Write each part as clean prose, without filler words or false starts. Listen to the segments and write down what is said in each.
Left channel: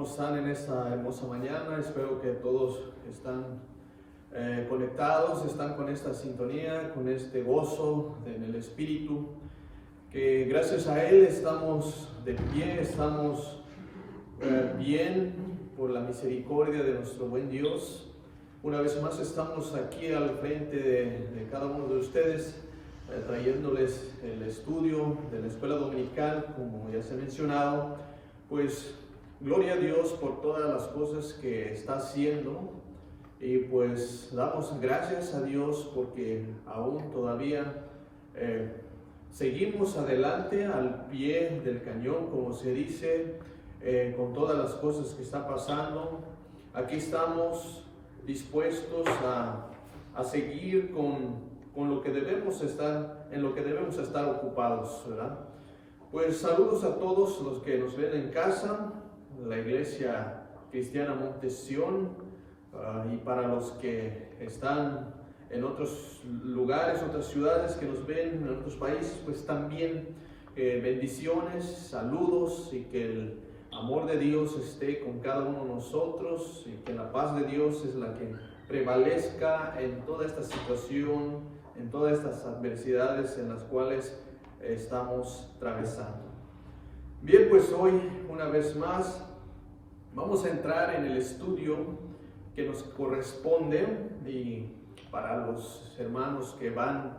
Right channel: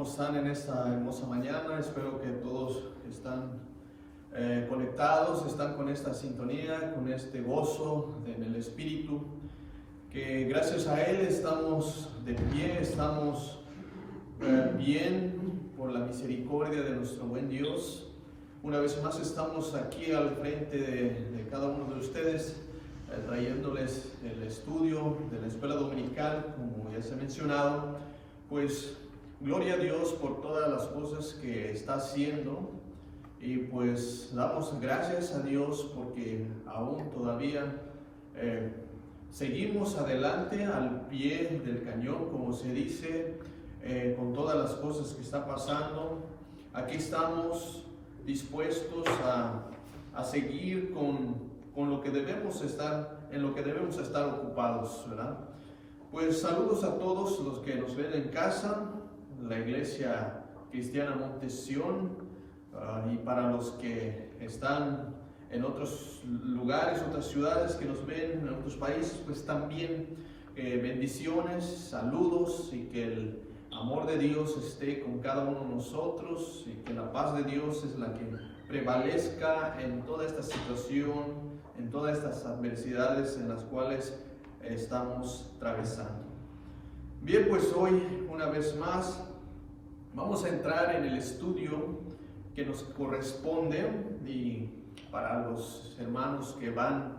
¿Cómo están en esta hermosa mañana? Espero que todos están conectados, están con esta sintonía, con este gozo en el Espíritu, que gracias a Él estamos de pie, estamos bien por la misericordia de nuestro buen Dios. Una vez más estamos aquí al frente de cada uno de ustedes, trayéndoles el estudio de la escuela dominical, como ya se ha mencionado. Pues gloria a Dios por todas las cosas que está haciendo, y pues damos gracias a Dios porque aún todavía seguimos adelante al pie del cañón, como se dice, con todas las cosas que está pasando. Aquí estamos dispuestos a seguir con lo que debemos estar, en lo que debemos estar ocupados, ¿verdad? Pues saludos a todos los que nos ven en casa, la Iglesia Cristiana Monte Sión, y para los que están en otros lugares, otras ciudades que nos ven en otros países, pues también bendiciones, saludos, y que el amor de Dios esté con cada uno de nosotros, y que la paz de Dios es la que prevalezca en toda esta situación, en todas estas adversidades en las cuales estamos atravesando. Bien, pues hoy una vez más vamos a entrar en el estudio que nos corresponde, y para los hermanos que van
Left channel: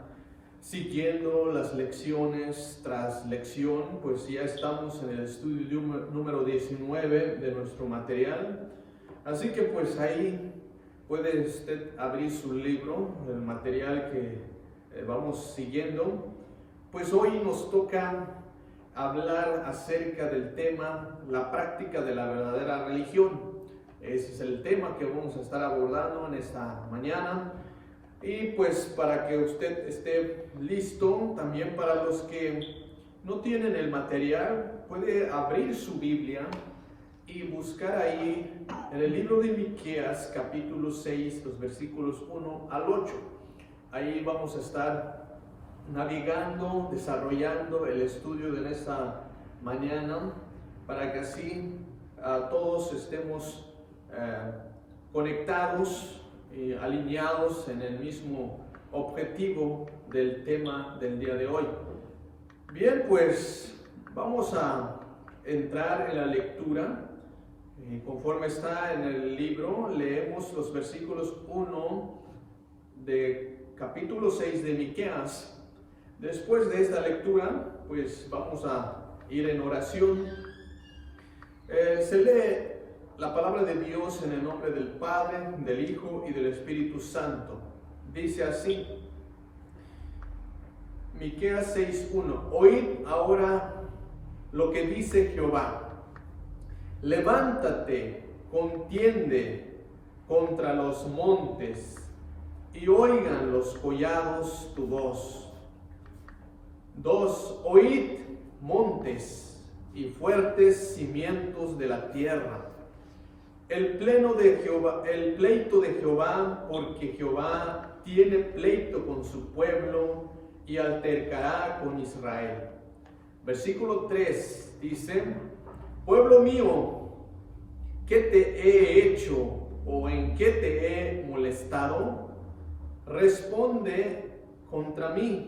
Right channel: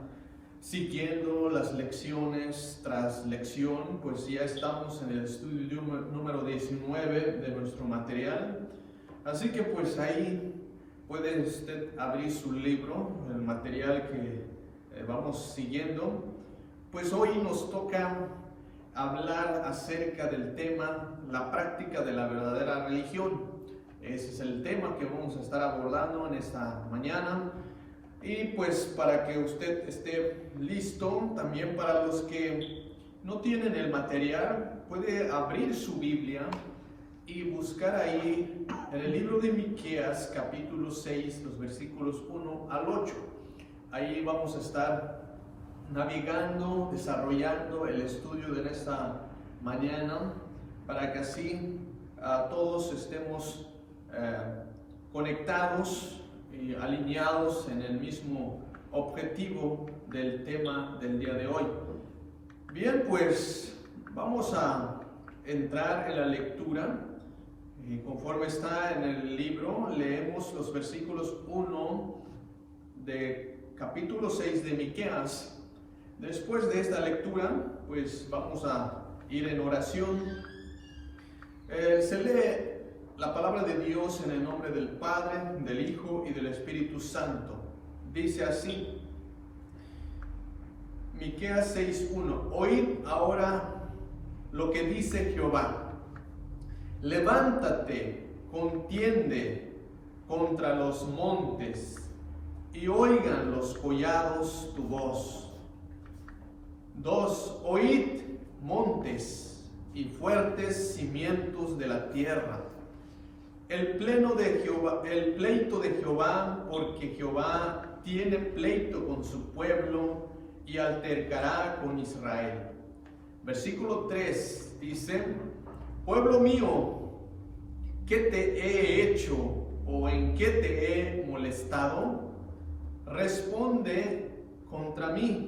siguiendo las lecciones tras lección, pues ya estamos en el estudio número 19 de nuestro material. Así que pues ahí puede usted abrir su libro, el material que vamos siguiendo. Pues hoy nos toca hablar acerca del tema, la práctica de la verdadera religión. Ese es el tema que vamos a estar abordando en esta mañana. Y pues para que usted esté listo, también para los que no tienen el material, puede abrir su Biblia y buscar ahí en el libro de Miqueas, capítulo 6, los versículos 1 al 8. Ahí vamos a estar navegando, desarrollando el estudio de esta mañana, para que así todos estemos conectados y alineados en el mismo objetivo del tema del día de hoy. Bien, pues vamos a entrar en la lectura. Conforme está en el libro, leemos los versículos 1 de capítulo 6 de Miqueas. Después de esta lectura, pues vamos a ir en oración. Se lee la palabra de Dios en el nombre del Padre, del Hijo y del Espíritu Santo. Dice así, Miqueas 6:1: Oíd ahora lo que dice Jehová. Levántate, contiende contra los montes, y oigan los collados tu voz. 2. Oíd, montes, y fuertes cimientos de la tierra, el pleito de Jehová, porque Jehová tiene pleito con su pueblo y altercará con Israel. Versículo 3 dice: Pueblo mío, ¿qué te he hecho o en qué te he molestado? Responde contra mí.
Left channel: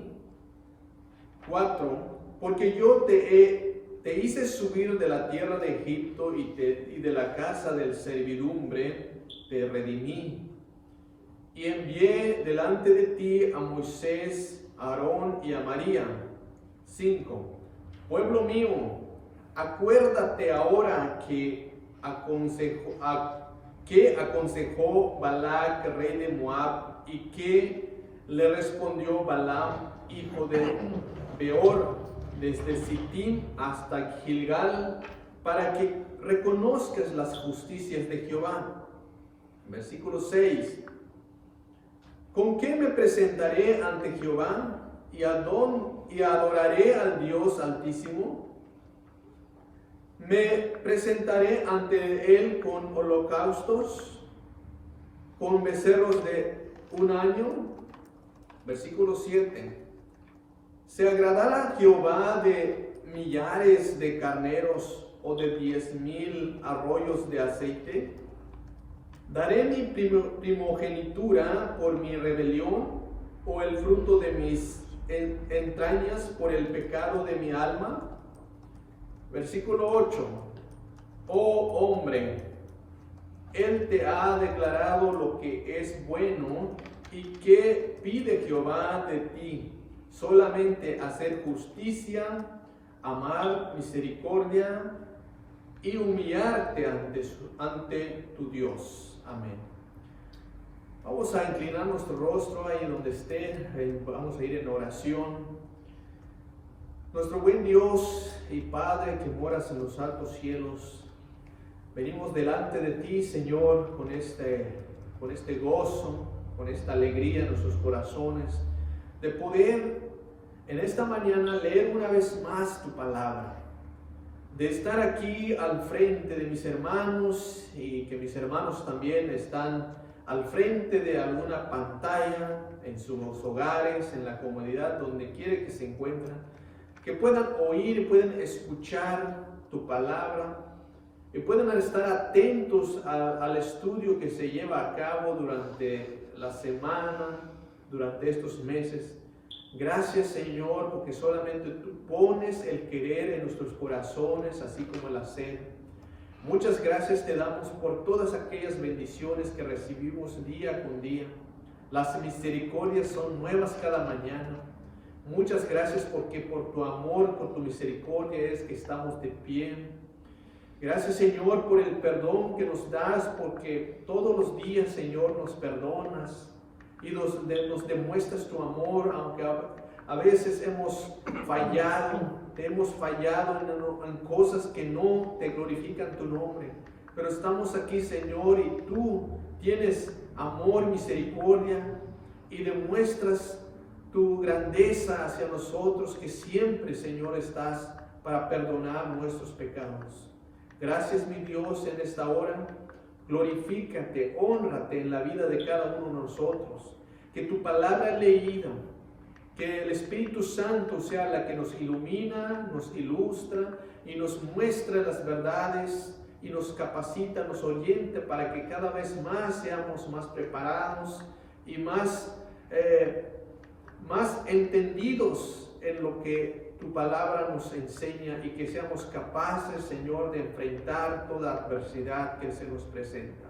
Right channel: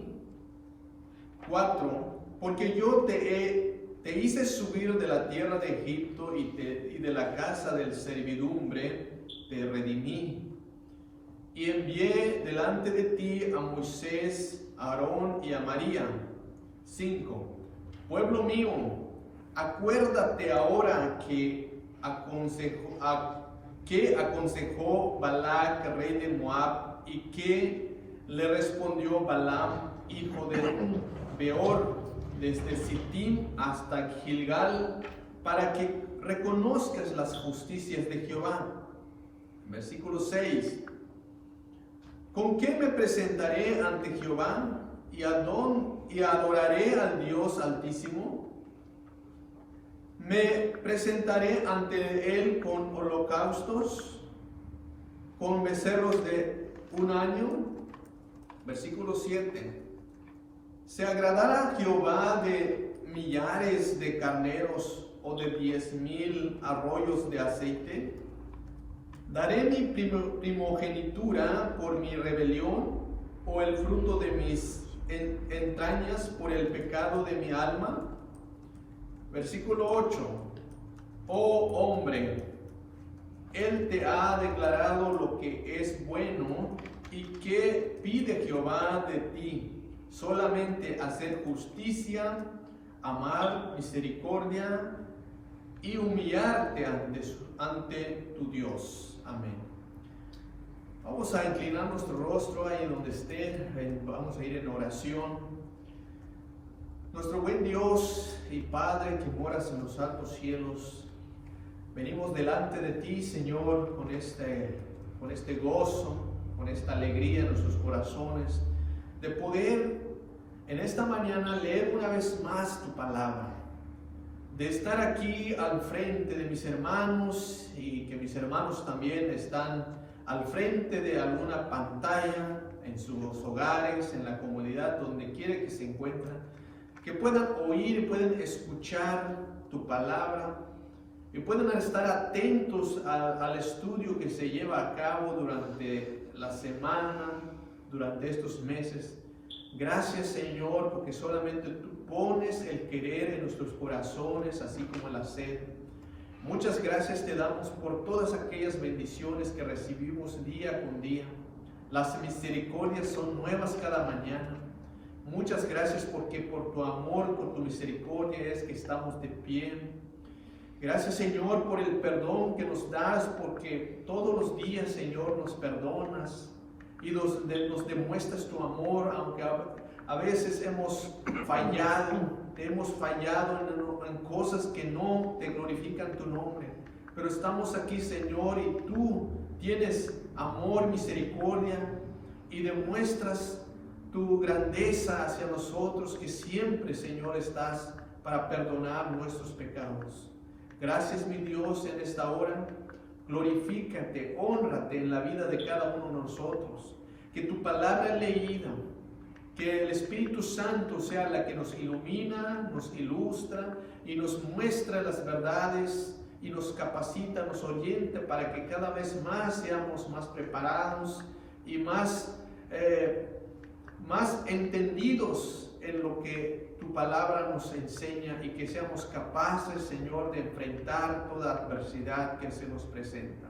4. Porque yo te hice subir de la tierra de Egipto y de la casa del servidumbre te redimí. Y envié delante de ti a Moisés, a Aarón y a María. 5. Pueblo mío, acuérdate ahora que aconsejó Balac, rey de Moab, y que le respondió Balaam, hijo de Beor, desde Sittim hasta Gilgal, para que reconozcas las justicias de Jehová. Versículo 6. ¿Con qué me presentaré ante Jehová y adoraré al Dios Altísimo? ¿Me presentaré ante él con holocaustos, con becerros de un año? Versículo 7. ¿Se agradará Jehová de millares de carneros o de 10,000 arroyos de aceite? ¿Daré mi primogenitura por mi rebelión o el fruto de mis entrañas por el pecado de mi alma? Versículo 8. Oh hombre, Él te ha declarado lo que es bueno y que pide Jehová de ti, solamente hacer justicia, amar misericordia y humillarte ante tu Dios. Amén. Vamos a inclinar nuestro rostro ahí donde esté, vamos a ir en oración. Nuestro buen Dios y Padre que moras en los altos cielos, venimos delante de ti, Señor, con este gozo, con esta alegría en nuestros corazones, de poder en esta mañana leer una vez más tu palabra, de estar aquí al frente de mis hermanos y que mis hermanos también están al frente de alguna pantalla en sus hogares, en la comunidad, donde quiera que se encuentren, que puedan oír, pueden escuchar tu palabra y puedan estar atentos al estudio que se lleva a cabo durante la semana, durante estos meses. Gracias, Señor, porque solamente tú pones el querer en nuestros corazones, así como el hacer. Muchas gracias te damos por todas aquellas bendiciones que recibimos día con día. Las misericordias son nuevas cada mañana. Muchas gracias porque por tu amor, por tu misericordia es que estamos de pie. Gracias, Señor, por el perdón que nos das, porque todos los días, Señor, nos perdonas y nos demuestras tu amor, aunque a veces hemos fallado en cosas que no te glorifican tu nombre. Pero estamos aquí, Señor, y tú tienes amor, misericordia y demuestras tu grandeza hacia nosotros, que siempre, Señor, estás para perdonar nuestros pecados. Gracias, mi Dios, en esta hora. Glorifícate, hónrate en la vida de cada uno de nosotros. Que tu palabra leída, que el Espíritu Santo sea la que nos ilumina, nos ilustra y nos muestra las verdades y nos capacita, nos orienta para que cada vez más seamos más preparados y más entendidos en lo que tu palabra nos enseña y que seamos capaces, Señor, de enfrentar toda adversidad que se nos presenta.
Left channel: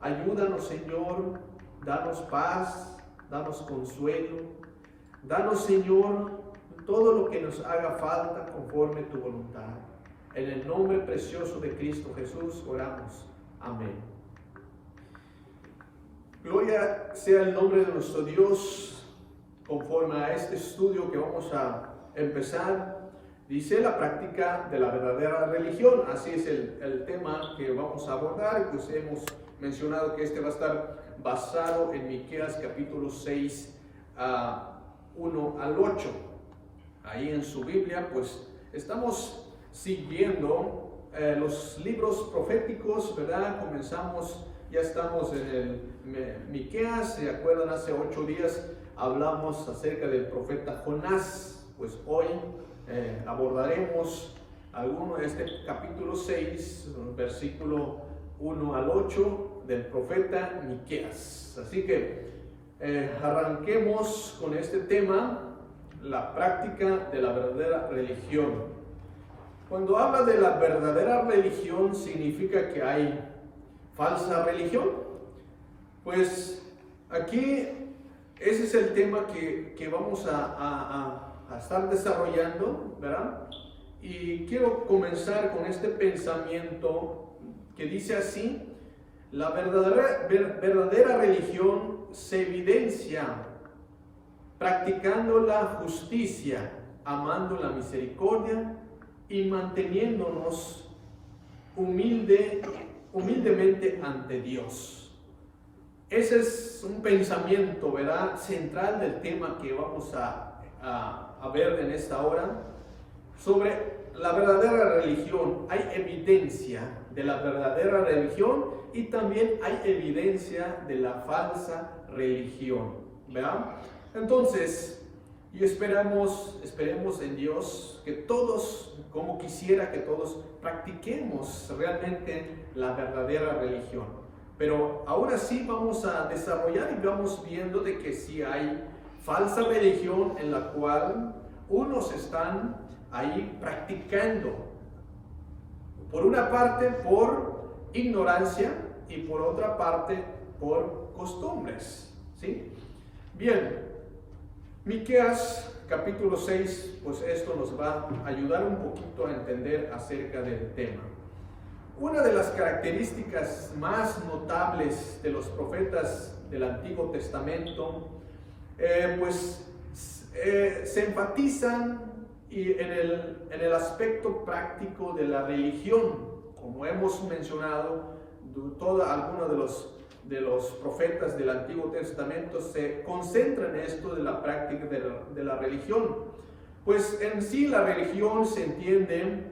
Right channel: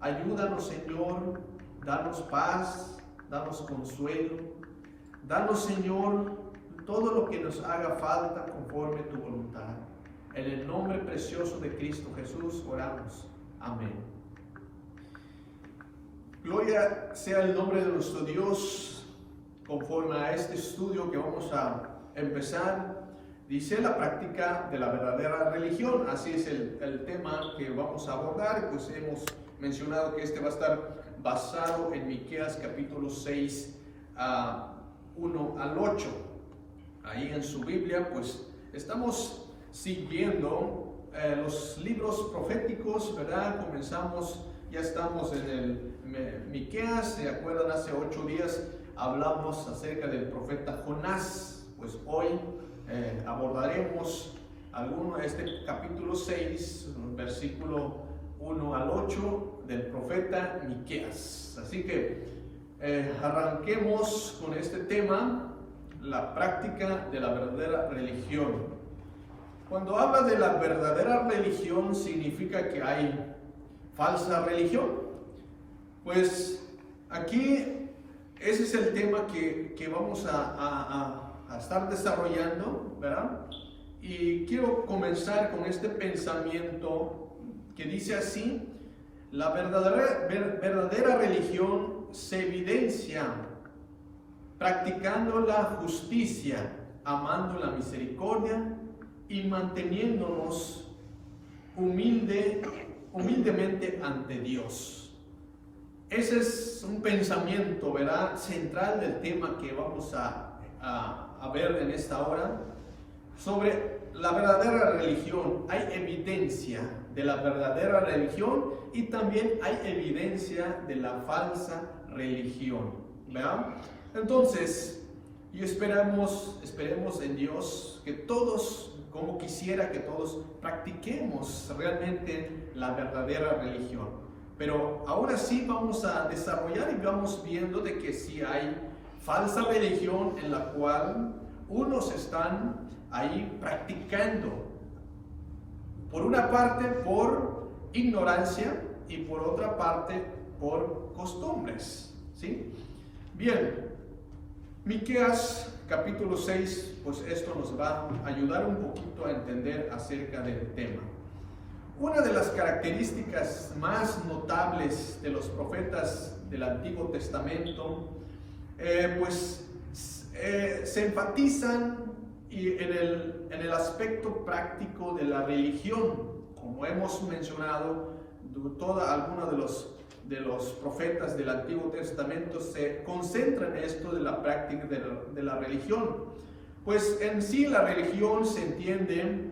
Ayúdanos, Señor, danos paz, danos consuelo, danos, Señor, todo lo que nos haga falta conforme tu voluntad. En el nombre precioso de Cristo Jesús oramos. Amén. Gloria sea el nombre de nuestro Dios. Conforme a este estudio que vamos a empezar, dice la práctica de la verdadera religión. Así es el tema que vamos a abordar. Pues hemos mencionado que este va a estar basado en Miqueas capítulo 6, 1 al 8. Ahí en su Biblia, pues estamos siguiendo los libros proféticos, ¿verdad? Ya estamos en el Miqueas. ¿Se acuerdan? Hace 8 días hablamos acerca del profeta Jonás. Pues hoy abordaremos alguno de este capítulo 6, versículo 1 al 8 del profeta Miqueas. Así que arranquemos con este tema, la práctica de la verdadera religión. Cuando habla de la verdadera religión, significa que hay falsa religión. Pues aquí ese es el tema que vamos a estar desarrollando, ¿verdad? Y quiero comenzar con este pensamiento que dice así: la verdadera religión se evidencia practicando la justicia, amando la misericordia y manteniéndonos humildemente ante Dios. Ese es un pensamiento, ¿verdad?, central del tema que vamos a ver en esta hora. Sobre la verdadera religión, hay evidencia de la verdadera religión y también hay evidencia de la falsa religión, ¿verdad? Entonces, Y esperemos en Dios que todos, como quisiera que todos practiquemos realmente la verdadera religión. Pero aún así vamos a desarrollar y vamos viendo de que sí hay falsa religión en la cual unos están ahí practicando. Por una parte por ignorancia y por otra parte por costumbres, ¿sí? Bien, Miqueas capítulo 6, pues esto nos va a ayudar un poquito a entender acerca del tema. Una de las características más notables de los profetas del Antiguo Testamento, se enfatizan en el aspecto práctico de la religión. Como hemos mencionado, algunos de los profetas del Antiguo Testamento se concentran en esto de la práctica de la religión. Pues en sí la religión se entiende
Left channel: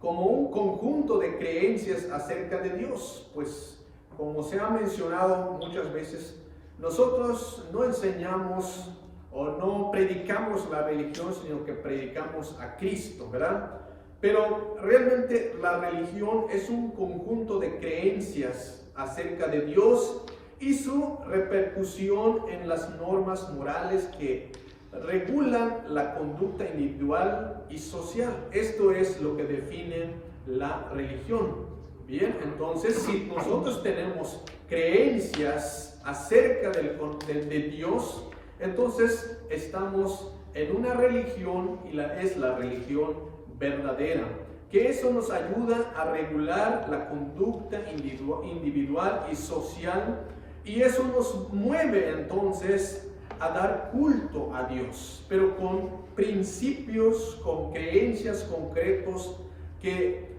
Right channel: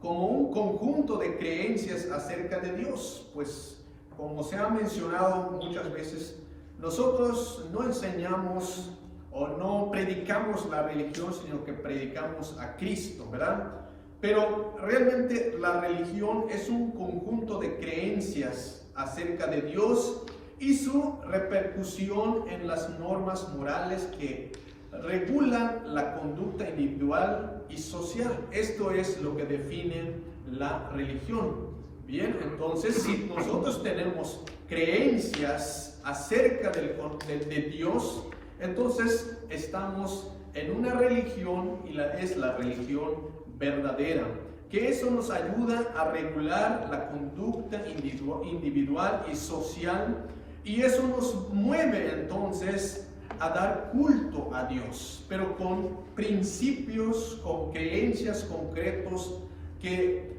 como un conjunto de creencias acerca de Dios. Pues como se ha mencionado muchas veces, nosotros no enseñamos o no predicamos la religión, sino que predicamos a Cristo, ¿verdad? Pero realmente la religión es un conjunto de creencias acerca de Dios y su repercusión en las normas morales que regulan la conducta individual y social. Esto es lo que define la religión. Bien, entonces si nosotros tenemos creencias acerca de Dios, entonces estamos en una religión y es la religión verdadera, que eso nos ayuda a regular la conducta individual y social, y eso nos mueve entonces a dar culto a Dios, pero con principios, con creencias concretos que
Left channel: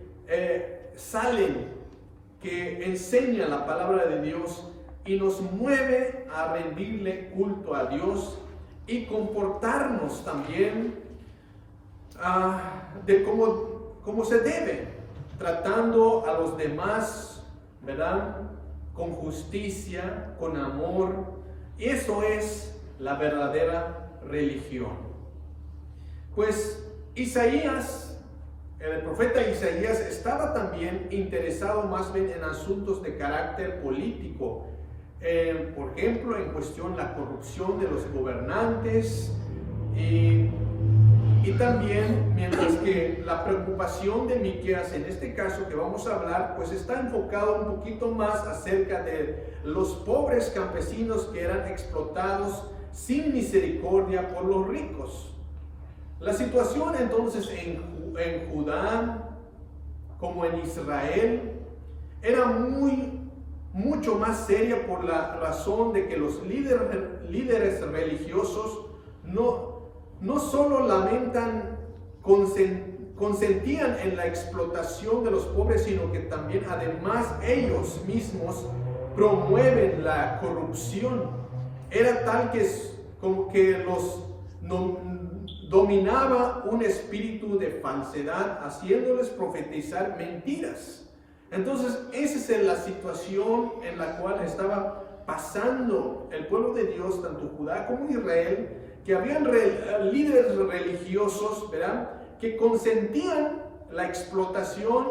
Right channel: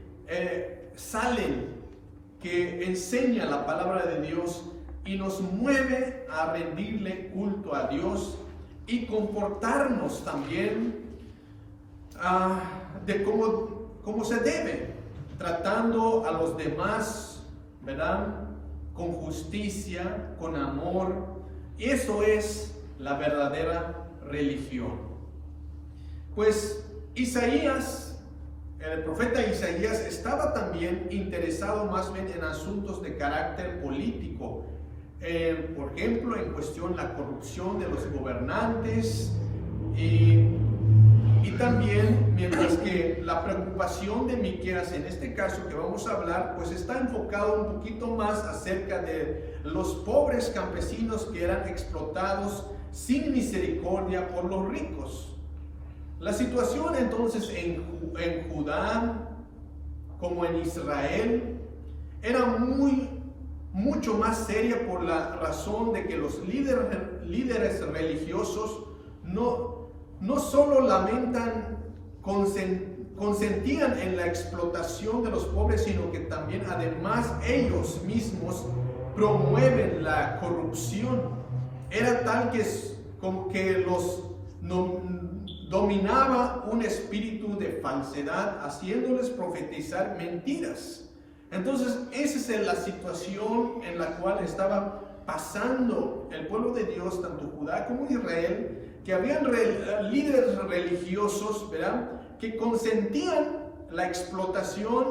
que enseña la palabra de Dios y nos mueve a rendirle culto a Dios y comportarnos también de cómo se debe, tratando a los demás, ¿verdad? Con justicia, con amor. Eso es la verdadera religión. Pues Isaías, el profeta Isaías, estaba también interesado más bien en asuntos de carácter político. Por ejemplo, en cuestión la corrupción de los gobernantes y también, mientras que la preocupación de Miqueas en este caso que vamos a hablar, pues está enfocado un poquito más acerca de los pobres campesinos que eran explotados sin misericordia por los ricos. La situación entonces en Judá como en Israel era mucho más seria por la razón de que los líderes religiosos no solo consentían en la explotación de los pobres, sino que también además ellos mismos promueven la corrupción. Era tal que como que los dominaba un espíritu de falsedad, haciéndoles profetizar mentiras. Entonces, esa es la situación en la cual estaba pasando el pueblo de Dios, tanto Judá como Israel, que habían líderes religiosos, ¿verdad?, que consentían la explotación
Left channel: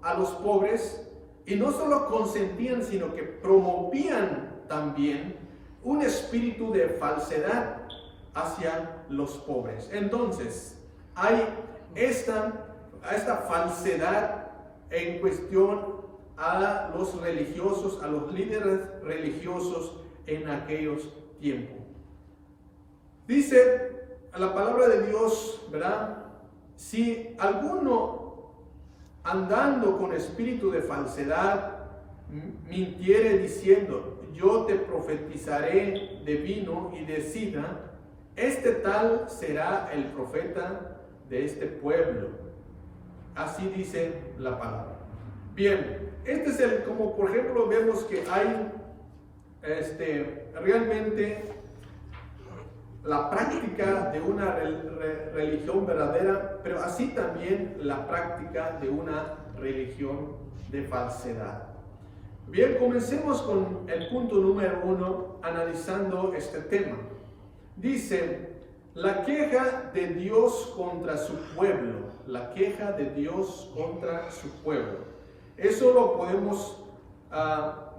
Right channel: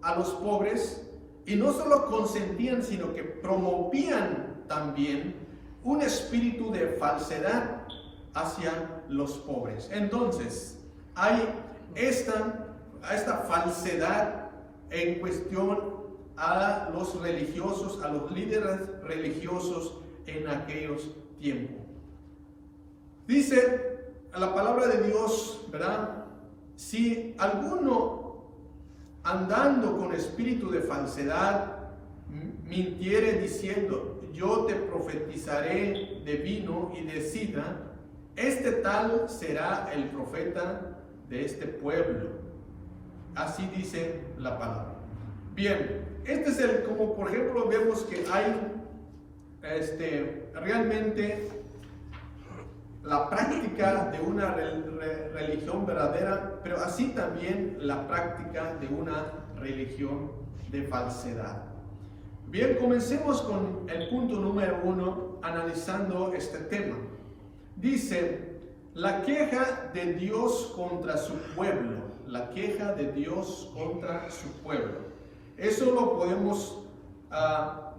a los pobres, y no solo consentían, sino que promovían también un espíritu de falsedad hacia los pobres. Entonces, hay esta falsedad en cuestión a los religiosos, a los líderes religiosos en aquellos tiempos. Dice la palabra de Dios, ¿verdad? Si alguno andando con espíritu de falsedad mintiere diciendo, yo te profetizaré de vino y de sidra, este tal será el profeta de este pueblo. Así dice la palabra. Bien, este es como por ejemplo vemos que hay realmente la práctica de una religión verdadera, pero así también la práctica de una religión de falsedad. Bien, comencemos con el punto número 1, analizando este tema. Dice, La queja de Dios contra su pueblo. La queja de Dios contra su pueblo. Eso lo podemos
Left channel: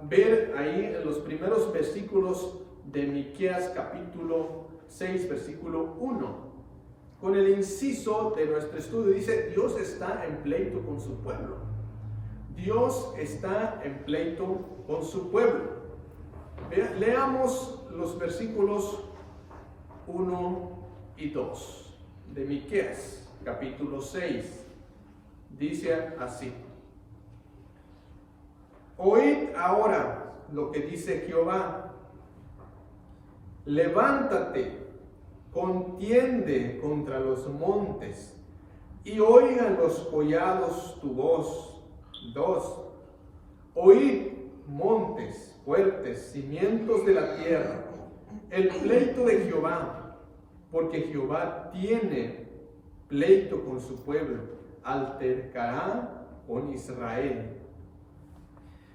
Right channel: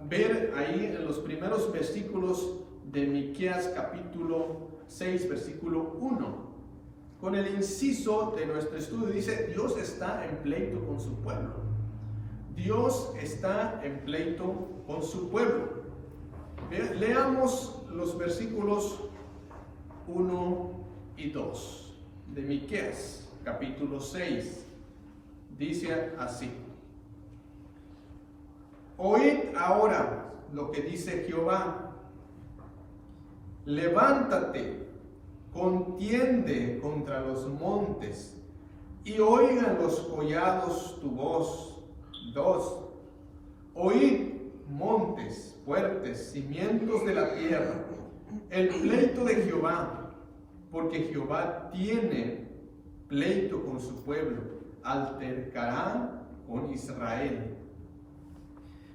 ver ahí en los primeros versículos de Miqueas capítulo 6, versículo 1. Con el inciso de nuestro estudio dice, Dios está en pleito con su pueblo. Dios está en pleito con su pueblo. Leamos los versículos 1 y 2 de Miqueas, capítulo 6. Dice así: Oíd ahora lo que dice Jehová. Levántate, contiende contra los montes, y oigan los collados tu voz. 2. Oíd, montes fuertes, cimientos de la tierra, el pleito de Jehová, porque Jehová tiene pleito con su pueblo, altercará con Israel.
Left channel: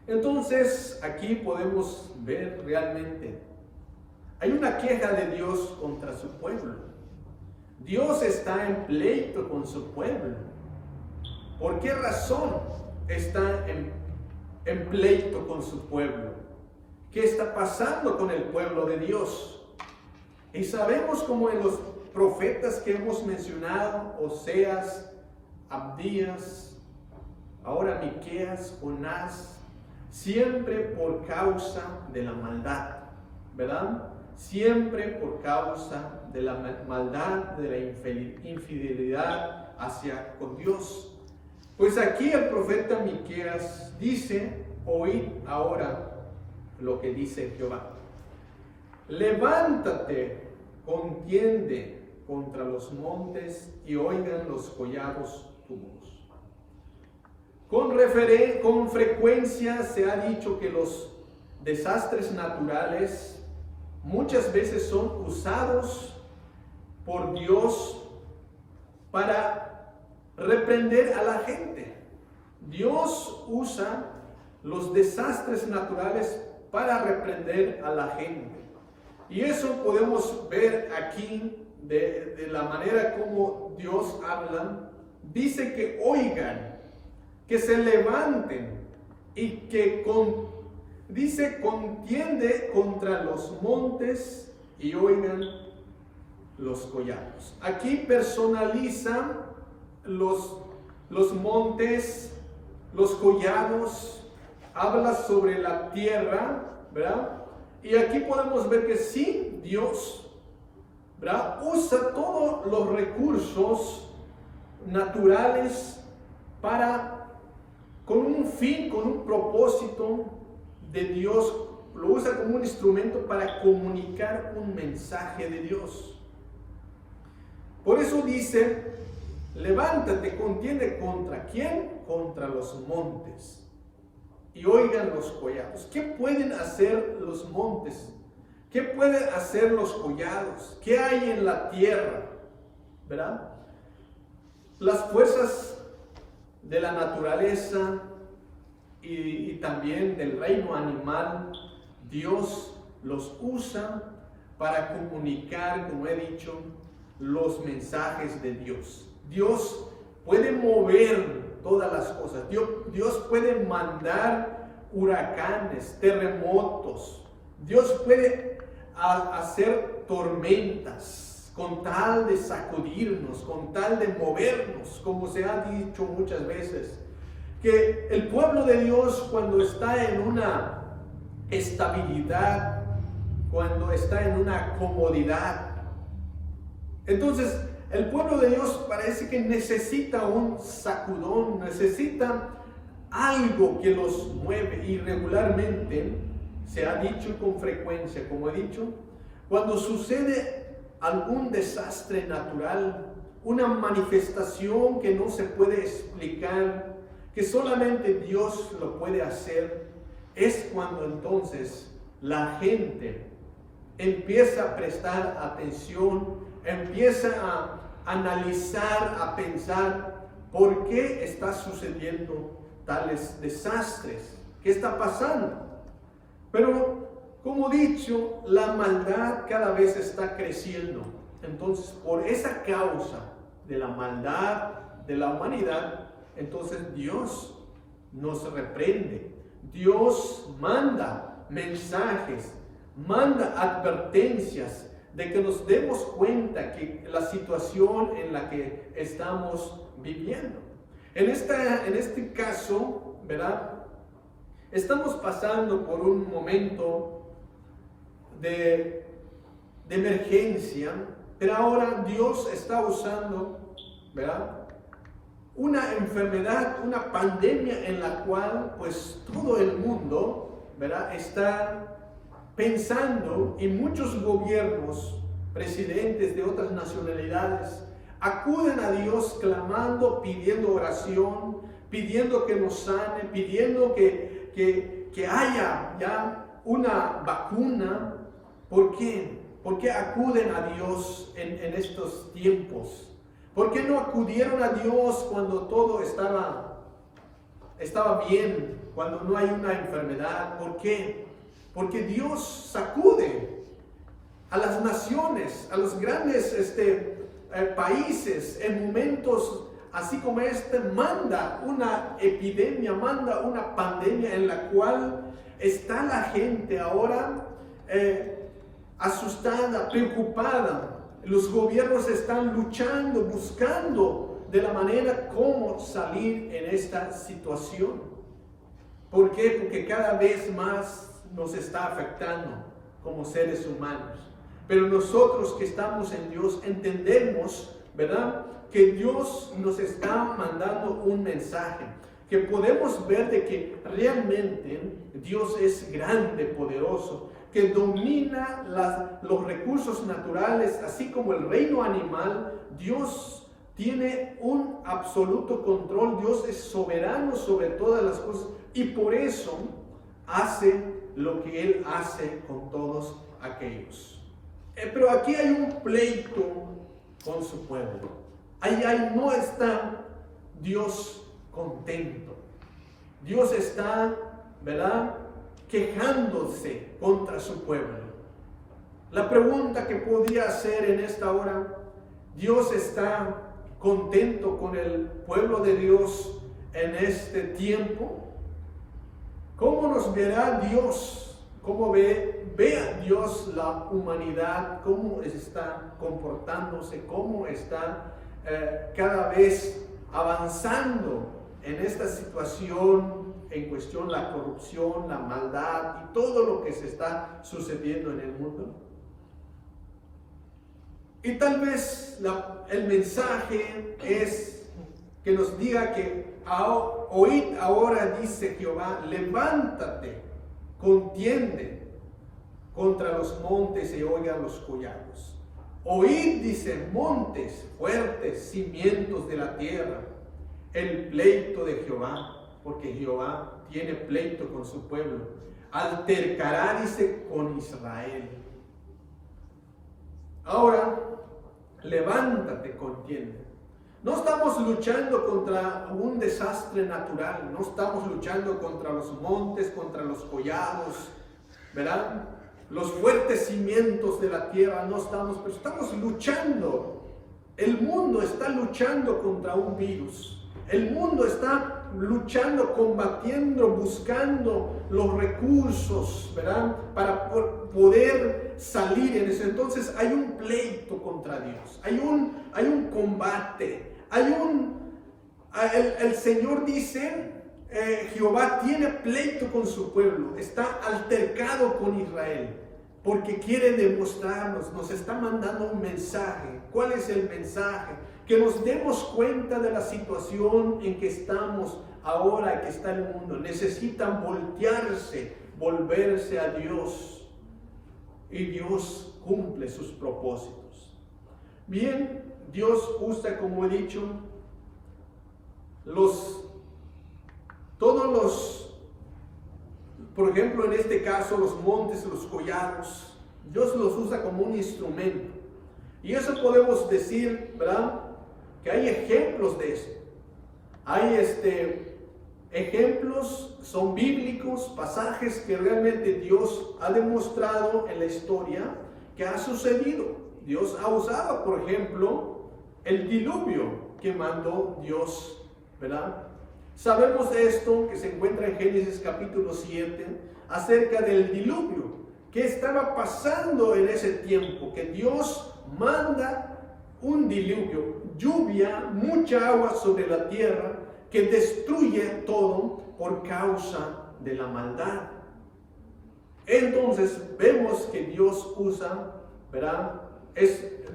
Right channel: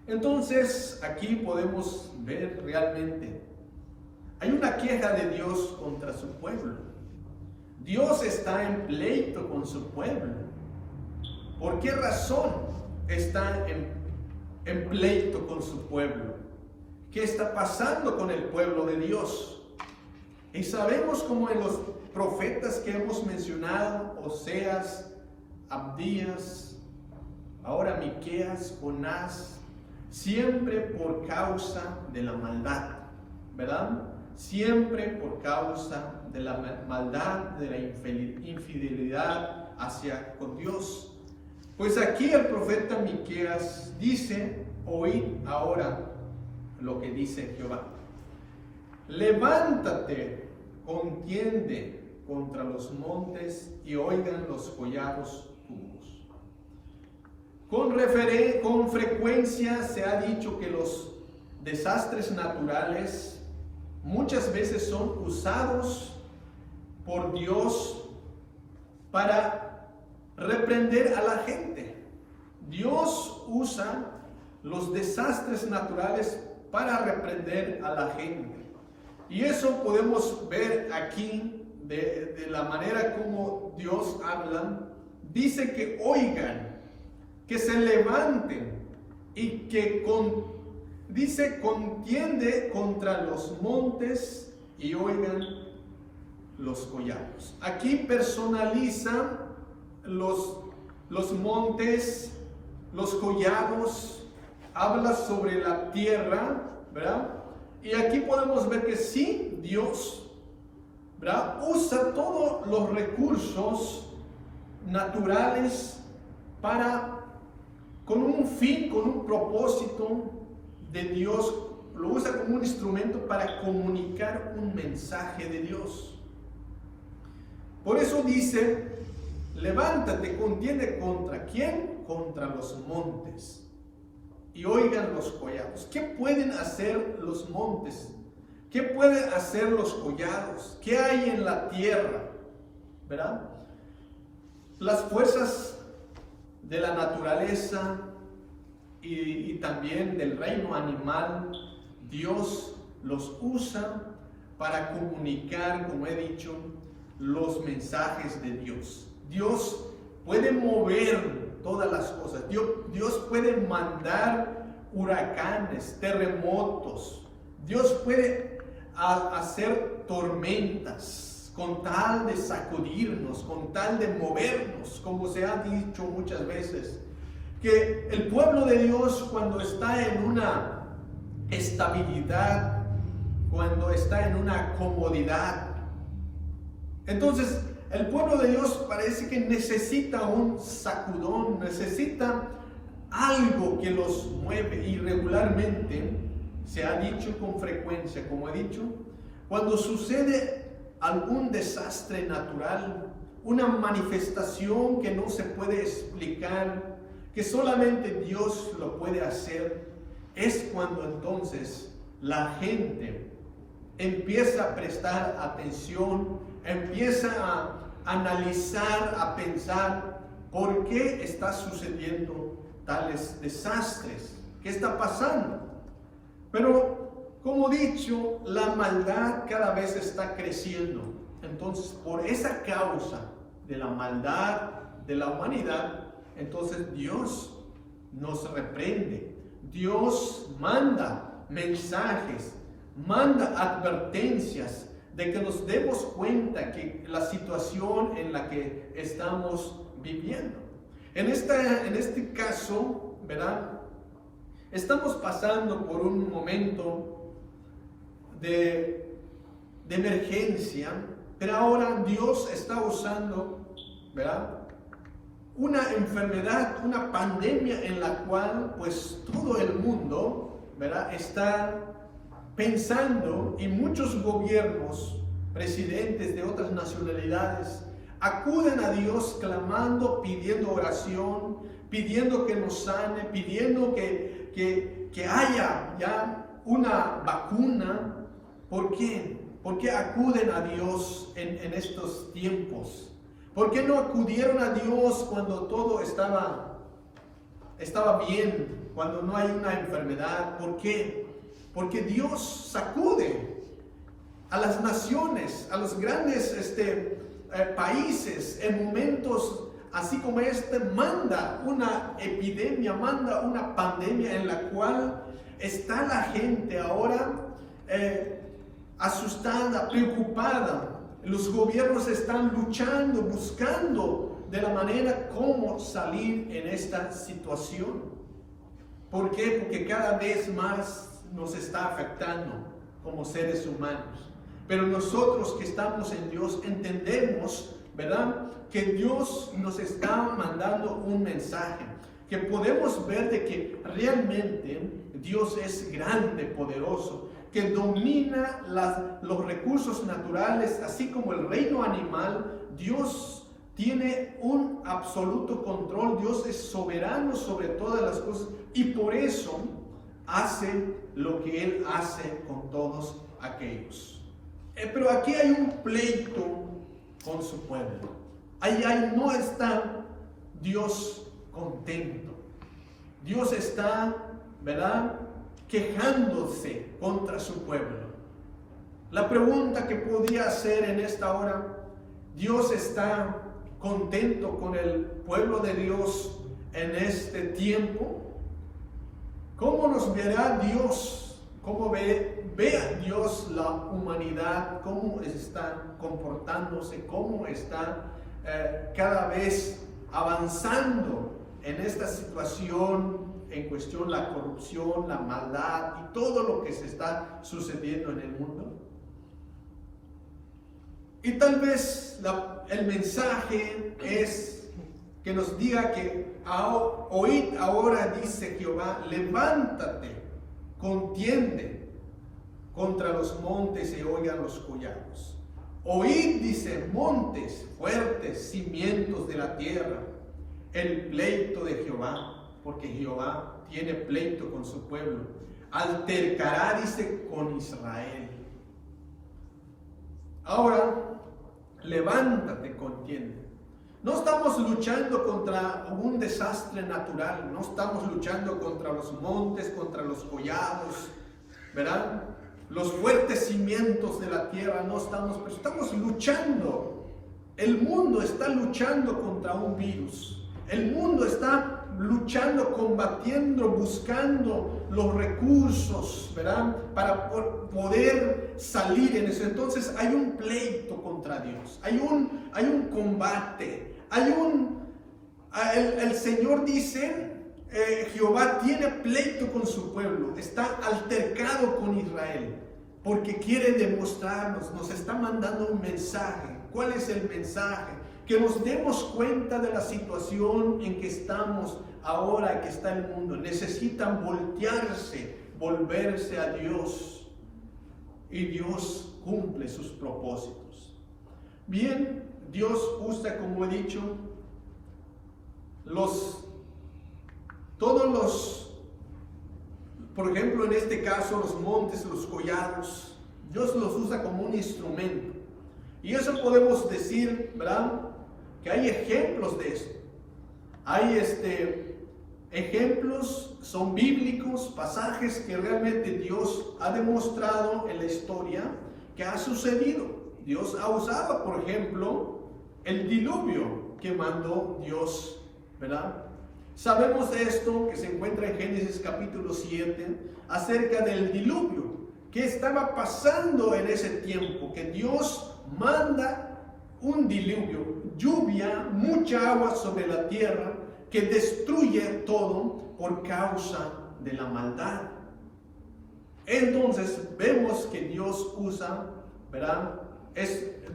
Entonces, aquí podemos ver realmente, hay una queja de Dios contra su pueblo. Dios está en pleito con su pueblo. ¿Por qué razón está en pleito con su pueblo? ¿Qué está pasando con el pueblo de Dios? Y sabemos, como en los profetas que hemos mencionado, Oseas, Abdías, ahora Miqueas, Jonás, siempre por causa de la maldad, ¿verdad? Siempre por causa de la maldad, de la infidelidad hacia con Dios. Pues aquí el profeta Miqueas dice: oíd ahora lo que dice Jehová. Levántate, contiende contra los montes y oigan los collados tu voz. Con frecuencia se ha dicho que los desastres naturales muchas veces son usados por Dios para reprender a la gente. Dios usa los desastres naturales para reprender a la gente. Y eso podemos ver aquí de la manera como Dios habla. Dice que oigan, que se levanten y que dice contiende contra los montes y oigan los collados. Aquí personaliza los montes, los collados, habla sobre la tierra, ¿verdad? Y aquí podemos ver que sí, Dios, ¿verdad?, usa todos los recursos naturales con un fin, con un propósito de Dios. Lo usa como un instrumento para comunicar un mensaje de Dios. Por eso dice: levántate, contiende contra ¿quién? Contra los montes y oigan los collados. ¿Qué pueden hacer los montes? ¿Qué pueden hacer los collados? ¿Qué hay en la tierra? ¿Verdad? Las fuerzas de la naturaleza y también del reino animal, Dios los usa para comunicar, como he dicho, los mensajes de Dios. Dios puede mover todas las cosas. Dios puede mandar huracanes, terremotos. Dios puede hacer tormentas con tal de sacudirnos, con tal de movernos, como se ha dicho muchas veces. Que el pueblo de Dios, cuando está en una estabilidad, cuando está en una comodidad, entonces el pueblo de Dios parece que necesita un sacudón, necesita algo que los mueve. Y regularmente se ha dicho con frecuencia, como he dicho, cuando sucede algún desastre natural, una manifestación que no se puede explicar, que solamente Dios lo puede hacer, es cuando entonces la gente empieza a prestar atención, empieza a analizar, a pensar por qué está sucediendo tales desastres, qué está pasando. Pero, como he dicho, la maldad cada vez está creciendo. entonces por esa causa de la maldad de la humanidad, entonces Dios nos reprende, Dios manda mensajes, manda advertencias de que nos demos cuenta que la situación en la que estamos viviendo. En este caso, ¿verdad? Estamos pasando por un momento de emergencia, pero ahora Dios está usando, ¿verdad?, una enfermedad, una pandemia en la cual pues todo el mundo, ¿verdad?, está pensando, y muchos gobiernos, presidentes de otras nacionalidades, acuden a Dios clamando, pidiendo oración, pidiendo que nos sane, pidiendo que haya ya una vacuna. ¿Por qué? ¿Por qué acuden a Dios en estos tiempos? ¿Por qué no acudieron a Dios cuando todo estaba bien, cuando no hay una enfermedad? ¿Por qué? Porque Dios sacude a las naciones, a los grandes países en momentos así como manda una epidemia, manda una pandemia en la cual está la gente ahora asustada, preocupada. Los gobiernos están luchando, buscando de la manera cómo salir en esta situación. ¿Por qué? Porque cada vez más nos está afectando como seres humanos. Pero nosotros que estamos en Dios entendemos, ¿verdad?, que Dios nos está mandando un mensaje, que podemos ver de que realmente Dios es grande, poderoso, que domina los recursos naturales, así como el reino animal. Dios tiene un absoluto control, Dios es soberano sobre todas las cosas, y por eso hace lo que Él hace con todos aquellos. Pero aquí hay un pleito con su pueblo. Ahí no está Dios contento. Dios está, ¿verdad?, quejándose contra su pueblo. La pregunta que podía hacer en esta hora: ¿Dios está contento con el pueblo de Dios en este tiempo? ¿Cómo nos verá Dios? ¿Cómo ve a Dios la humanidad? ¿Cómo está comportándose? ¿Cómo está cada vez avanzando en esta situación en cuestión, la corrupción, la maldad y todo lo que se está sucediendo en el mundo? Y tal vez el mensaje es que nos diga que oíd ahora, dice Jehová, levántate, contiende contra los montes y oigan los collados. Oíd, dice, montes fuertes, cimientos de la tierra, el pleito de Jehová, porque Jehová tiene pleito con su pueblo. Altercará, dice, con Israel. Ahora, levántate, contiende. No estamos luchando contra un desastre natural, no estamos luchando contra los montes, contra los collados, ¿verdad?, los fuertes cimientos de la tierra, no estamos, pero estamos luchando. El mundo está luchando contra un virus. El mundo está luchando, combatiendo, buscando los recursos, ¿verdad?, para poder salir en eso. Entonces hay un pleito contra Dios, hay un combate, el Señor dice, Jehová tiene pleito con su pueblo, está altercado con Israel, porque quiere demostrarnos, nos está mandando un mensaje. ¿Cuál es el mensaje? Que nos demos cuenta de la situación en que estamos ahora, en que está el mundo. Necesitan volverse a Dios, y Dios cumple sus propósitos. Bien, Dios usa, como he dicho, por ejemplo, en este caso, los montes, los collados, Dios los usa como un instrumento. Y eso podemos decir, ¿verdad?, que hay ejemplos de eso. Hay ejemplos, son bíblicos, pasajes que realmente Dios ha demostrado en la historia que ha sucedido. Dios ha usado, por ejemplo, el diluvio que mandó Dios, ¿verdad? Sabemos de esto que se encuentra en Génesis capítulo 7, acerca del diluvio que estaba pasando en ese tiempo, que Dios manda un diluvio, lluvia, mucha agua sobre la tierra, que destruye todo por causa de la maldad. Entonces vemos que Dios usa, ¿verdad?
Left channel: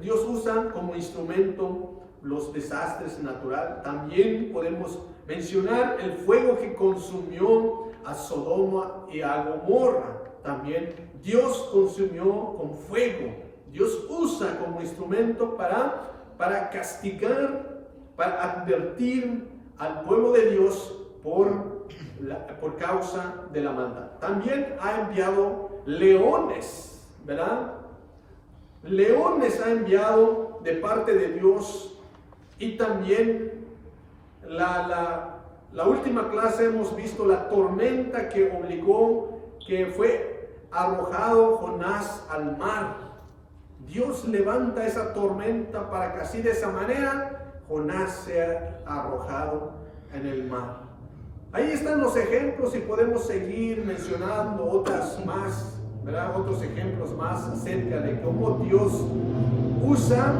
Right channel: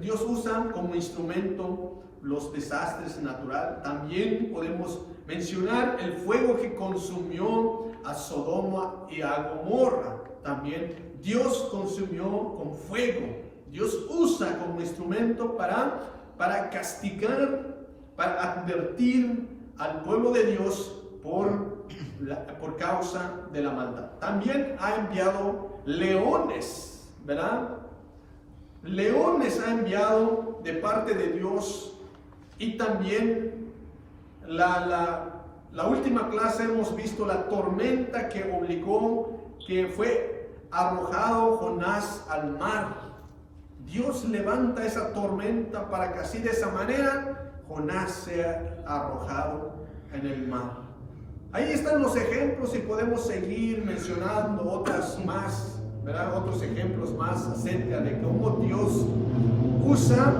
Dios usa como instrumento los desastres naturales. También podemos mencionar el fuego que consumió a Sodoma y a Gomorra. También Dios consumió con fuego. Dios usa como instrumento para castigar, para advertir al pueblo de Dios por causa de la maldad. También ha enviado leones, ¿verdad? Leones ha enviado de parte de Dios. Y también la última clase hemos visto la tormenta que obligó, que fue arrojado Jonás al mar. Dios levanta esa tormenta para que así de esa manera Jonás sea arrojado en el mar. Ahí están los ejemplos y podemos seguir mencionando otras más, ¿verdad? Otros ejemplos más acerca de cómo Dios usa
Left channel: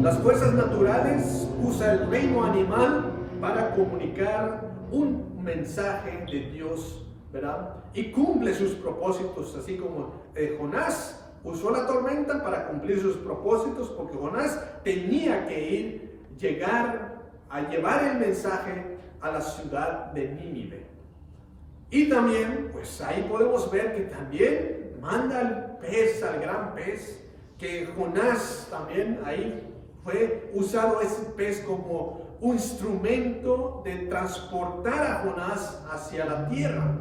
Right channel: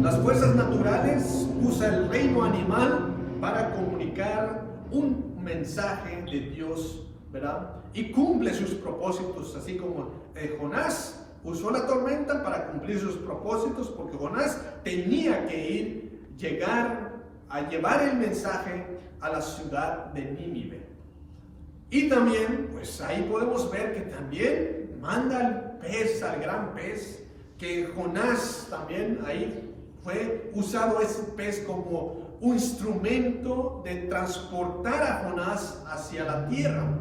las fuerzas naturales, usa el reino animal para comunicar un mensaje de Dios, ¿verdad? Y cumple sus propósitos, así como Jonás usó la tormenta para cumplir sus propósitos, porque Jonás tenía que llegar a llevar el mensaje a la ciudad de Nínive. Y también, pues ahí podemos ver que también manda al pez, al gran pez, que Jonás también ahí fue usado ese pez como un instrumento de transportar a Jonás hacia la tierra.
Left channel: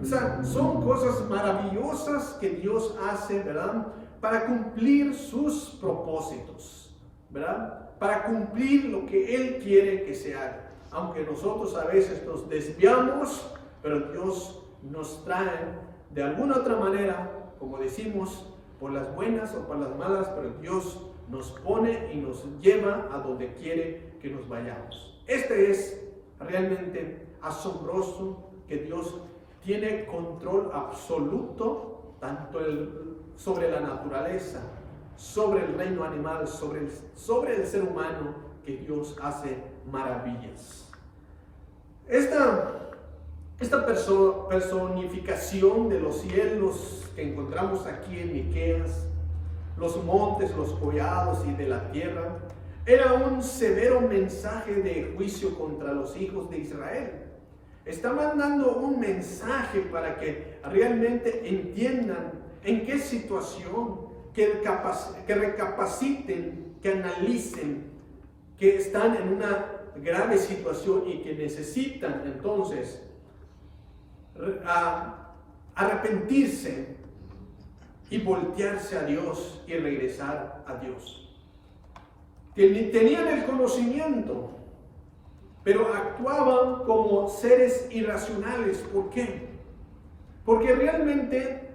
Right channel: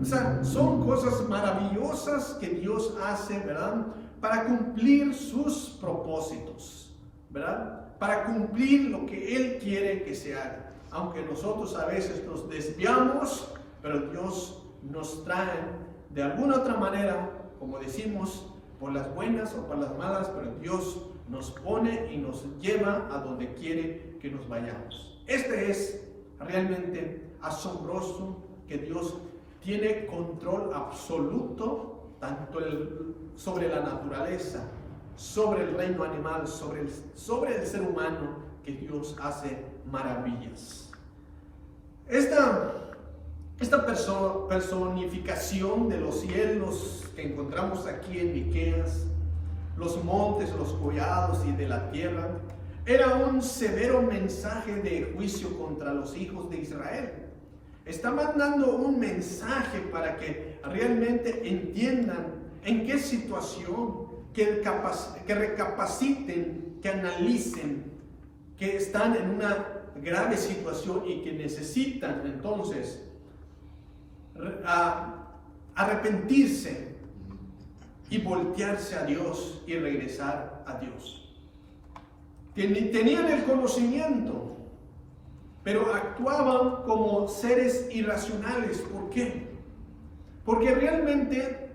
O sea, son cosas maravillosas que Dios hace, ¿verdad? Para cumplir sus propósitos, ¿verdad? Para cumplir lo que Él quiere que se haga. Aunque nosotros a veces nos desviamos, pero Dios nos trae de alguna otra manera, como decimos, por las buenas o por las malas, pero Dios nos pone y nos lleva a donde quiere que nos vayamos. Este es realmente asombroso, que Dios tiene control absoluto tanto sobre la naturaleza, sobre el reino animal, sobre el ser humano, que Dios hace maravillas. Esta personificación de los cielos que encontramos aquí en Miqueas, los montes, los collados y de la tierra, era un severo mensaje de juicio contra los hijos de Israel. Está mandando un mensaje para que realmente entiendan en qué situación, que recapaciten, que analicen, que están en una grave situación y que necesitan entonces arrepentirse y voltearse a Dios y regresar a Dios. Tenían el conocimiento, pero actuaban como seres irracionales. ¿Por qué? Porque realmente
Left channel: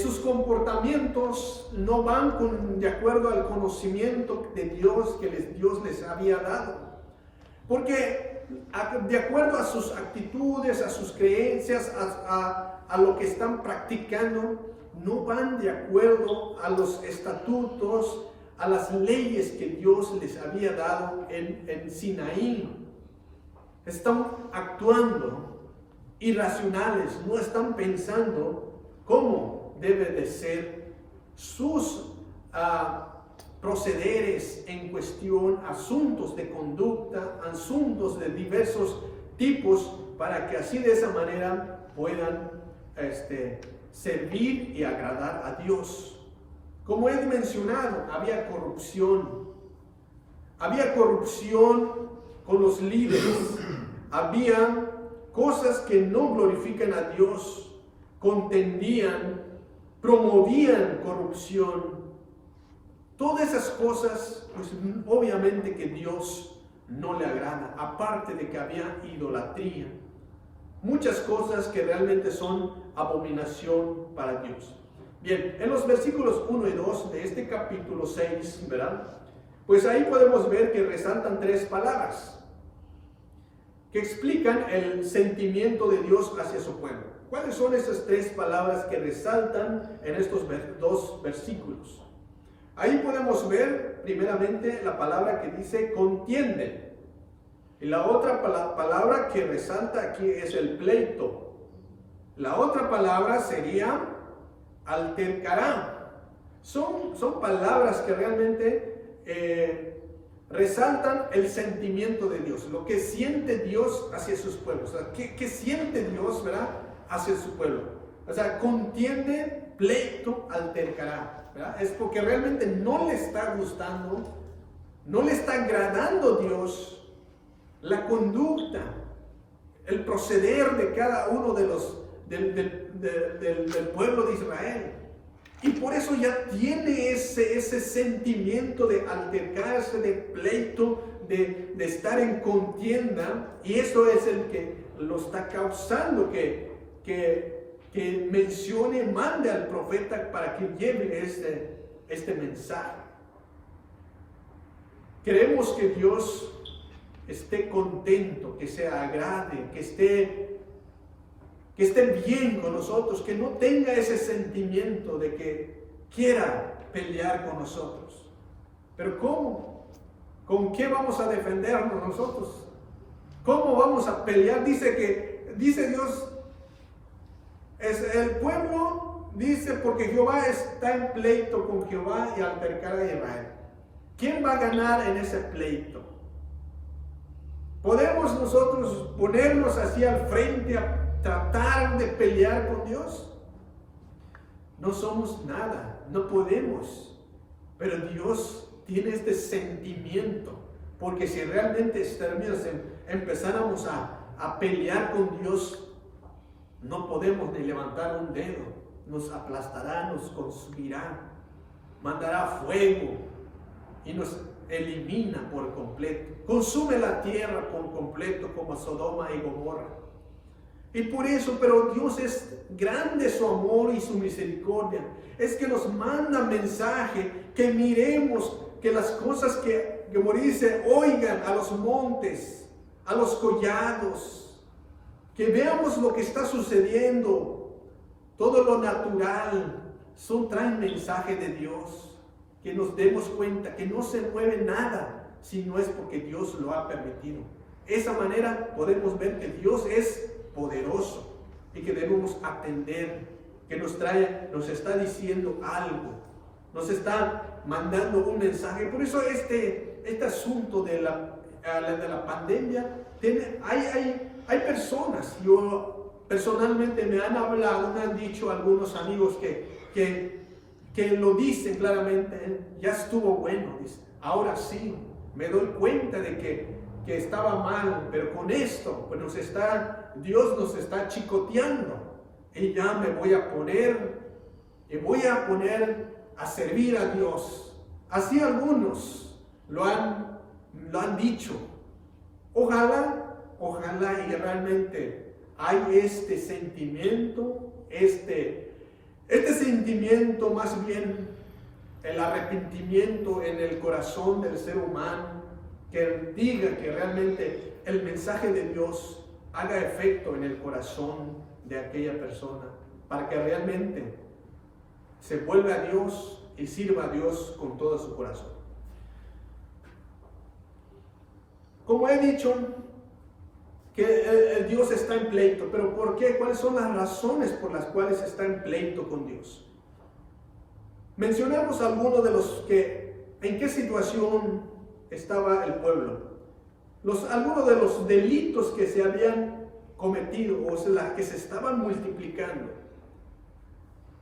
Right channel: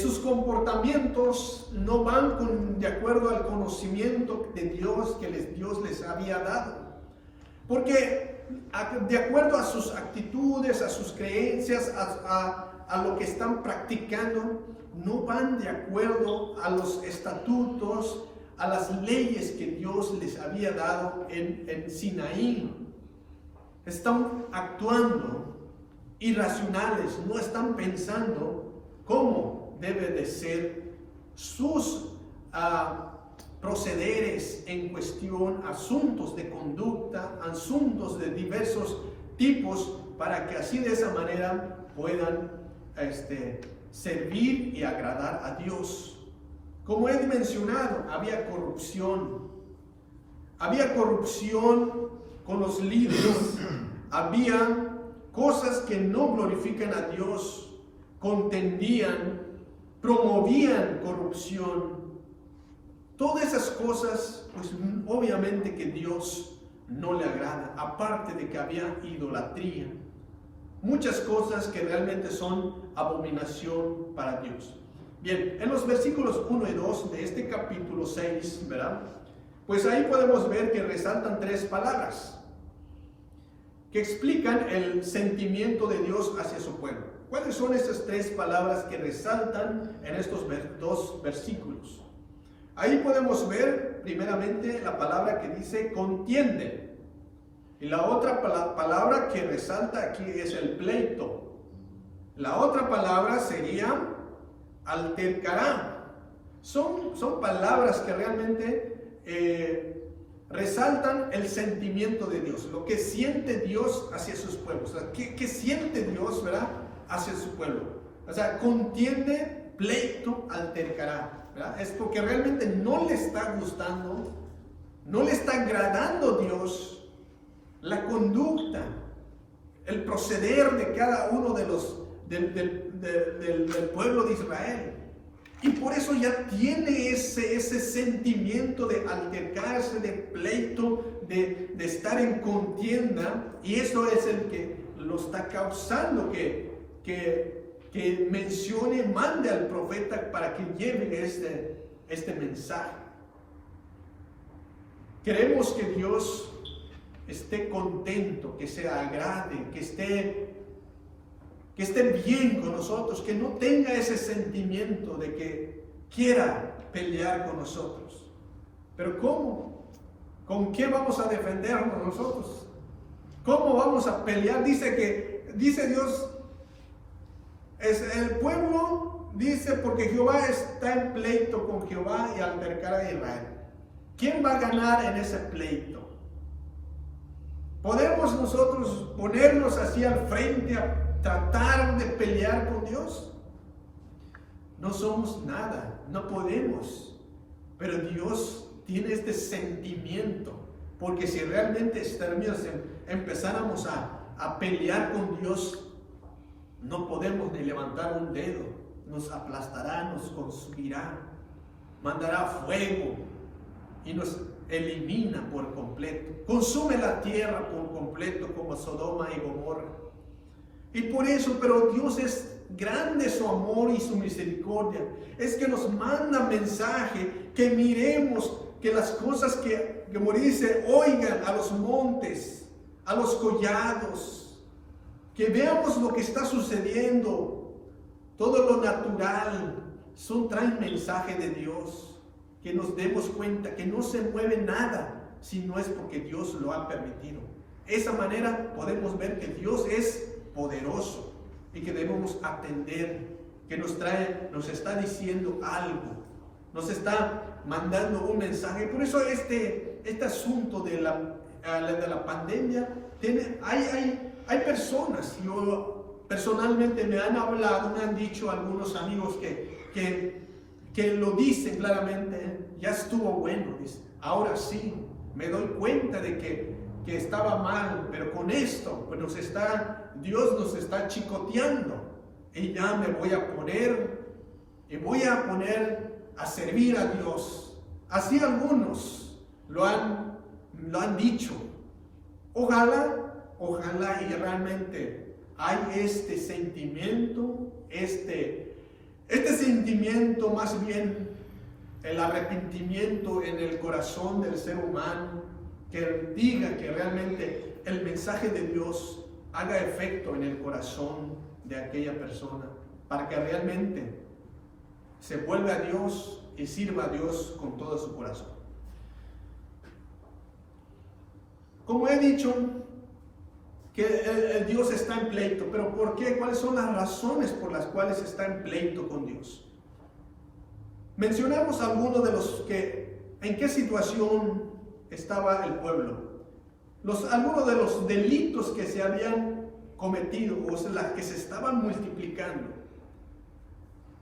sus comportamientos no van de acuerdo al conocimiento de Dios que Dios les había dado. Porque de acuerdo a sus actitudes, a sus creencias, a lo que están practicando, no van de acuerdo a los estatutos, a las leyes que Dios les había dado en Sinaí. Están actuando irracionales, no están pensando cómo debe de ser sus procederes en cuestión, asuntos de conducta, asuntos de diversos tipos, para que así de esa manera puedan servir y agradar a Dios. Como he mencionado, había corrupción con los líderes, había cosas que no glorifican a Dios, contendían, promovían corrupción. Todas esas cosas, pues obviamente que Dios no le agrada, aparte de que había idolatría. Muchas cosas que realmente son abominación para Dios. Bien, en los versículos 1 y 2 de este capítulo 6, ¿verdad? Pues ahí podemos ver que resaltan tres palabras que explican el sentimiento de Dios hacia su pueblo. ¿Cuáles son esas tres palabras que resaltan en estos dos versículos? Ahí podemos ver primeramente la palabra que dice contiende. Y la otra palabra que resalta aquí es el pleito. La otra palabra sería altercará. Son palabras que realmente resaltan el sentimiento de Dios, lo que siente Dios hacia sus pueblos. O sea, ¿qué siente Dios, verdad, hacia su pueblo? O sea, contiende, pleito, altercará, ¿verdad? Es porque realmente no le está gustando, no le está agradando Dios la conducta, el proceder de cada uno de los del pueblo de Israel. Y por eso ya tiene ese sentimiento de altercarse, de pleito, de estar en contienda. Y eso es el que lo está causando que mencione, mande al profeta para que lleve este mensaje. Queremos que Dios esté contento, que se agrade, que esté bien con nosotros, que no tenga ese sentimiento de que quiera pelear con nosotros. Pero ¿cómo? ¿Con qué vamos a defendernos nosotros? ¿Cómo vamos a pelear? Dice Dios, es el pueblo, dice, porque Jehová está en pleito con Jehová y altercará a Israel. ¿Quién va a ganar en ese pleito? ¿Podemos nosotros ponernos así al frente a tratar de pelear con Dios? No somos nada, no podemos. Pero Dios tiene este sentimiento, porque si realmente empezáramos a pelear con Dios, no podemos ni levantar un dedo. Nos aplastará, nos consumirá, mandará fuego y nos elimina por completo. Consume la tierra por completo como Sodoma y Gomorra. Y por eso, pero Dios es grande su amor y su misericordia. Es que nos manda mensaje, que miremos, que las cosas que como dice, oigan a los montes, a los collados, que veamos lo que está sucediendo, todo lo natural, traen mensaje de Dios, que nos demos cuenta que no se mueve nada si no es porque Dios lo ha permitido. De esa manera podemos ver que Dios es poderoso y que debemos atender, que nos está diciendo algo, nos está mandando un mensaje. Por eso este asunto de la pandemia, hay personas, yo personalmente me han hablado, me han dicho algunos amigos que lo dicen claramente, ya estuvo bueno, dice, ahora sí, me doy cuenta de que estaba mal, pero con esto, pues Dios nos está chicoteando, y ya me voy a poner a servir a Dios. Así algunos lo han dicho. Ojalá y realmente hay este sentimiento, este sentimiento, más bien el arrepentimiento en el corazón del ser humano, que diga que realmente el mensaje de Dios haga efecto en el corazón de aquella persona, para que realmente se vuelva a Dios y sirva a Dios con todo su corazón. Como he dicho, que el Dios está en pleito, pero ¿por qué? ¿Cuáles son las razones por las cuales está en pleito con Dios? Mencionamos algunos de los en qué situación estaba el pueblo. Algunos de los delitos que se habían cometido, o sea, que se estaban multiplicando.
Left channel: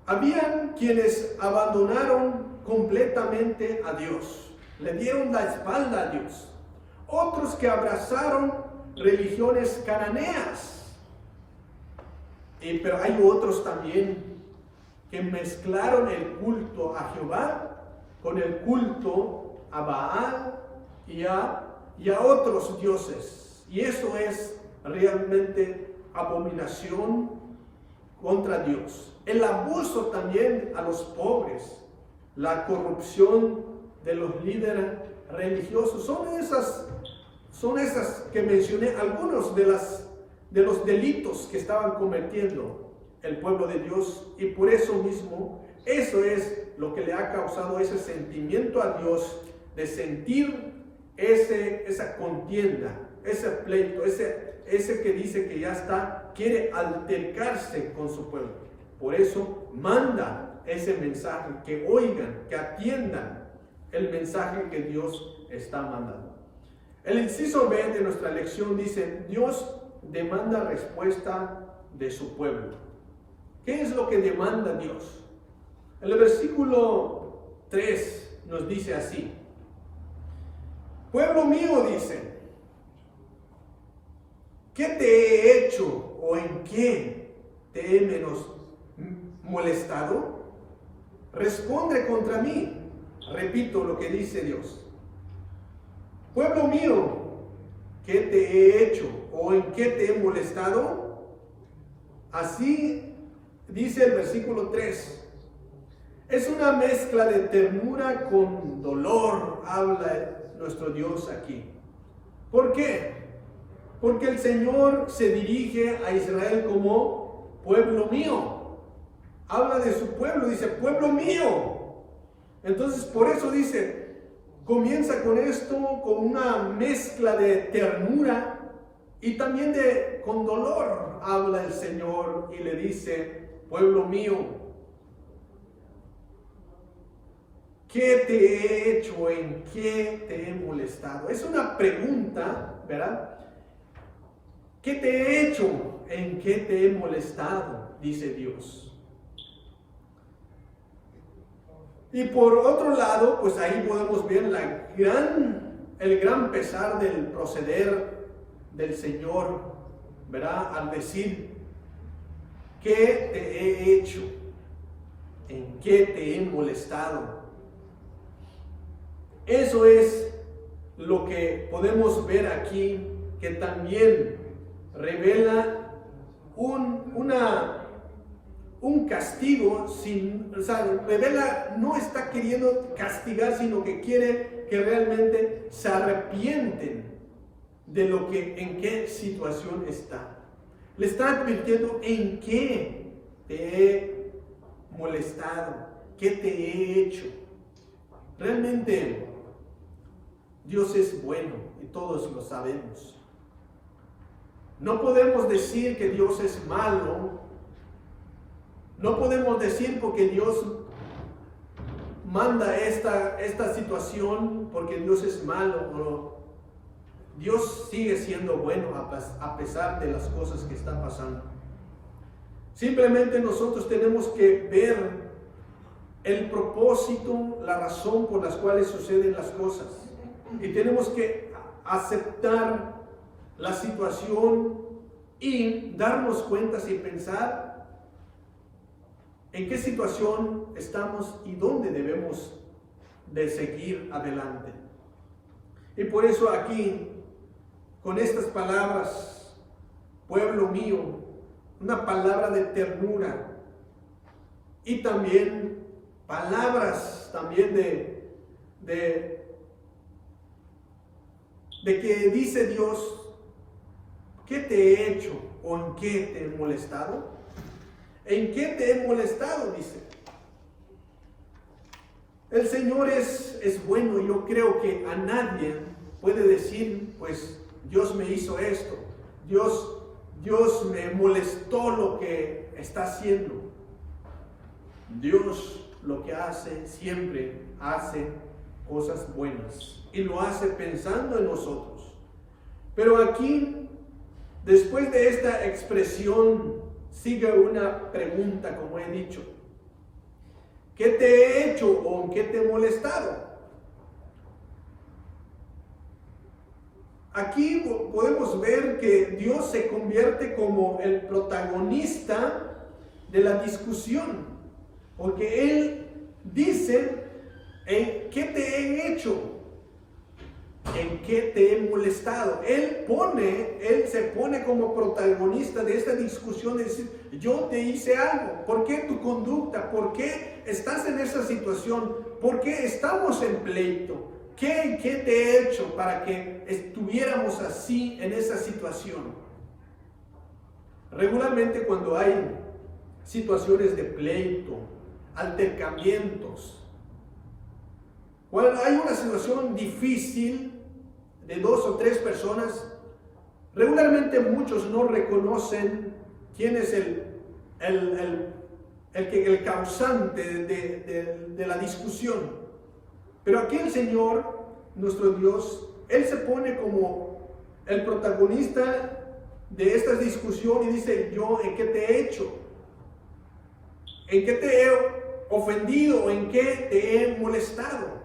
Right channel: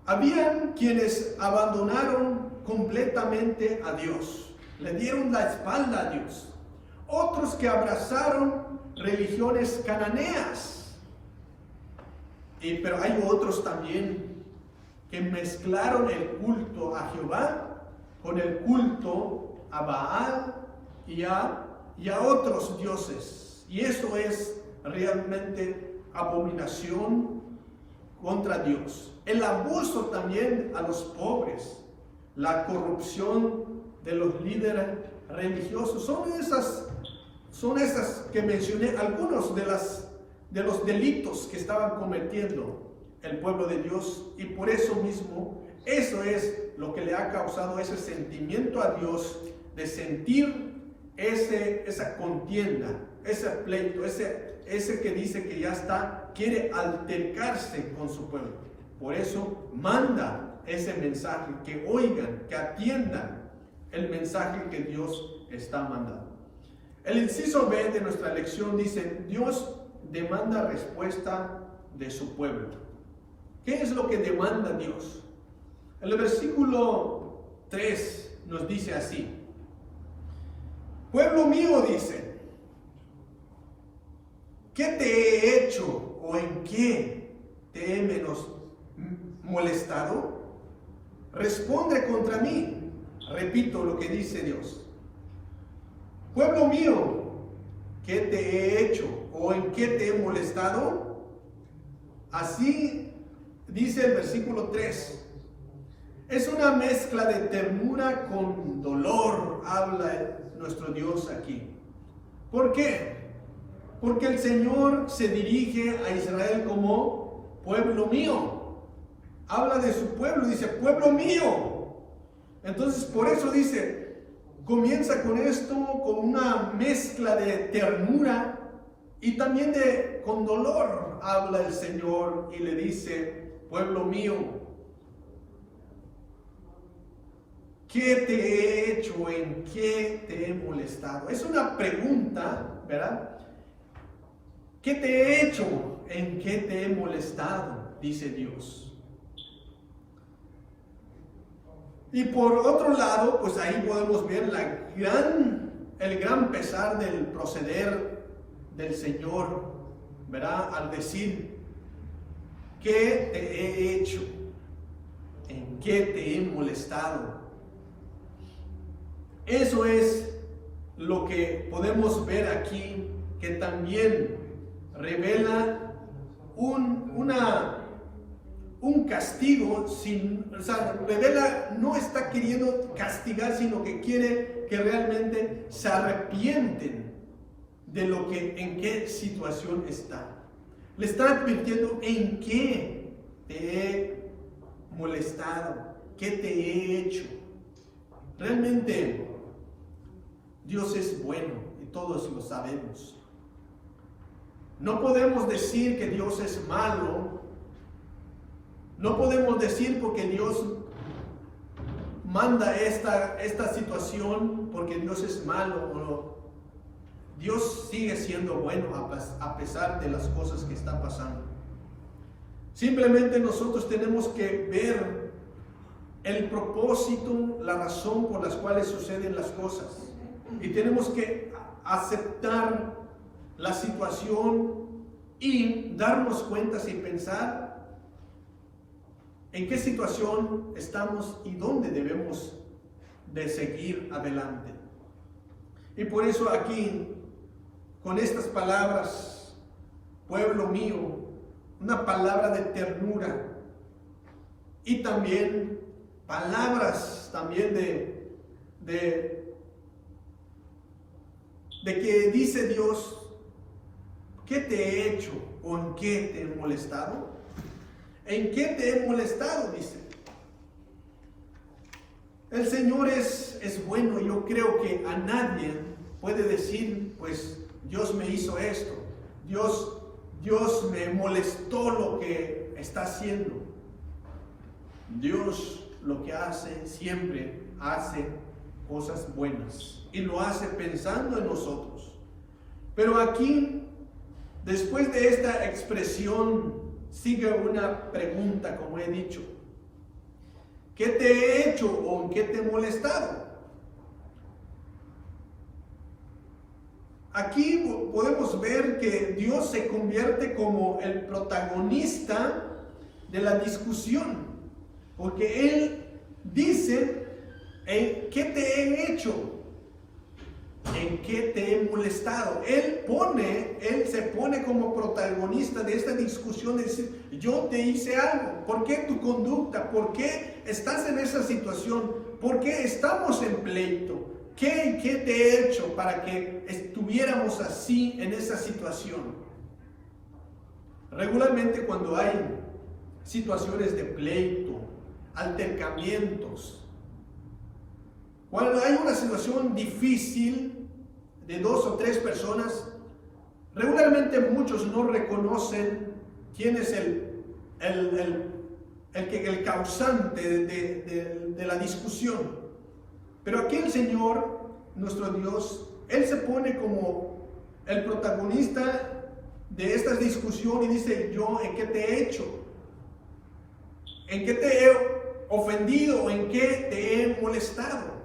Habían quienes abandonaron completamente a Dios, le dieron la espalda a Dios. Otros que abrazaron religiones cananeas. Pero hay otros también que mezclaron el culto a Jehová con el culto a Baal y a otros dioses. Y eso es realmente abominación contra Dios, el abuso también a los pobres, la corrupción de los líderes religiosos. Son esas que mencioné, algunos de los delitos que estaban cometiendo el pueblo de Dios, y por eso mismo, eso es lo que le ha causado ese sentimiento a Dios de sentir esa contienda, ese pleito, ese que dice que ya está, quiere altercarse con su pueblo. Por eso manda ese mensaje, que oigan, que atiendan el mensaje que Dios está mandando. El inciso B de nuestra lección dice: Dios demanda respuesta de su pueblo. ¿Qué es lo que demanda Dios? El versículo 3 nos dice así: pueblo mío, dice, ¿qué te he hecho o en qué te he molestado? Responde contra mí. Repito lo que dice Dios. Pueblo mío, ¿qué te he hecho o en qué te he molestado? Así dice el versículo 3. Es una mezcla de ternura con dolor, habla nuestro Dios aquí. ¿Por qué? Porque el Señor se dirige a Israel como pueblo mío. Habla de su pueblo, dice pueblo mío. Entonces por eso dice, comienza con esto, con una mezcla de ternura y también con dolor. Habla el Señor y le dice, pueblo mío, ¿qué te he hecho? ¿En qué te he molestado? Es una pregunta, ¿verdad? ¿Qué te he hecho? ¿En qué te he molestado? Dice Dios. Y por otro lado, pues ahí podemos ver el gran pesar del proceder del Señor, ¿verdad? Al decir, ¿qué te he hecho? ¿En qué te he molestado? Eso es lo que podemos ver aquí, que también revela un castigo, revela, no está queriendo castigar, sino que quiere que realmente se arrepienten de en qué situación está. Le está advirtiendo en qué te he molestado, qué te he hecho. Realmente Dios es bueno y todos lo sabemos. No podemos decir que Dios es malo. No podemos decir porque Dios manda esta situación porque Dios es malo. No. Dios sigue siendo bueno a pesar de las cosas que están pasando. Simplemente nosotros tenemos que ver el propósito, la razón por las cuales suceden las cosas. Y tenemos que aceptar la situación y darnos cuenta y pensar en qué situación estamos y dónde debemos de seguir adelante. Y por eso aquí, con estas palabras, pueblo mío, una palabra de ternura y también palabras también de que dice Dios, ¿qué te he hecho o en qué te he molestado? ¿En qué te he molestado? Dice. El Señor es bueno. Yo creo que a nadie puede decir, pues Dios me hizo esto, Dios me molestó lo que está haciendo. Dios lo que hace, siempre hace cosas buenas y lo hace pensando en nosotros. Pero aquí, después de esta expresión, sigue una pregunta, como he dicho. ¿Qué te he hecho o en qué te he molestado? Aquí podemos ver que Dios se convierte como el protagonista de la discusión, porque Él dice, ¿en qué te he hecho? ¿en qué te he molestado? Él se pone como protagonista de esta discusión de decir, yo te hice algo. ¿Por qué tu conducta? ¿Por qué estás en esa situación? ¿Por qué estamos en pleito? ¿Qué te he hecho para que estuviéramos así en esa situación? Regularmente cuando hay situaciones de pleito, altercamientos, cuando hay una situación difícil de 2 o 3 personas, regularmente muchos no reconocen quién es el causante de la discusión. Pero aquí el Señor, nuestro Dios, Él se pone como el protagonista de esta discusión y dice, yo, ¿en qué te he hecho? ¿En qué te he ofendido? ¿En qué te he molestado?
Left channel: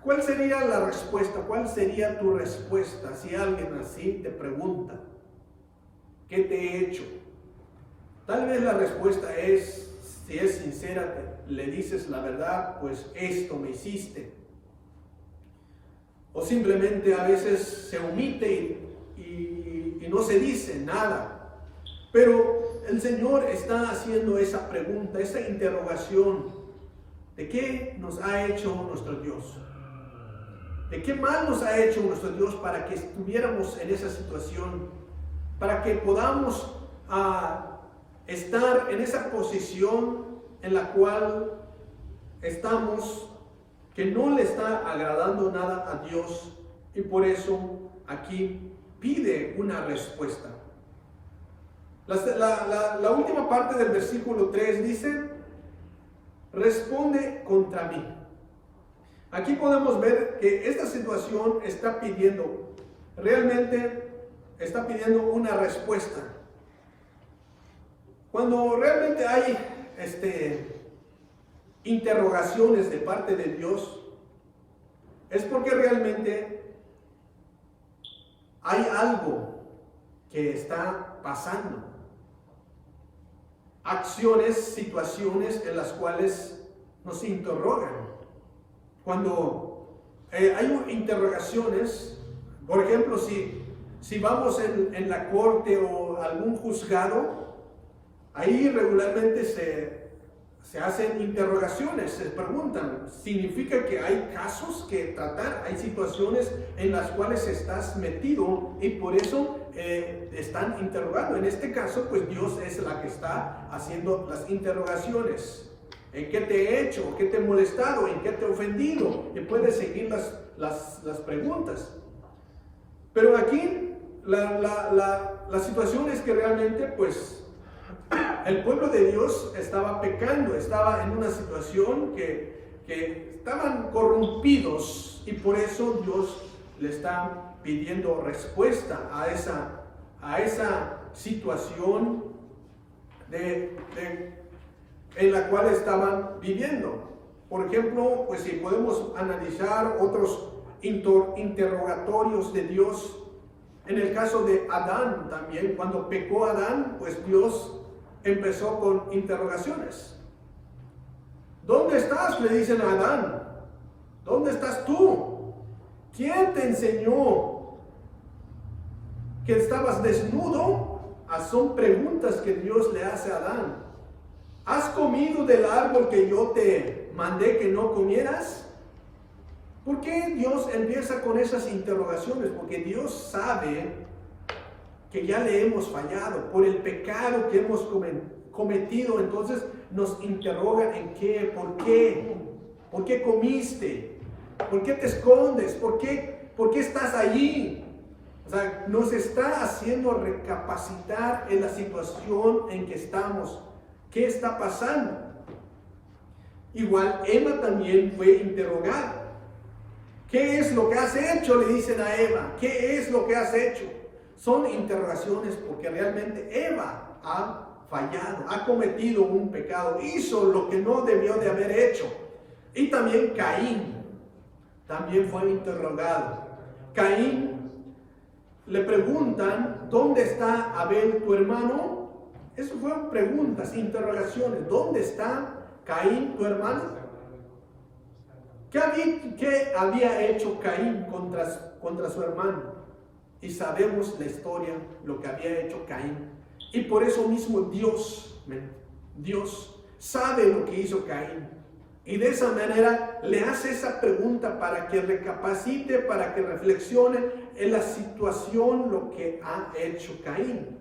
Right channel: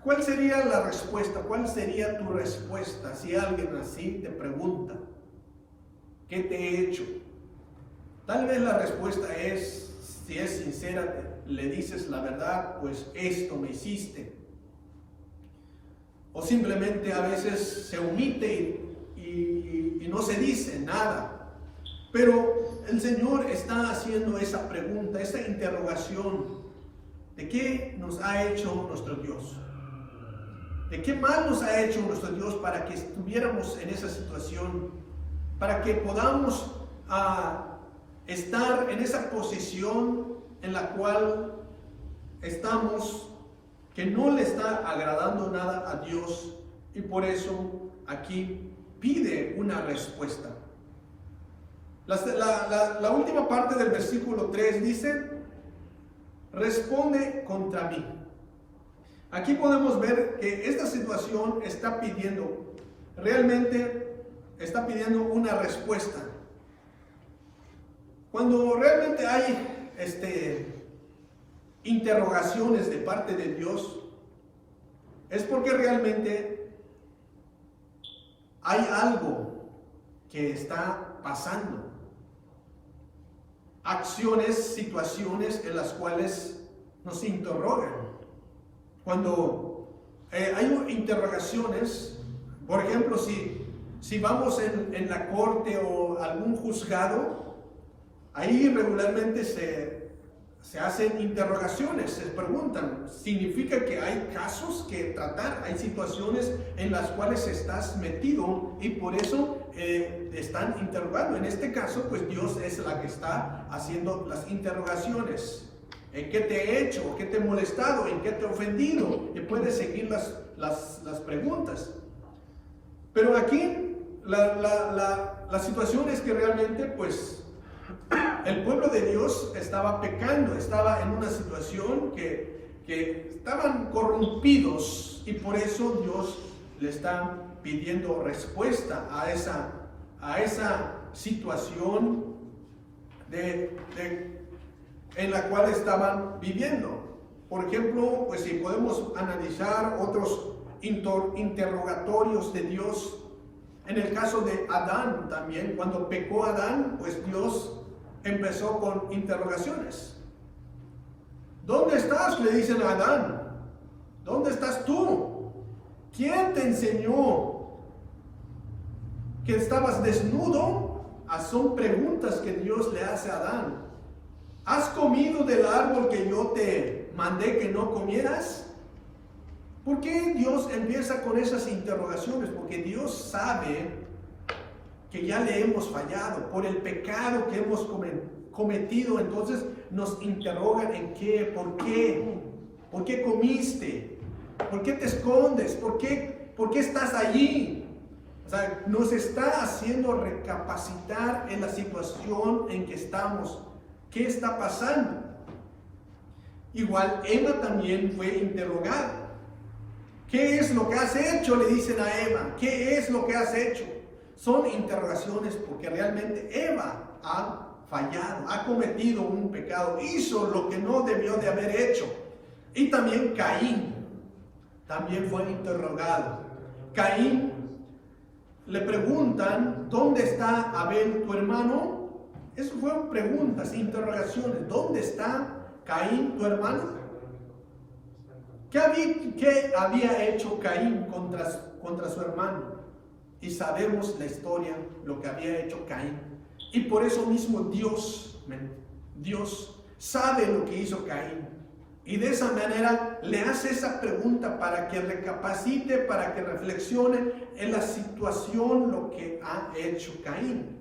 ¿Cuál sería la respuesta? ¿Cuál sería tu respuesta si alguien así te pregunta, ¿qué te he hecho? Tal vez la respuesta es, si es sincera, le dices la verdad, pues esto me hiciste. O simplemente a veces se omite y no se dice nada. Pero el Señor está haciendo esa pregunta, esa interrogación. ¿De qué nos ha hecho nuestro Dios? ¿De qué mal nos ha hecho nuestro Dios para que estuviéramos en esa situación? Para que podamos estar en esa posición en la cual estamos, que no le está agradando nada a Dios, y por eso aquí pide una respuesta. La última parte del versículo 3 dice, responde contra mí. Aquí podemos ver que esta situación realmente está pidiendo una respuesta. Cuando realmente hay interrogaciones de parte de Dios, es porque realmente hay algo que está pasando. Acciones, situaciones en las cuales nos interrogan. Cuando hay interrogaciones, por ejemplo, si vamos en la corte o algún juzgado, ahí regularmente se hacen interrogaciones, se preguntan, significa que hay casos que tratar, hay situaciones en las cuales estás metido y por eso están interrogando. En este caso, pues Dios es la que está haciendo las interrogaciones. ¿En qué te he hecho? ¿Qué te he molestado? ¿En qué te he ofendido? Y puedes seguir las preguntas. Pero aquí la situación es que realmente, pues, el pueblo de Dios estaba pecando, estaba en una situación que estaban corrompidos y por eso Dios le está pidiendo respuesta a esa situación en la cual estaban viviendo. Por ejemplo, pues si podemos analizar otros interrogatorios de Dios, en el caso de Adán también, cuando pecó Adán, pues Dios empezó con interrogaciones. ¿Dónde estás?, le dicen a Adán. ¿Dónde estás tú? ¿Quién te enseñó que estabas desnudo? Son preguntas que Dios le hace a Adán. ¿Has comido del árbol que yo te mandé que no comieras? ¿Por qué Dios empieza con esas interrogaciones? Porque Dios sabe que ya le hemos fallado por el pecado que hemos cometido. Entonces nos interrogan en qué, por qué comiste, por qué te escondes, por qué estás allí. O sea, nos está haciendo recapacitar en la situación en que estamos. ¿Qué está pasando? Igual Eva también fue interrogada. ¿Qué es lo que has hecho?, le dicen a Eva. ¿Qué es lo que has hecho? Son interrogaciones porque realmente Eva ha fallado, ha cometido un pecado, hizo lo que no debió de haber hecho. Y también Caín también fue interrogado. Caín, le preguntan, ¿dónde está Abel, tu hermano? Eso fueron preguntas, interrogaciones. ¿Dónde está Caín, tu hermano? ¿Qué había hecho Caín contra su hermano? Y sabemos la historia, lo que había hecho Caín. Y por eso mismo Dios sabe lo que hizo Caín. Y de esa manera le hace esa pregunta para que recapacite, para que reflexione en la situación, lo que ha hecho Caín.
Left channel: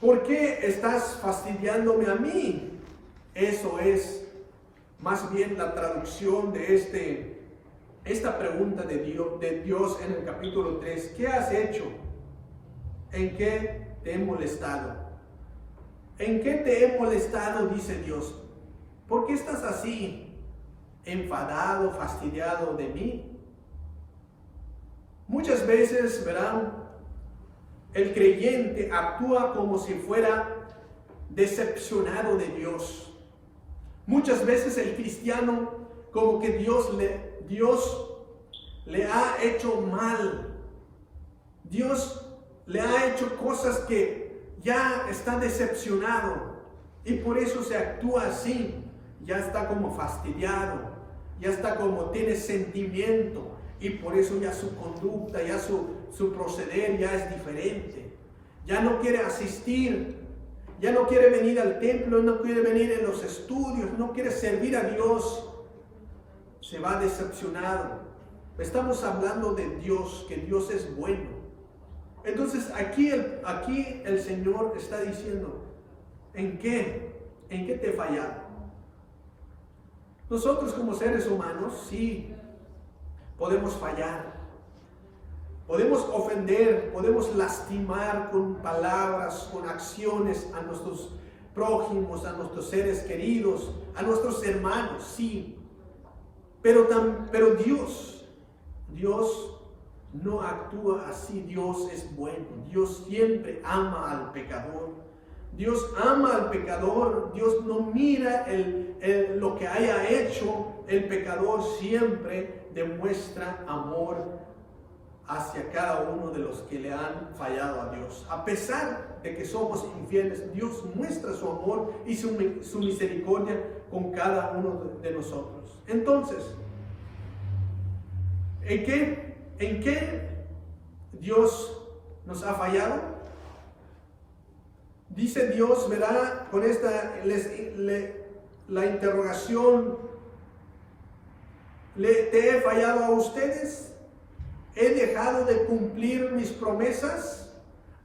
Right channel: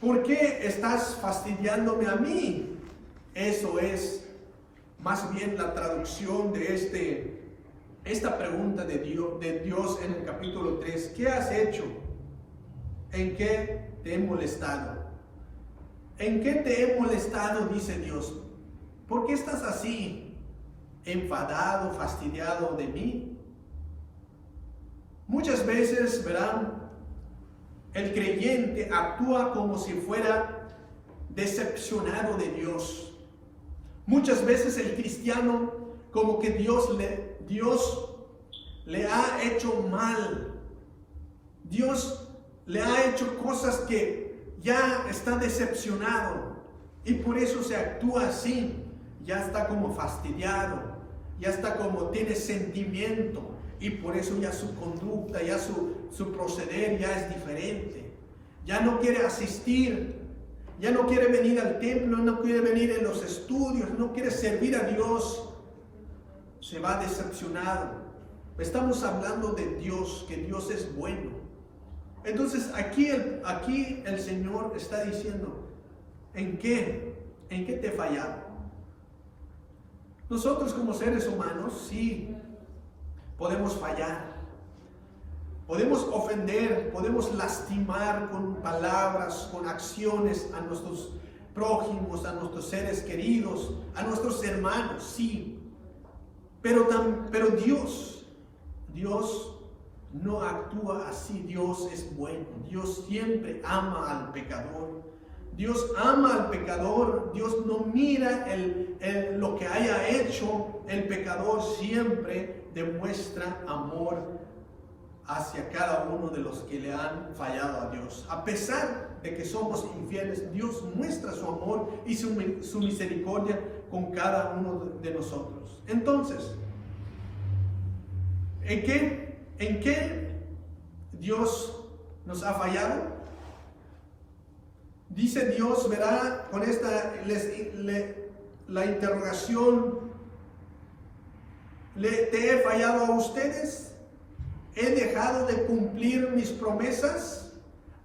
¿Por qué estás fastidiándome a mí? Eso es más bien la traducción de esta pregunta de Dios en el capítulo 3. ¿Qué has hecho? ¿En qué te he molestado? ¿En qué te he molestado? Dice Dios. ¿Por qué estás así, enfadado, fastidiado de mí? Muchas veces, verán, el creyente actúa como si fuera decepcionado de Dios. Muchas veces el cristiano, como que Dios le ha hecho mal. Dios le ha hecho cosas que ya está decepcionado y por eso se actúa así. Ya está como fastidiado, ya está como tiene sentimiento y por eso ya su conducta, ya su proceder ya es diferente. Ya no quiere asistir, ya no quiere venir al templo, no quiere venir en los estudios, no quiere servir a Dios. Se va decepcionado. Estamos hablando de Dios, que Dios es bueno. Entonces aquí el Señor está diciendo, ¿en qué te he fallado? Nosotros como seres humanos sí podemos fallar, podemos ofender, podemos lastimar con palabras, con acciones a nuestros prójimos, a nuestros seres queridos, a nuestros hermanos, sí. Pero Dios no actúa así. Dios es bueno. Dios siempre ama al pecador. Dios ama al pecador. Dios no mira lo que haya hecho. El pecador siempre demuestra amor hacia cada uno de los que le han fallado a Dios. A pesar de que somos infieles, Dios muestra su amor y su misericordia con cada uno de nosotros. Entonces, ¿en qué Dios nos ha fallado? Dice Dios, verá, con esta la interrogación, ¿te he fallado a ustedes? ¿He dejado de cumplir mis promesas?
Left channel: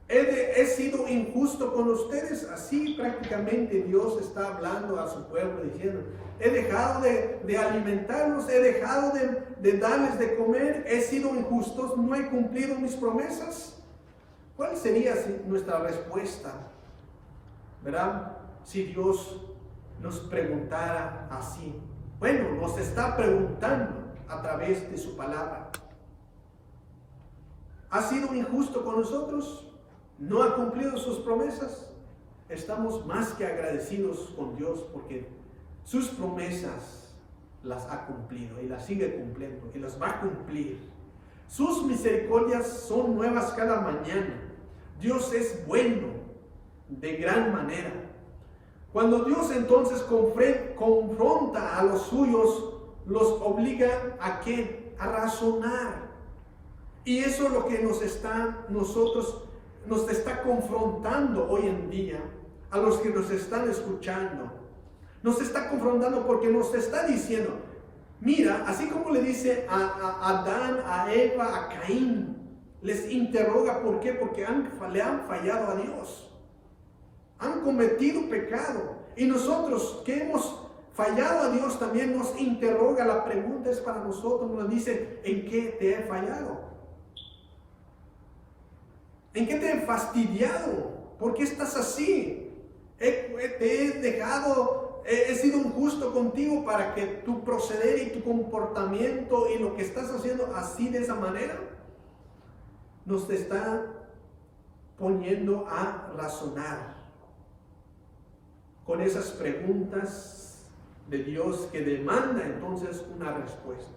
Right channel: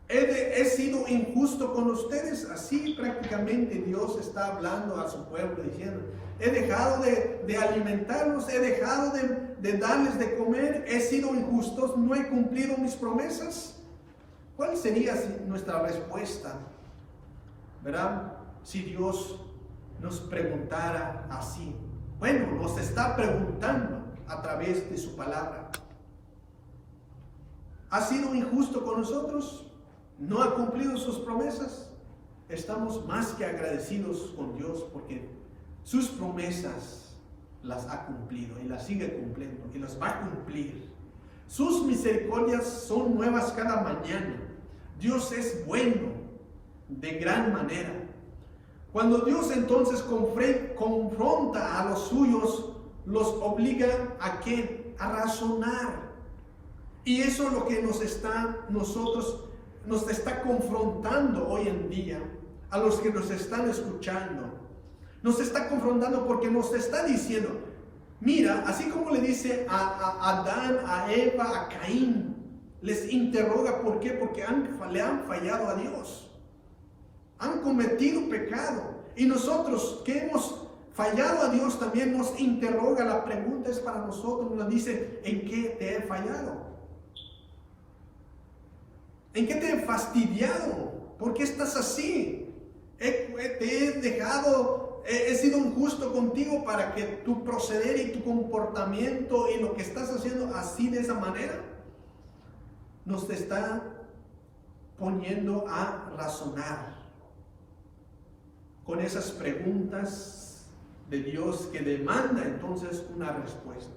¿He sido injusto con ustedes? Así prácticamente Dios está hablando a su pueblo diciendo, he dejado de alimentarlos, he dejado de darles de comer, he sido injusto, no he cumplido mis promesas. ¿Cuál sería nuestra respuesta? ¿Verdad? Si Dios nos preguntara así. Bueno, nos está preguntando a través de su palabra. ¿Ha sido injusto con nosotros? ¿No ha cumplido sus promesas? Estamos más que agradecidos con Dios porque sus promesas las ha cumplido y las sigue cumpliendo y las va a cumplir. Sus misericordias son nuevas cada mañana. Dios es bueno de gran manera. Cuando Dios entonces confronta a los suyos, los obliga ¿a qué? A razonar. Y eso es lo que nos está confrontando hoy en día, a los que nos están escuchando. Nos está confrontando porque nos está diciendo, mira, así como le dice a Adán, a Eva, a Caín, les interroga, ¿por qué? Porque le han fallado a Dios. Han cometido pecado. Y nosotros que hemos fallado a Dios también nos interroga. La pregunta es para nosotros, nos dice, ¿en qué te he fallado? ¿En qué te he fastidiado? ¿Por qué estás así? Te he dejado, he sido injusto contigo para que tu proceder y tu comportamiento y lo que estás haciendo así de esa manera nos está poniendo a razonar con esas preguntas de Dios que demanda entonces una respuesta.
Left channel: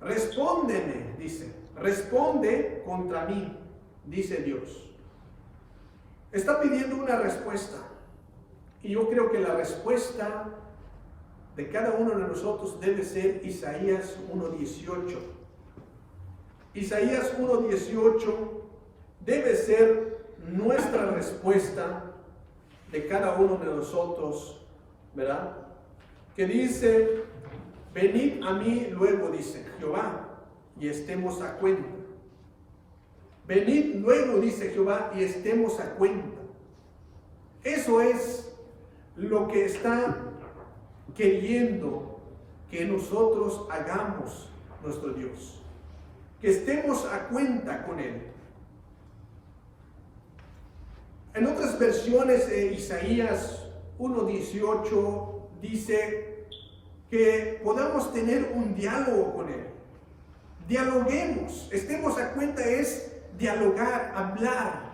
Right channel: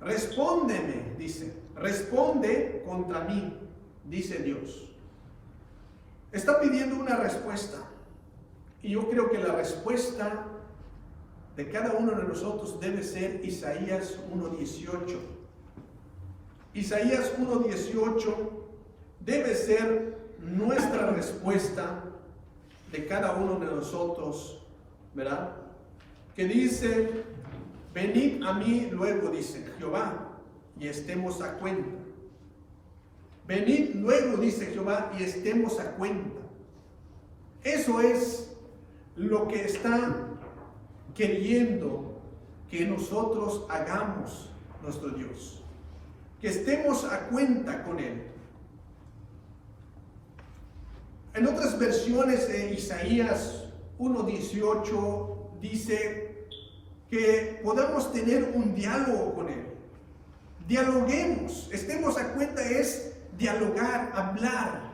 Respóndeme, dice, responde contra mí, dice Dios. Está pidiendo una respuesta y yo creo que la respuesta de cada uno de nosotros debe ser Isaías 1:18. Isaías 1:18 debe ser nuestra respuesta de cada uno de nosotros, ¿verdad? Que dice, venid a mí luego, dice Jehová, y estemos a cuenta. Venid luego, dice Jehová, y estemos a cuenta. Eso es lo que está queriendo que nosotros hagamos nuestro Dios. Que estemos a cuenta con Él. En otras versiones de Isaías 1:18 dice que podamos tener un diálogo con Él. Dialoguemos, estemos a cuenta es dialogar, hablar.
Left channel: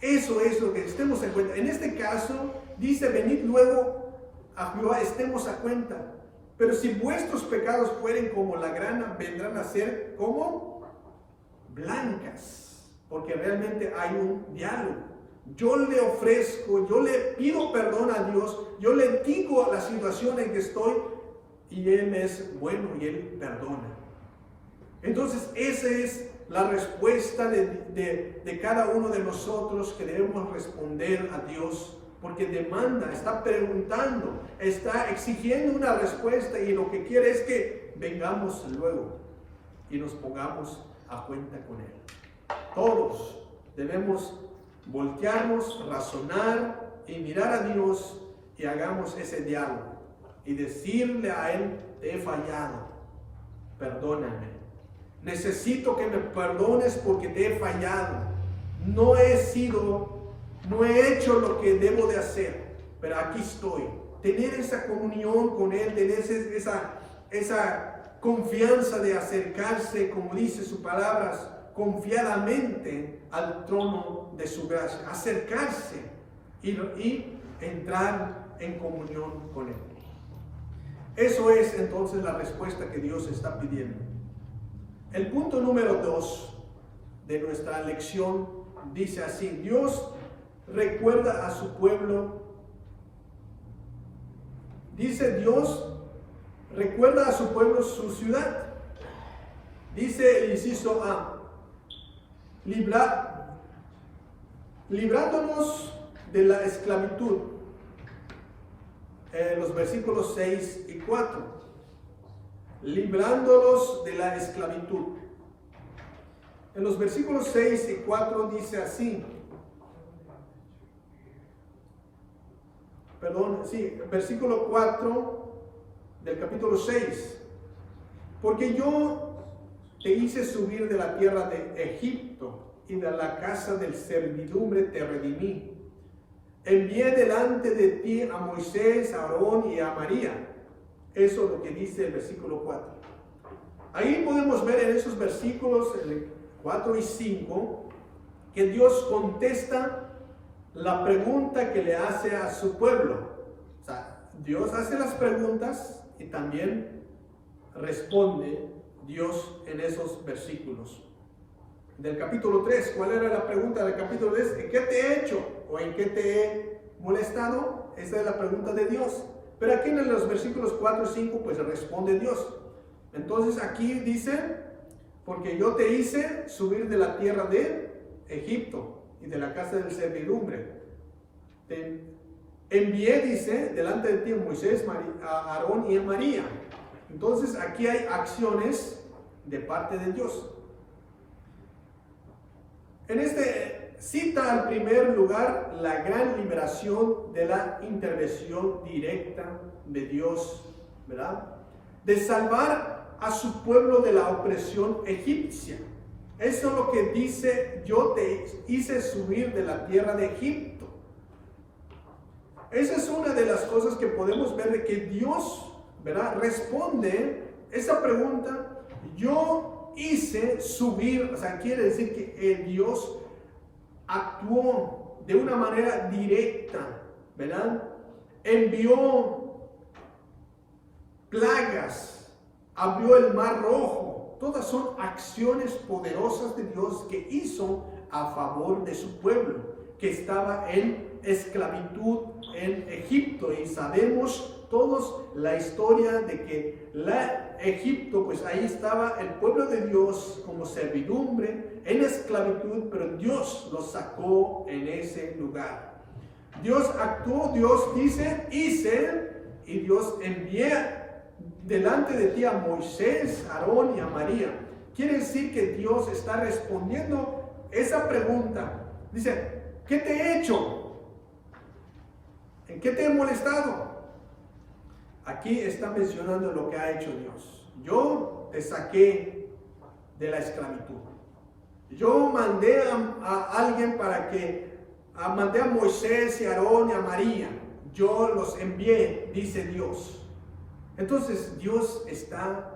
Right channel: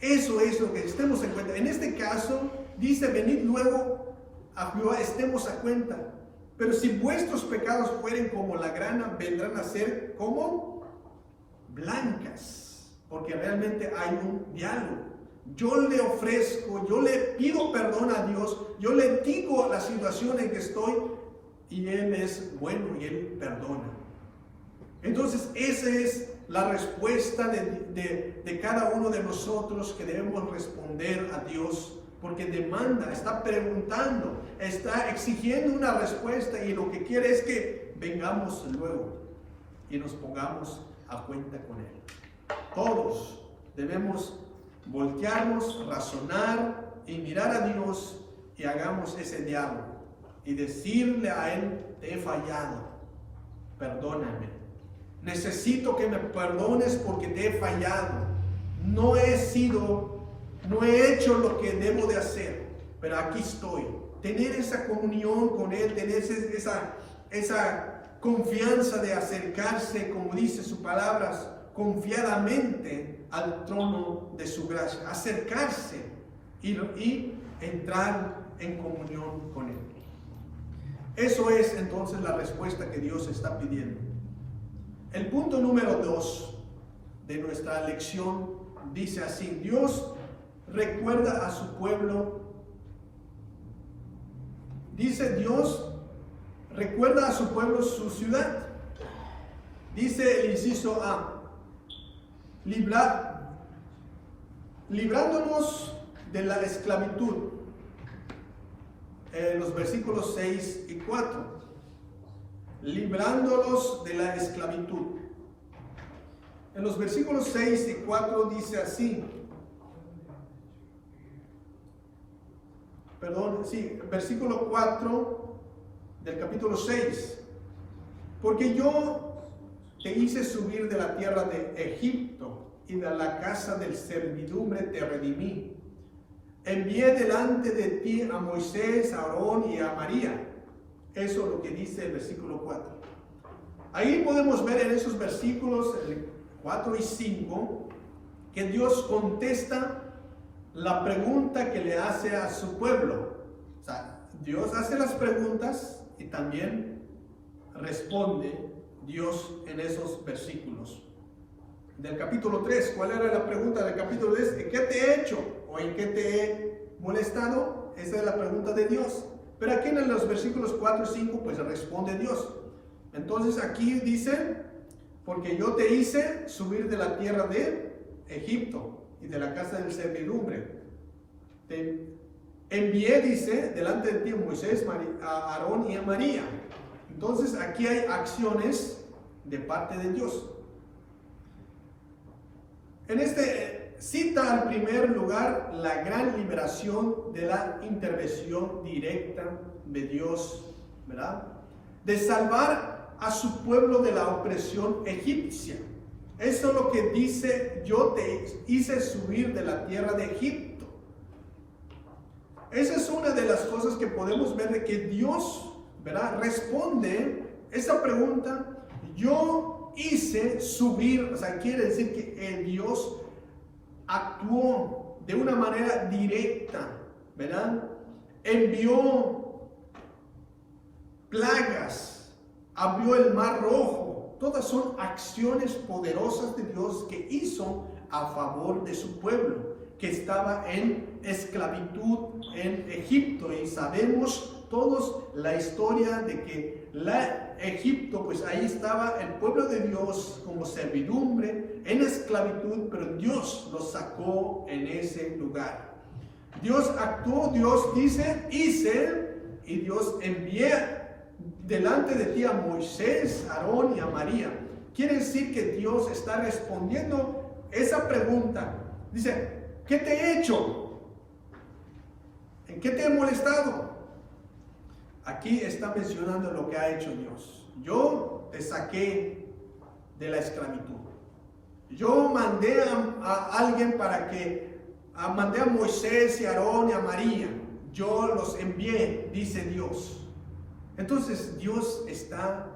Eso es lo que estemos en cuenta. En este caso dice, venid luego a Jehová, estemos a cuenta. Pero si vuestros pecados fueren como la grana, vendrán a ser como blancas. Porque realmente hay un diálogo. Yo le ofrezco, yo le pido perdón a Dios, yo le digo la situación en que estoy y Él es bueno y Él perdona. Entonces esa es la respuesta de cada uno de nosotros que debemos responder a Dios, porque demanda, está preguntando, está exigiendo una respuesta y lo que quiere es que vengamos luego y nos pongamos a cuenta con Él. Todos debemos voltearnos, razonar y mirar a Dios y hagamos ese diálogo y decirle a Él, te he fallado, perdóname, necesito que me perdones porque te he fallado, no he hecho lo que debo de hacer, pero aquí estoy. Tener esa comunión con Él, tener esa confianza de acercarse, como dice sus palabras, confiadamente al trono de su gracia, acercarse y entrar en comunión con Él. Eso es entonces la respuesta que Dios está pidiendo. El punto número 2 de nuestra lección dice así: Dios recuerda a su pueblo. Dice Dios recuerda a su pueblo su ciudad. Dice el inciso A: librándonos de la esclavitud. Los versículos 6 y 4. Librándolos de la esclavitud. En los versículos 6 y 4 dice así. Versículo 4 del capítulo 6. Porque yo te hice subir de la tierra de Egipto y de la casa del servidumbre te redimí. Envié delante de ti a Moisés, a Aarón y a María. Eso es lo que dice el versículo 4. Ahí podemos ver en esos versículos 4 y 5 que Dios contesta la pregunta que le hace a su pueblo. O sea, Dios hace las preguntas y también responde Dios en esos versículos. Del capítulo 3, ¿cuál era la pregunta del capítulo 3? ¿En qué te he hecho? ¿O en qué te he molestado? Esa es la pregunta de Dios. Pero aquí en los versículos 4 y 5, pues responde Dios. Entonces aquí dice, porque yo te hice subir de la tierra de Egipto y de la casa del servidumbre. Te envié, dice, delante de ti a Moisés, a Aarón y a María. Entonces aquí hay acciones de parte de Dios. En este cita al primer lugar la gran liberación de la intervención directa de Dios, ¿verdad? De salvar a su pueblo de la opresión egipcia. Eso es lo que dice, yo te hice subir de la tierra de Egipto. Esa es una de las cosas que podemos ver de que Dios, ¿verdad?, responde esa pregunta. Yo hice subir, o sea, quiere decir que Dios actuó de una manera directa, ¿verdad? Envió plagas, abrió el mar rojo. Todas son acciones poderosas de Dios que hizo a favor de su pueblo. que estaba en esclavitud en Egipto, y sabemos todos la historia de que Egipto, pues ahí estaba el pueblo de Dios como servidumbre, en esclavitud, pero Dios los sacó en ese lugar. Dios actuó, Dios dice, hice, y Dios envié delante de ti a Moisés, a Aarón y a María. Quiere decir que Dios está respondiendo esa pregunta. Dice, ¿qué te he hecho? ¿En qué te he molestado? Aquí está mencionando lo que ha hecho Dios. Yo te saqué de la esclavitud. Yo mandé a alguien mandé a Moisés y a Aarón y a María. Yo los envié, dice Dios. Entonces Dios está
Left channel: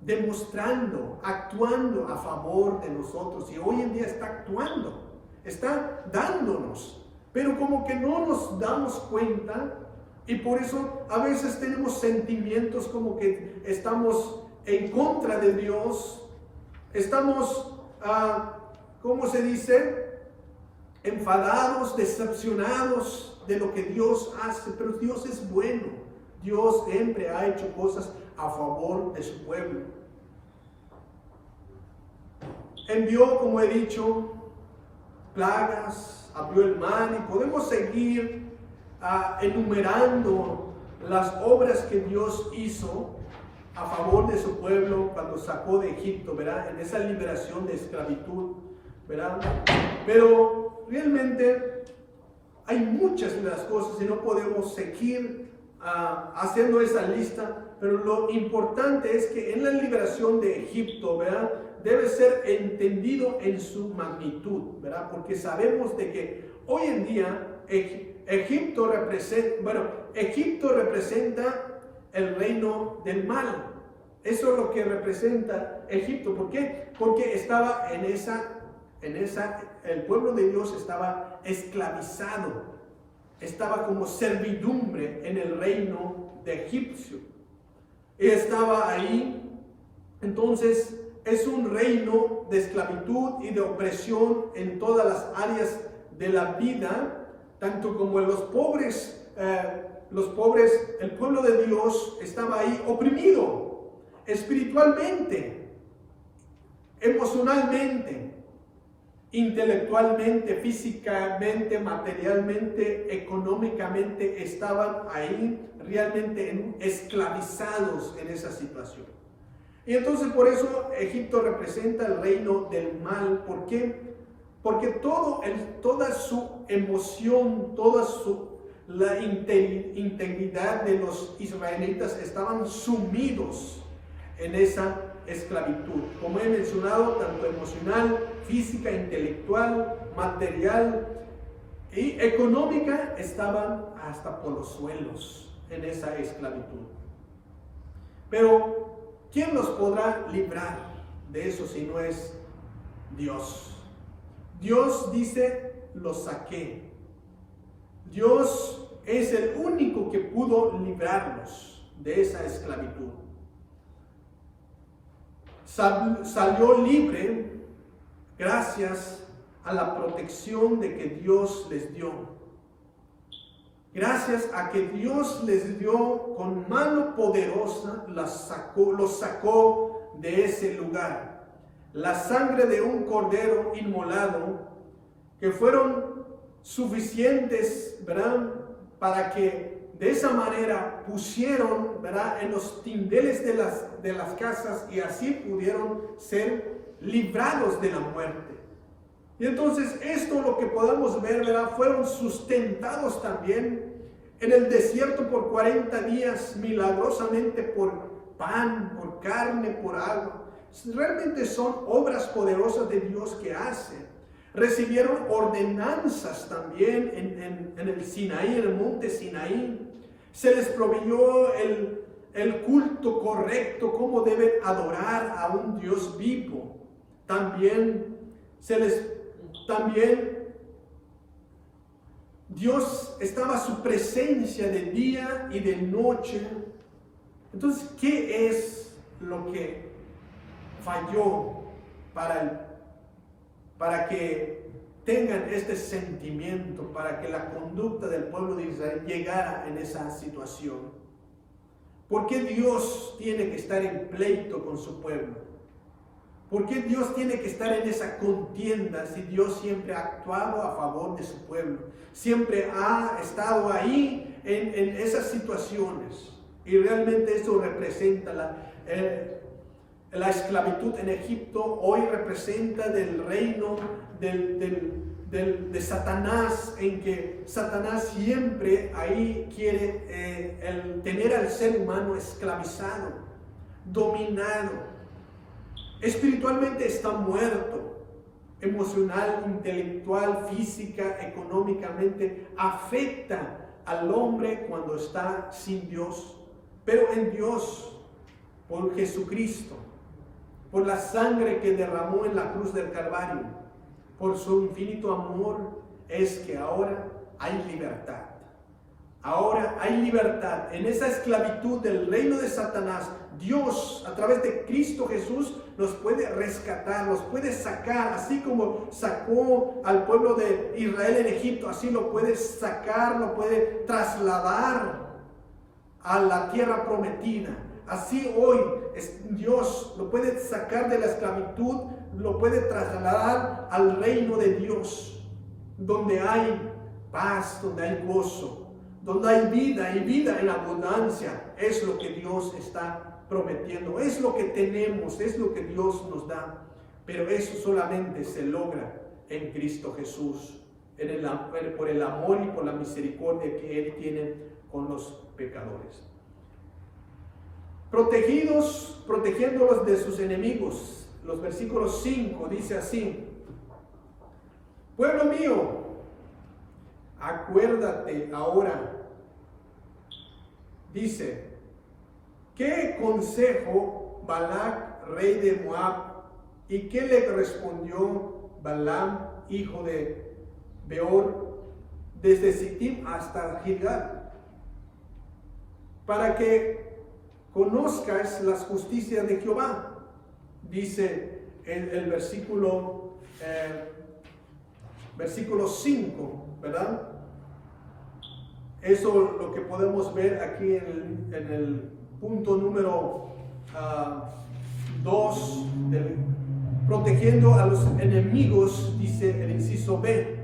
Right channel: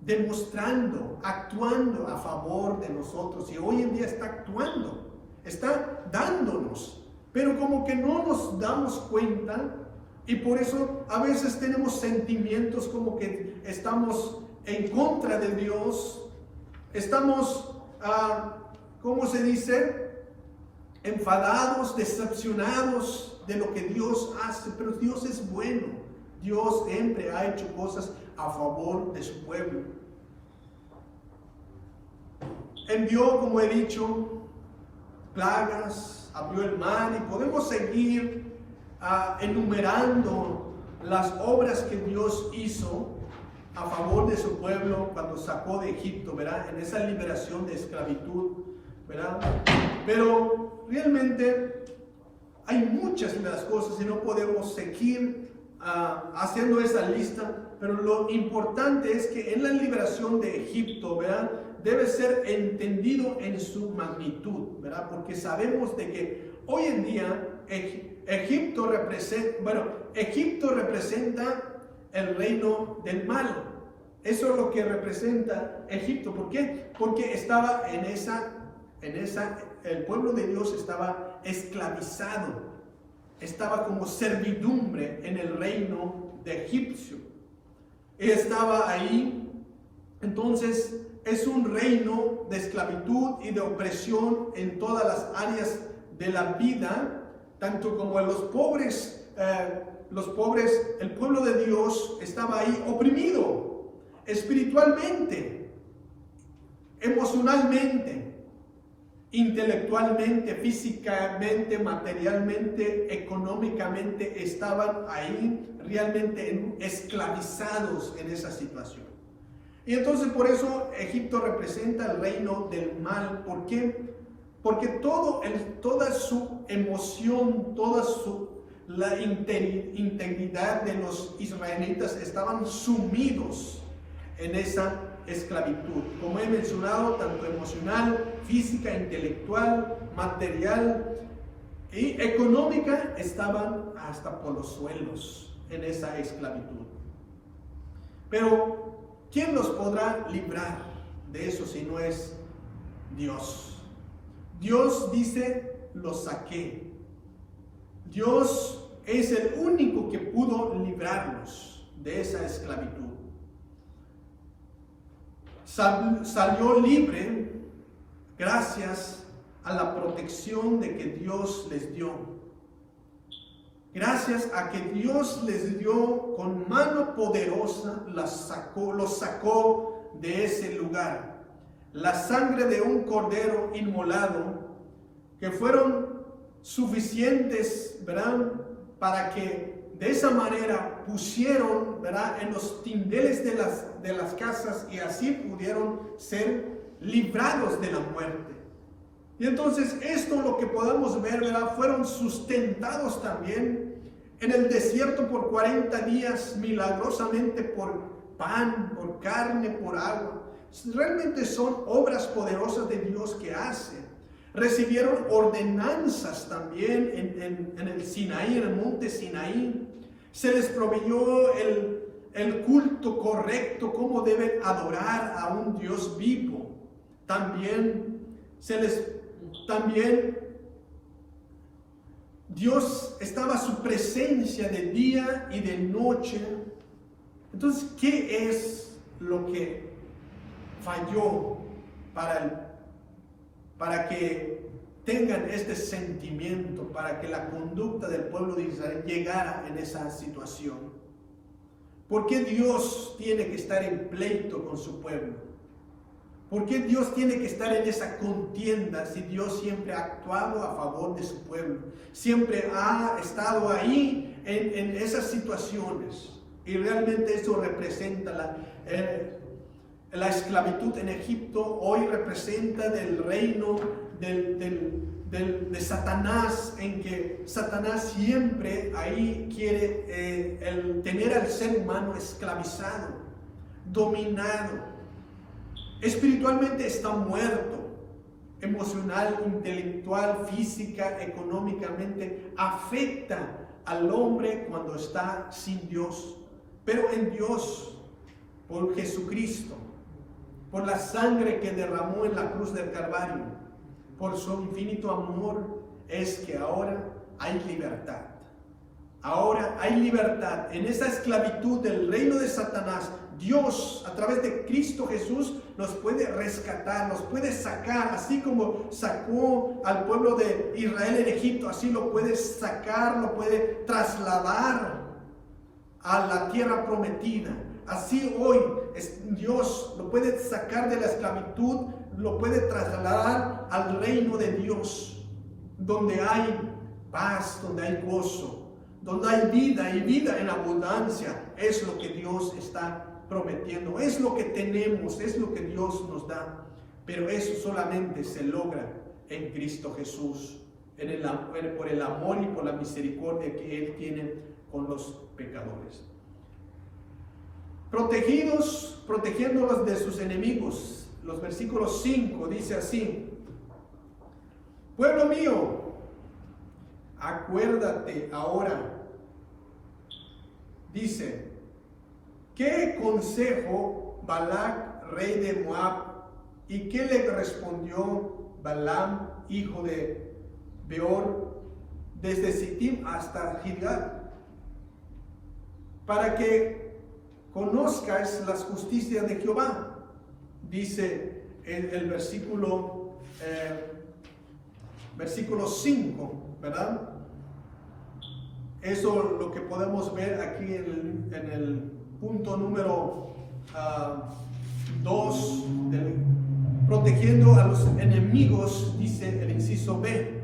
demostrando, actuando a favor de nosotros, y hoy en día está actuando, está dándonos, pero como que no nos damos cuenta, y por eso a veces tenemos sentimientos como que estamos en contra de Dios, estamos, ¿cómo se dice?, enfadados, decepcionados de lo que Dios hace. Pero Dios es bueno. Dios siempre ha hecho cosas a favor de su pueblo. Envió, como he dicho, plagas, abrió el mar, y podemos seguir enumerando las obras que Dios hizo a favor de su pueblo cuando sacó de Egipto, ¿verdad? En esa liberación de esclavitud, ¿verdad? Pero realmente hay muchas de las cosas y no podemos seguir haciendo esa lista, pero lo importante es que en la liberación de Egipto, ¿verdad?, debe ser entendido en su magnitud, ¿verdad? Porque sabemos de que hoy en día Egipto representa el reino del mal. Eso es lo que representa Egipto. ¿Por qué? Porque estaba el pueblo de Dios estaba esclavizado, estaba como servidumbre en el reino de Egipcio. Estaba ahí. Entonces es un reino de esclavitud y de opresión en todas las áreas de la vida, tanto como en los pobres, el pueblo de Dios estaba ahí oprimido espiritualmente, emocionalmente, intelectualmente, físicamente, materialmente, económicamente. Estaban ahí realmente esclavizados en esa situación. Y entonces por eso Egipto representa el reino del mal. ¿Por qué? Porque toda su emoción, la integridad de los israelitas estaban sumidos en esa esclavitud, como he mencionado, tanto emocional, física, intelectual, material y económica. Estaban hasta por los suelos en esa esclavitud. Pero ¿quién los podrá librar de eso si no es Dios? Dios dice, los saqué. Dios es el único que pudo librarlos de esa esclavitud. Salió libre gracias a la protección de que Dios les dio. Gracias a que Dios les dio con mano poderosa, los sacó de ese lugar. La sangre de un cordero inmolado, que fueron suficientes, ¿verdad?, para que de esa manera pusieron, ¿verdad?, en los tindeles de las casas, y así pudieron ser librados de la muerte. Y entonces esto, lo que podemos ver, ¿verdad?, fueron sustentados también en el desierto por 40 días, milagrosamente, por pan, por carne, por agua. Realmente son obras poderosas de Dios que hace. Recibieron ordenanzas también en el Sinaí, en el monte Sinaí. Se les proveyó el culto correcto, cómo deben adorar a un Dios vivo. También Dios estaba su presencia de día y de noche. Entonces, ¿qué es lo que falló para que tengan este sentimiento para que la conducta del pueblo de Israel llegara en esa situación? ¿Por qué Dios tiene que estar en pleito con su pueblo? ¿Por qué Dios tiene que estar en esa contienda si Dios siempre ha actuado a favor de su pueblo? Siempre ha estado ahí en esas situaciones. Y realmente eso representa la esclavitud en Egipto. Hoy representa del reino de Satanás, en que Satanás siempre ahí quiere tener al ser humano esclavizado, dominado. Espiritualmente está muerto, emocional, intelectual, física, económicamente. Afecta al hombre cuando está sin Dios. Pero en Dios, por Jesucristo, por la sangre que derramó en la cruz del Calvario, por su infinito amor, es que ahora hay libertad. Ahora hay libertad. En esa esclavitud del reino de Satanás, Dios, a través de Cristo Jesús, nos puede rescatar, nos puede sacar, así como sacó al pueblo de Israel en Egipto, así lo puede sacar, lo puede trasladar a la tierra prometida. Así hoy Dios lo puede sacar de la esclavitud, lo puede trasladar al reino de Dios, donde hay paz, donde hay gozo, donde hay vida y vida en abundancia. Es lo que Dios está prometiendo, es lo que tenemos, es lo que Dios nos da. Pero eso solamente se logra en Cristo Jesús, por el amor y por la misericordia que Él tiene con los pecadores. Protegiéndolos de sus enemigos. Los versículos 5 dice así: pueblo mío, acuérdate ahora. Dice, ¿qué consejo Balac, rey de Moab, y qué le respondió Balaam, hijo de Beor, desde Sittim hasta Gilgal? Para que conozcas las justicias de Jehová. Dice el versículo 5, ¿verdad? Eso lo que podemos ver aquí en el punto número 2, protegiendo a los enemigos, dice el inciso B.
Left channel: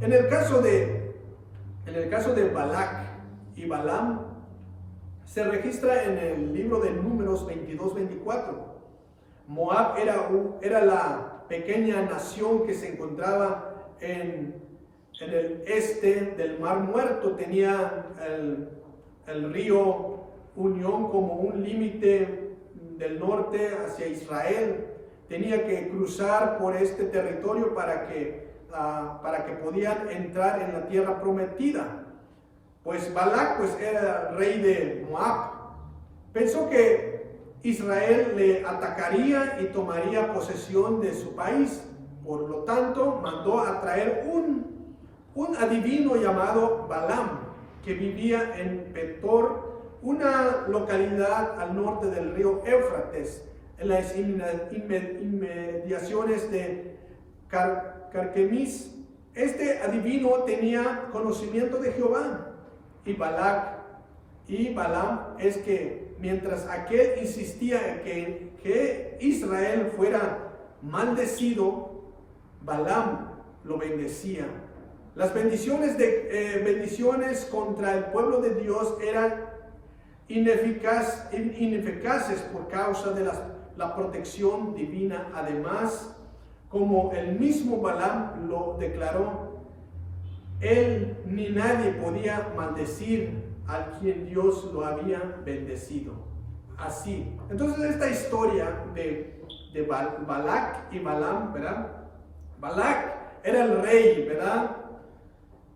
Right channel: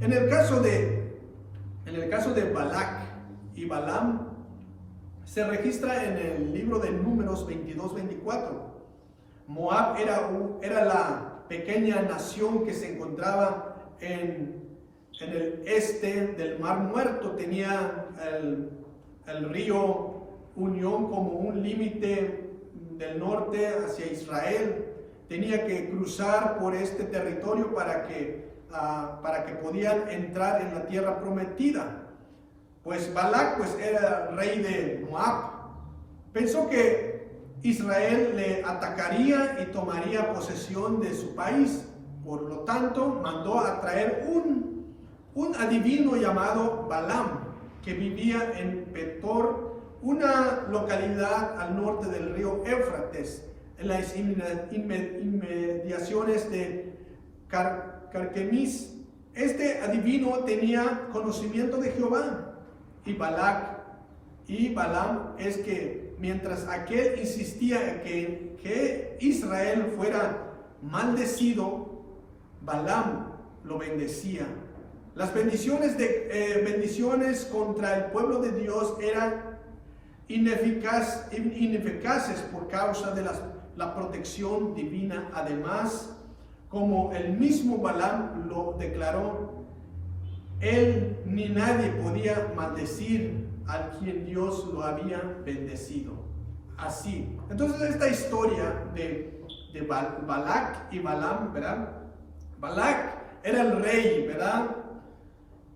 En el caso de Balac y Balaam, se registra en el libro de Números 22-24. Moab era la pequeña nación que se encontraba en el este del Mar Muerto. Tenía el río Unión como un límite del norte hacia Israel. Tenía que cruzar por este territorio para que podían entrar en la tierra prometida. Pues Balac era rey de Moab. Pensó que Israel le atacaría y tomaría posesión de su país. Por lo tanto, mandó a traer un adivino llamado Balaam, que vivía en Petor, una localidad al norte del río Éufrates, en las inmediaciones de Carquemis. Este adivino tenía conocimiento de Jehová. Y Balaam es que mientras aquel insistía en que Israel fuera maldecido, Balaam lo bendecía. Las bendiciones contra el pueblo de Dios eran ineficaces por causa de la protección divina. Además, como el mismo Balaam lo declaró, él ni nadie podía maldecir a quien Dios lo había bendecido. Así. Entonces esta historia de Balac y Balaam, ¿verdad? Balac era el rey, ¿verdad?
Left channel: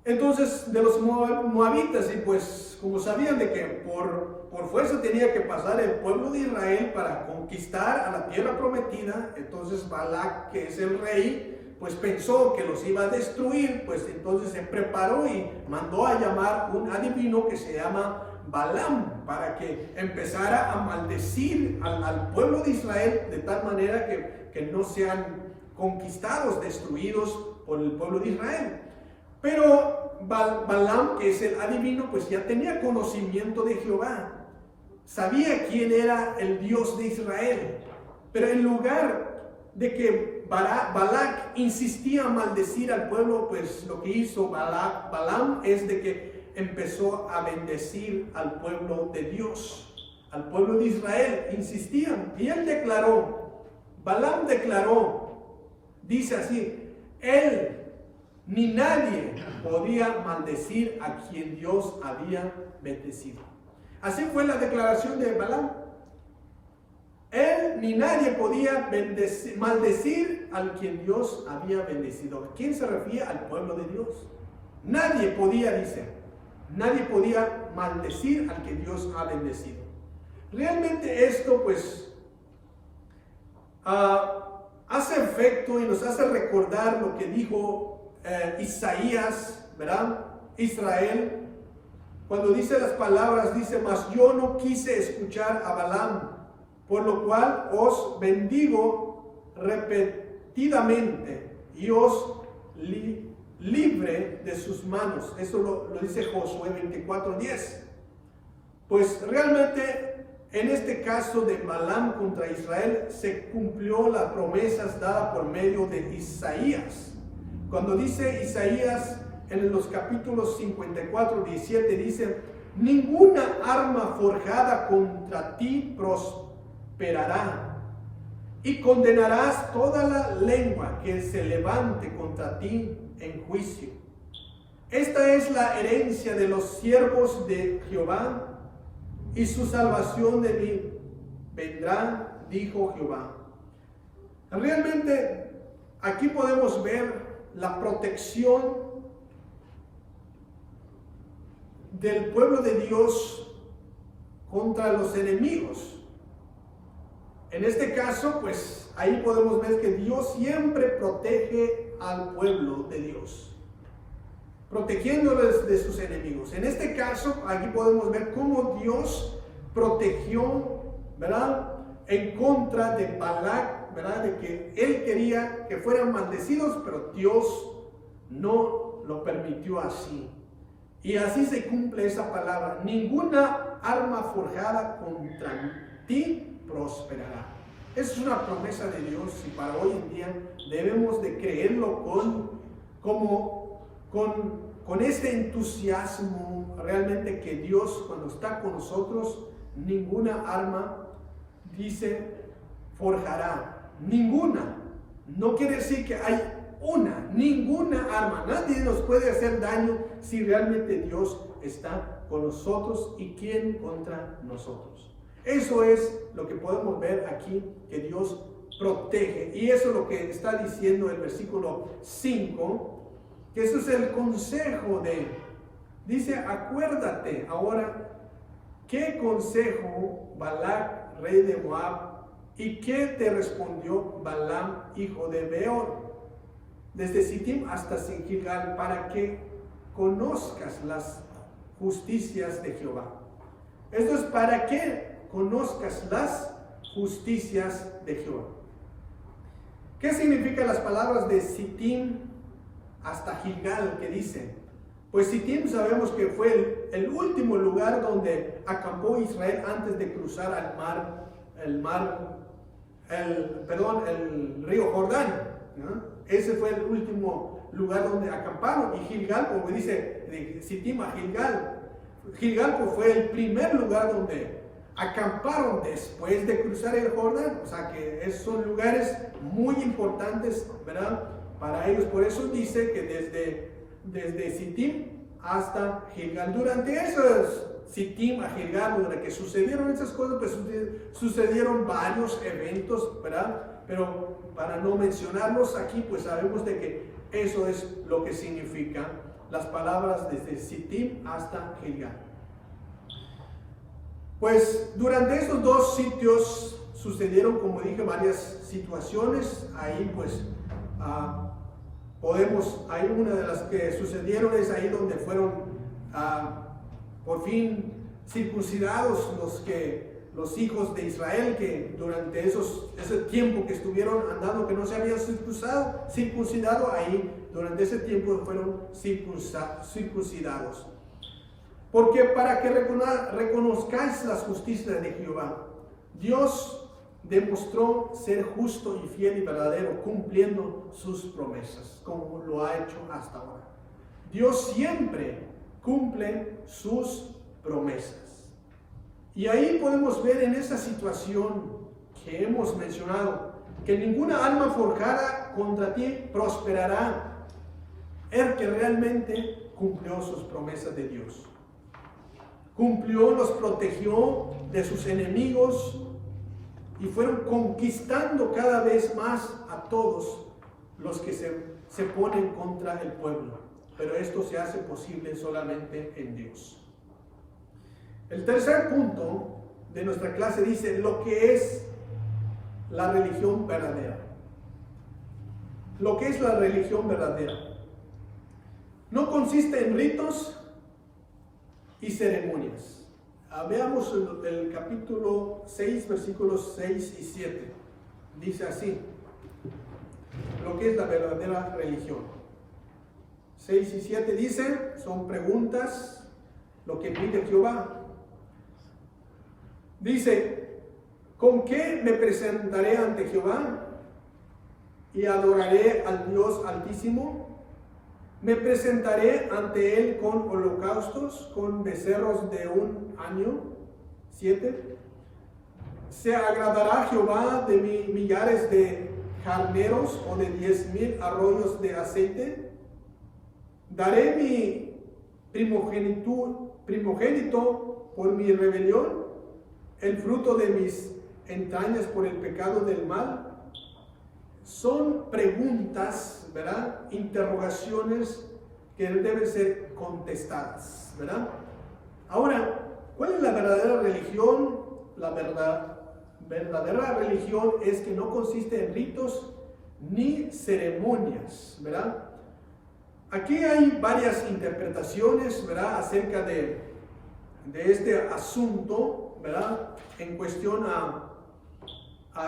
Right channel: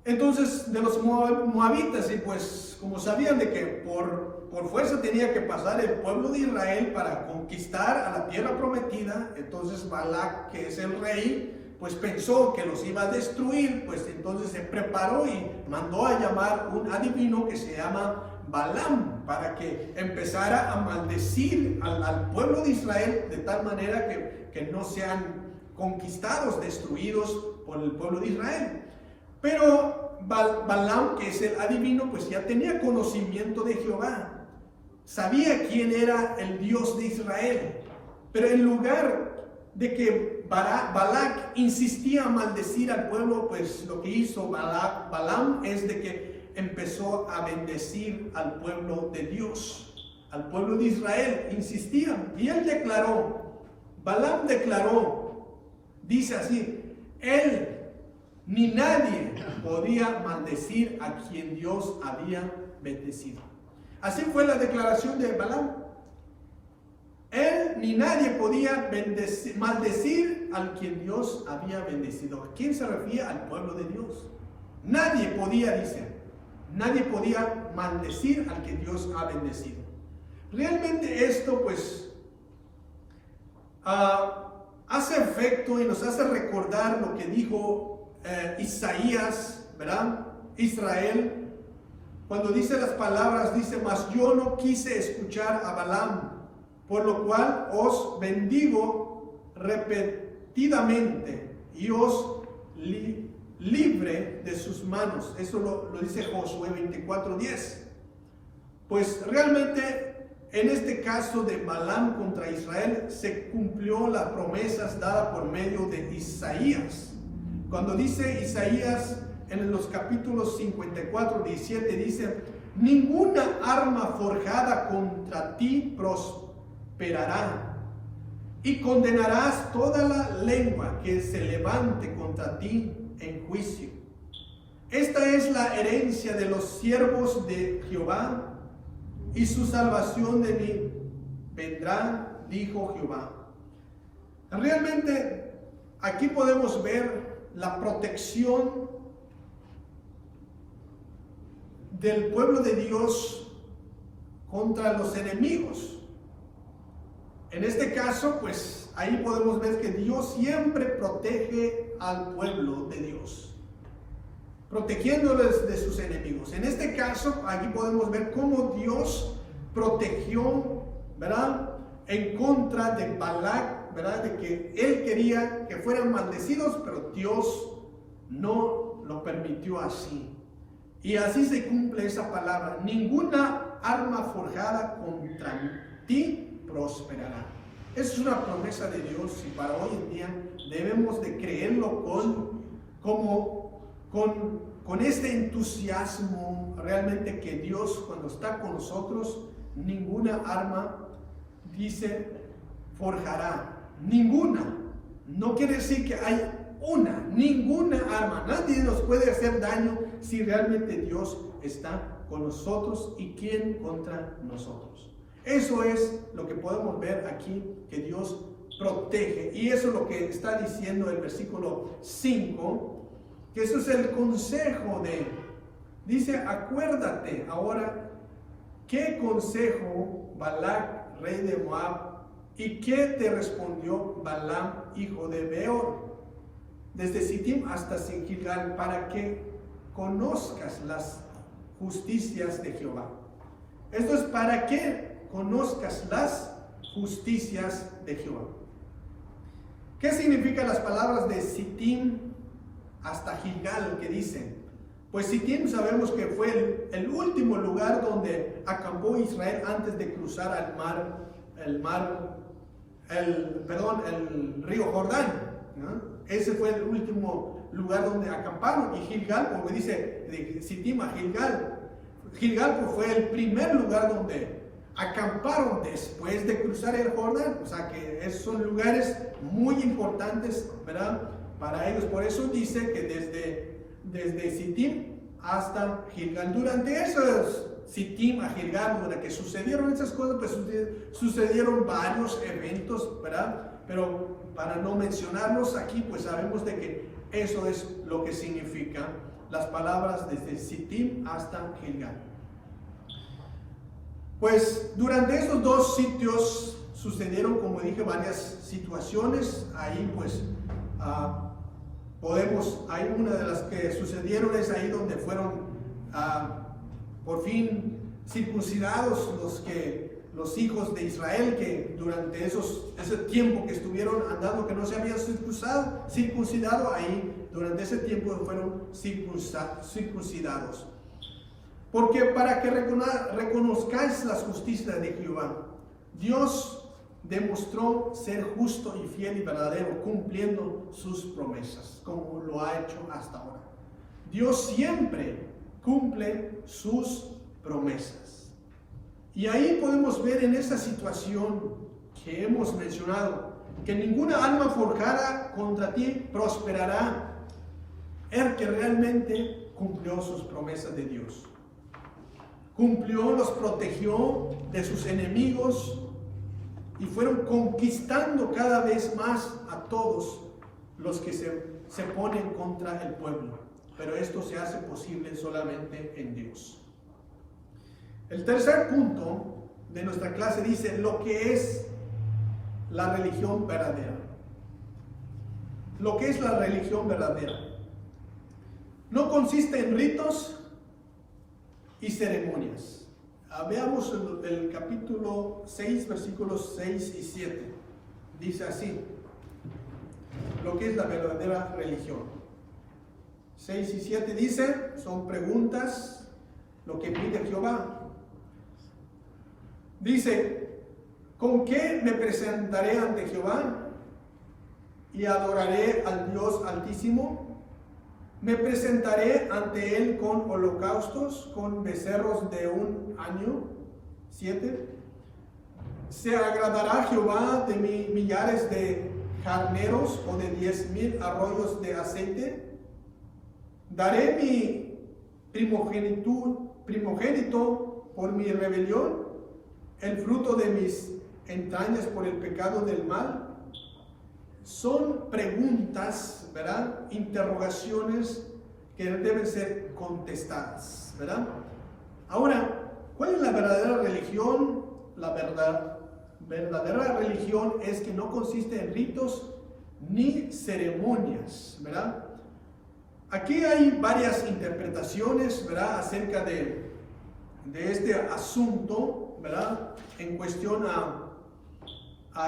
Entonces de los moabitas, y pues como sabían de que por fuerza tenía que pasar el pueblo de Israel para conquistar a la tierra prometida, entonces Balac, que es el rey, pues pensó que los iba a destruir. Pues entonces se preparó y mandó a llamar un adivino que se llama Balaam, para que empezara a maldecir al pueblo de Israel de tal manera que no sean conquistados, destruidos por el pueblo de Israel. Pero Balaam, que es el adivino, pues ya tenía conocimiento de Jehová. Sabía quién era el Dios de Israel. Pero en lugar de que Balac insistía a maldecir al pueblo, pues lo que hizo Balaam es de que empezó a bendecir al pueblo de Dios, al pueblo de Israel. Insistían. Y él declaró, Balaam declaró, dice así, él ni nadie podía maldecir a quien Dios había bendecido. Así fue la declaración de Balaam. Él ni nadie podía maldecir al quien Dios había bendecido. ¿A quién se refiere? Al pueblo de Dios. Nadie podía, dice, nadie podía maldecir al que Dios ha bendecido. Realmente esto pues hace efecto y nos hace recordar lo que dijo Isaías, ¿verdad? Israel, cuando dice las palabras, dice, mas yo no quise escuchar a Balaam, por lo cual os bendigo repetidamente y os libre de sus manos. Eso lo dice Josué 24:10. Pues realmente en este caso de Balaam contra Israel se cumplió las promesas dadas por medio de Isaías. Cuando dice Isaías en los capítulos 54:17, dice, ninguna arma forjada contra ti prosperará, y condenarás toda la lengua que se levante contra ti en juicio. Esta es la herencia de los siervos de Jehová, y su salvación de mí vendrá, dijo Jehová. Realmente aquí podemos ver la protección del pueblo de Dios contra los enemigos. En este caso, pues ahí podemos ver que Dios siempre protege al pueblo de Dios, protegiéndoles de sus enemigos. En este caso, aquí podemos ver cómo Dios protegió, ¿verdad?, en contra de Balac, ¿verdad?, de que él quería que fueran maldecidos, pero Dios no lo permitió así. Y así se cumple esa palabra: ninguna arma forjada contra ti prosperará. Es una promesa de Dios, y para hoy en día debemos de creerlo con este entusiasmo, realmente, que Dios, cuando está con nosotros, ninguna arma, dice, forjará. Ninguna. No quiere decir que hay ninguna arma. Nadie nos puede hacer daño si realmente Dios está con nosotros. ¿Y quién contra nosotros? Eso es lo que podemos ver aquí, que Dios protege. Y eso es lo que está diciendo el versículo 5, que eso es el consejo de, dice, acuérdate ahora qué consejo Balac, rey de Moab, y qué te respondió Balaam, hijo de Beor, desde Sittim hasta Gilgal, para que conozcas las justicias de Jehová. Esto es para que conozcas las justicias de Jehová. ¿Qué significan las palabras de Sittim hasta Gilgal que dicen? Pues Sittim sabemos que fue el último lugar donde acampó Israel antes de cruzar el río Jordán, ¿no? Ese fue el último lugar donde acamparon. Y Gilgal, como dice, de Sittim a Gilgal, pues fue el primer lugar donde acamparon después de cruzar el Jordán. O sea que esos son lugares muy importantes, ¿verdad?, para ellos. Por eso dice que desde Sittim hasta Gilgal. Durante esos Sittim a Gilgal, durante que sucedieron esas cosas, pues sucedieron varios eventos, ¿verdad? Pero para no mencionarlos aquí, pues sabemos de que eso es lo que significa las palabras desde Sittim hasta Gilgal. Pues durante estos dos sitios sucedieron, como dije, varias situaciones. Ahí pues hay una de las que sucedieron es ahí donde fueron por fin circuncidados los hijos de Israel, que durante ese tiempo que estuvieron andando, que no se habían circuncidado, ahí durante ese tiempo fueron circuncidados. Porque para que reconozcáis las justicias de Jehová, Dios demostró ser justo y fiel y verdadero, cumpliendo sus promesas, como lo ha hecho hasta ahora. Dios siempre cumple sus promesas. Y ahí podemos ver en esa situación que hemos mencionado, que ninguna alma forjada contra ti prosperará. El que realmente cumplió sus promesas de Dios. Cumplió, los protegió de sus enemigos y fueron conquistando cada vez más a todos los que se ponen contra el pueblo. Pero esto se hace posible solamente en Dios. El tercer punto de nuestra clase dice lo que es la religión verdadera. Lo que es la religión verdadera. No consiste en ritos y ceremonias. Veamos el capítulo 6, versículos 6 y 7. Dice así, lo que es la verdadera religión. 6 y 7 dice, son preguntas, lo que pide Jehová. Dice, ¿con qué me presentaré ante Jehová y adoraré al Dios Altísimo? Me presentaré ante él con holocaustos, con becerros de un año. 7. ¿Se agradará Jehová de millares de carneros o de 10,000 arroyos de aceite? ¿Daré mi primogénito por mi rebelión, el fruto de mis entrañas por el pecado del mal? Son preguntas, ¿verdad? Interrogaciones que deben ser contestadas, ¿verdad? Ahora, ¿cuál es la verdadera religión? La verdadera religión es que no consiste en ritos ni ceremonias, ¿verdad? Aquí hay varias interpretaciones, ¿verdad? Acerca de este asunto, ¿verdad? En cuestión a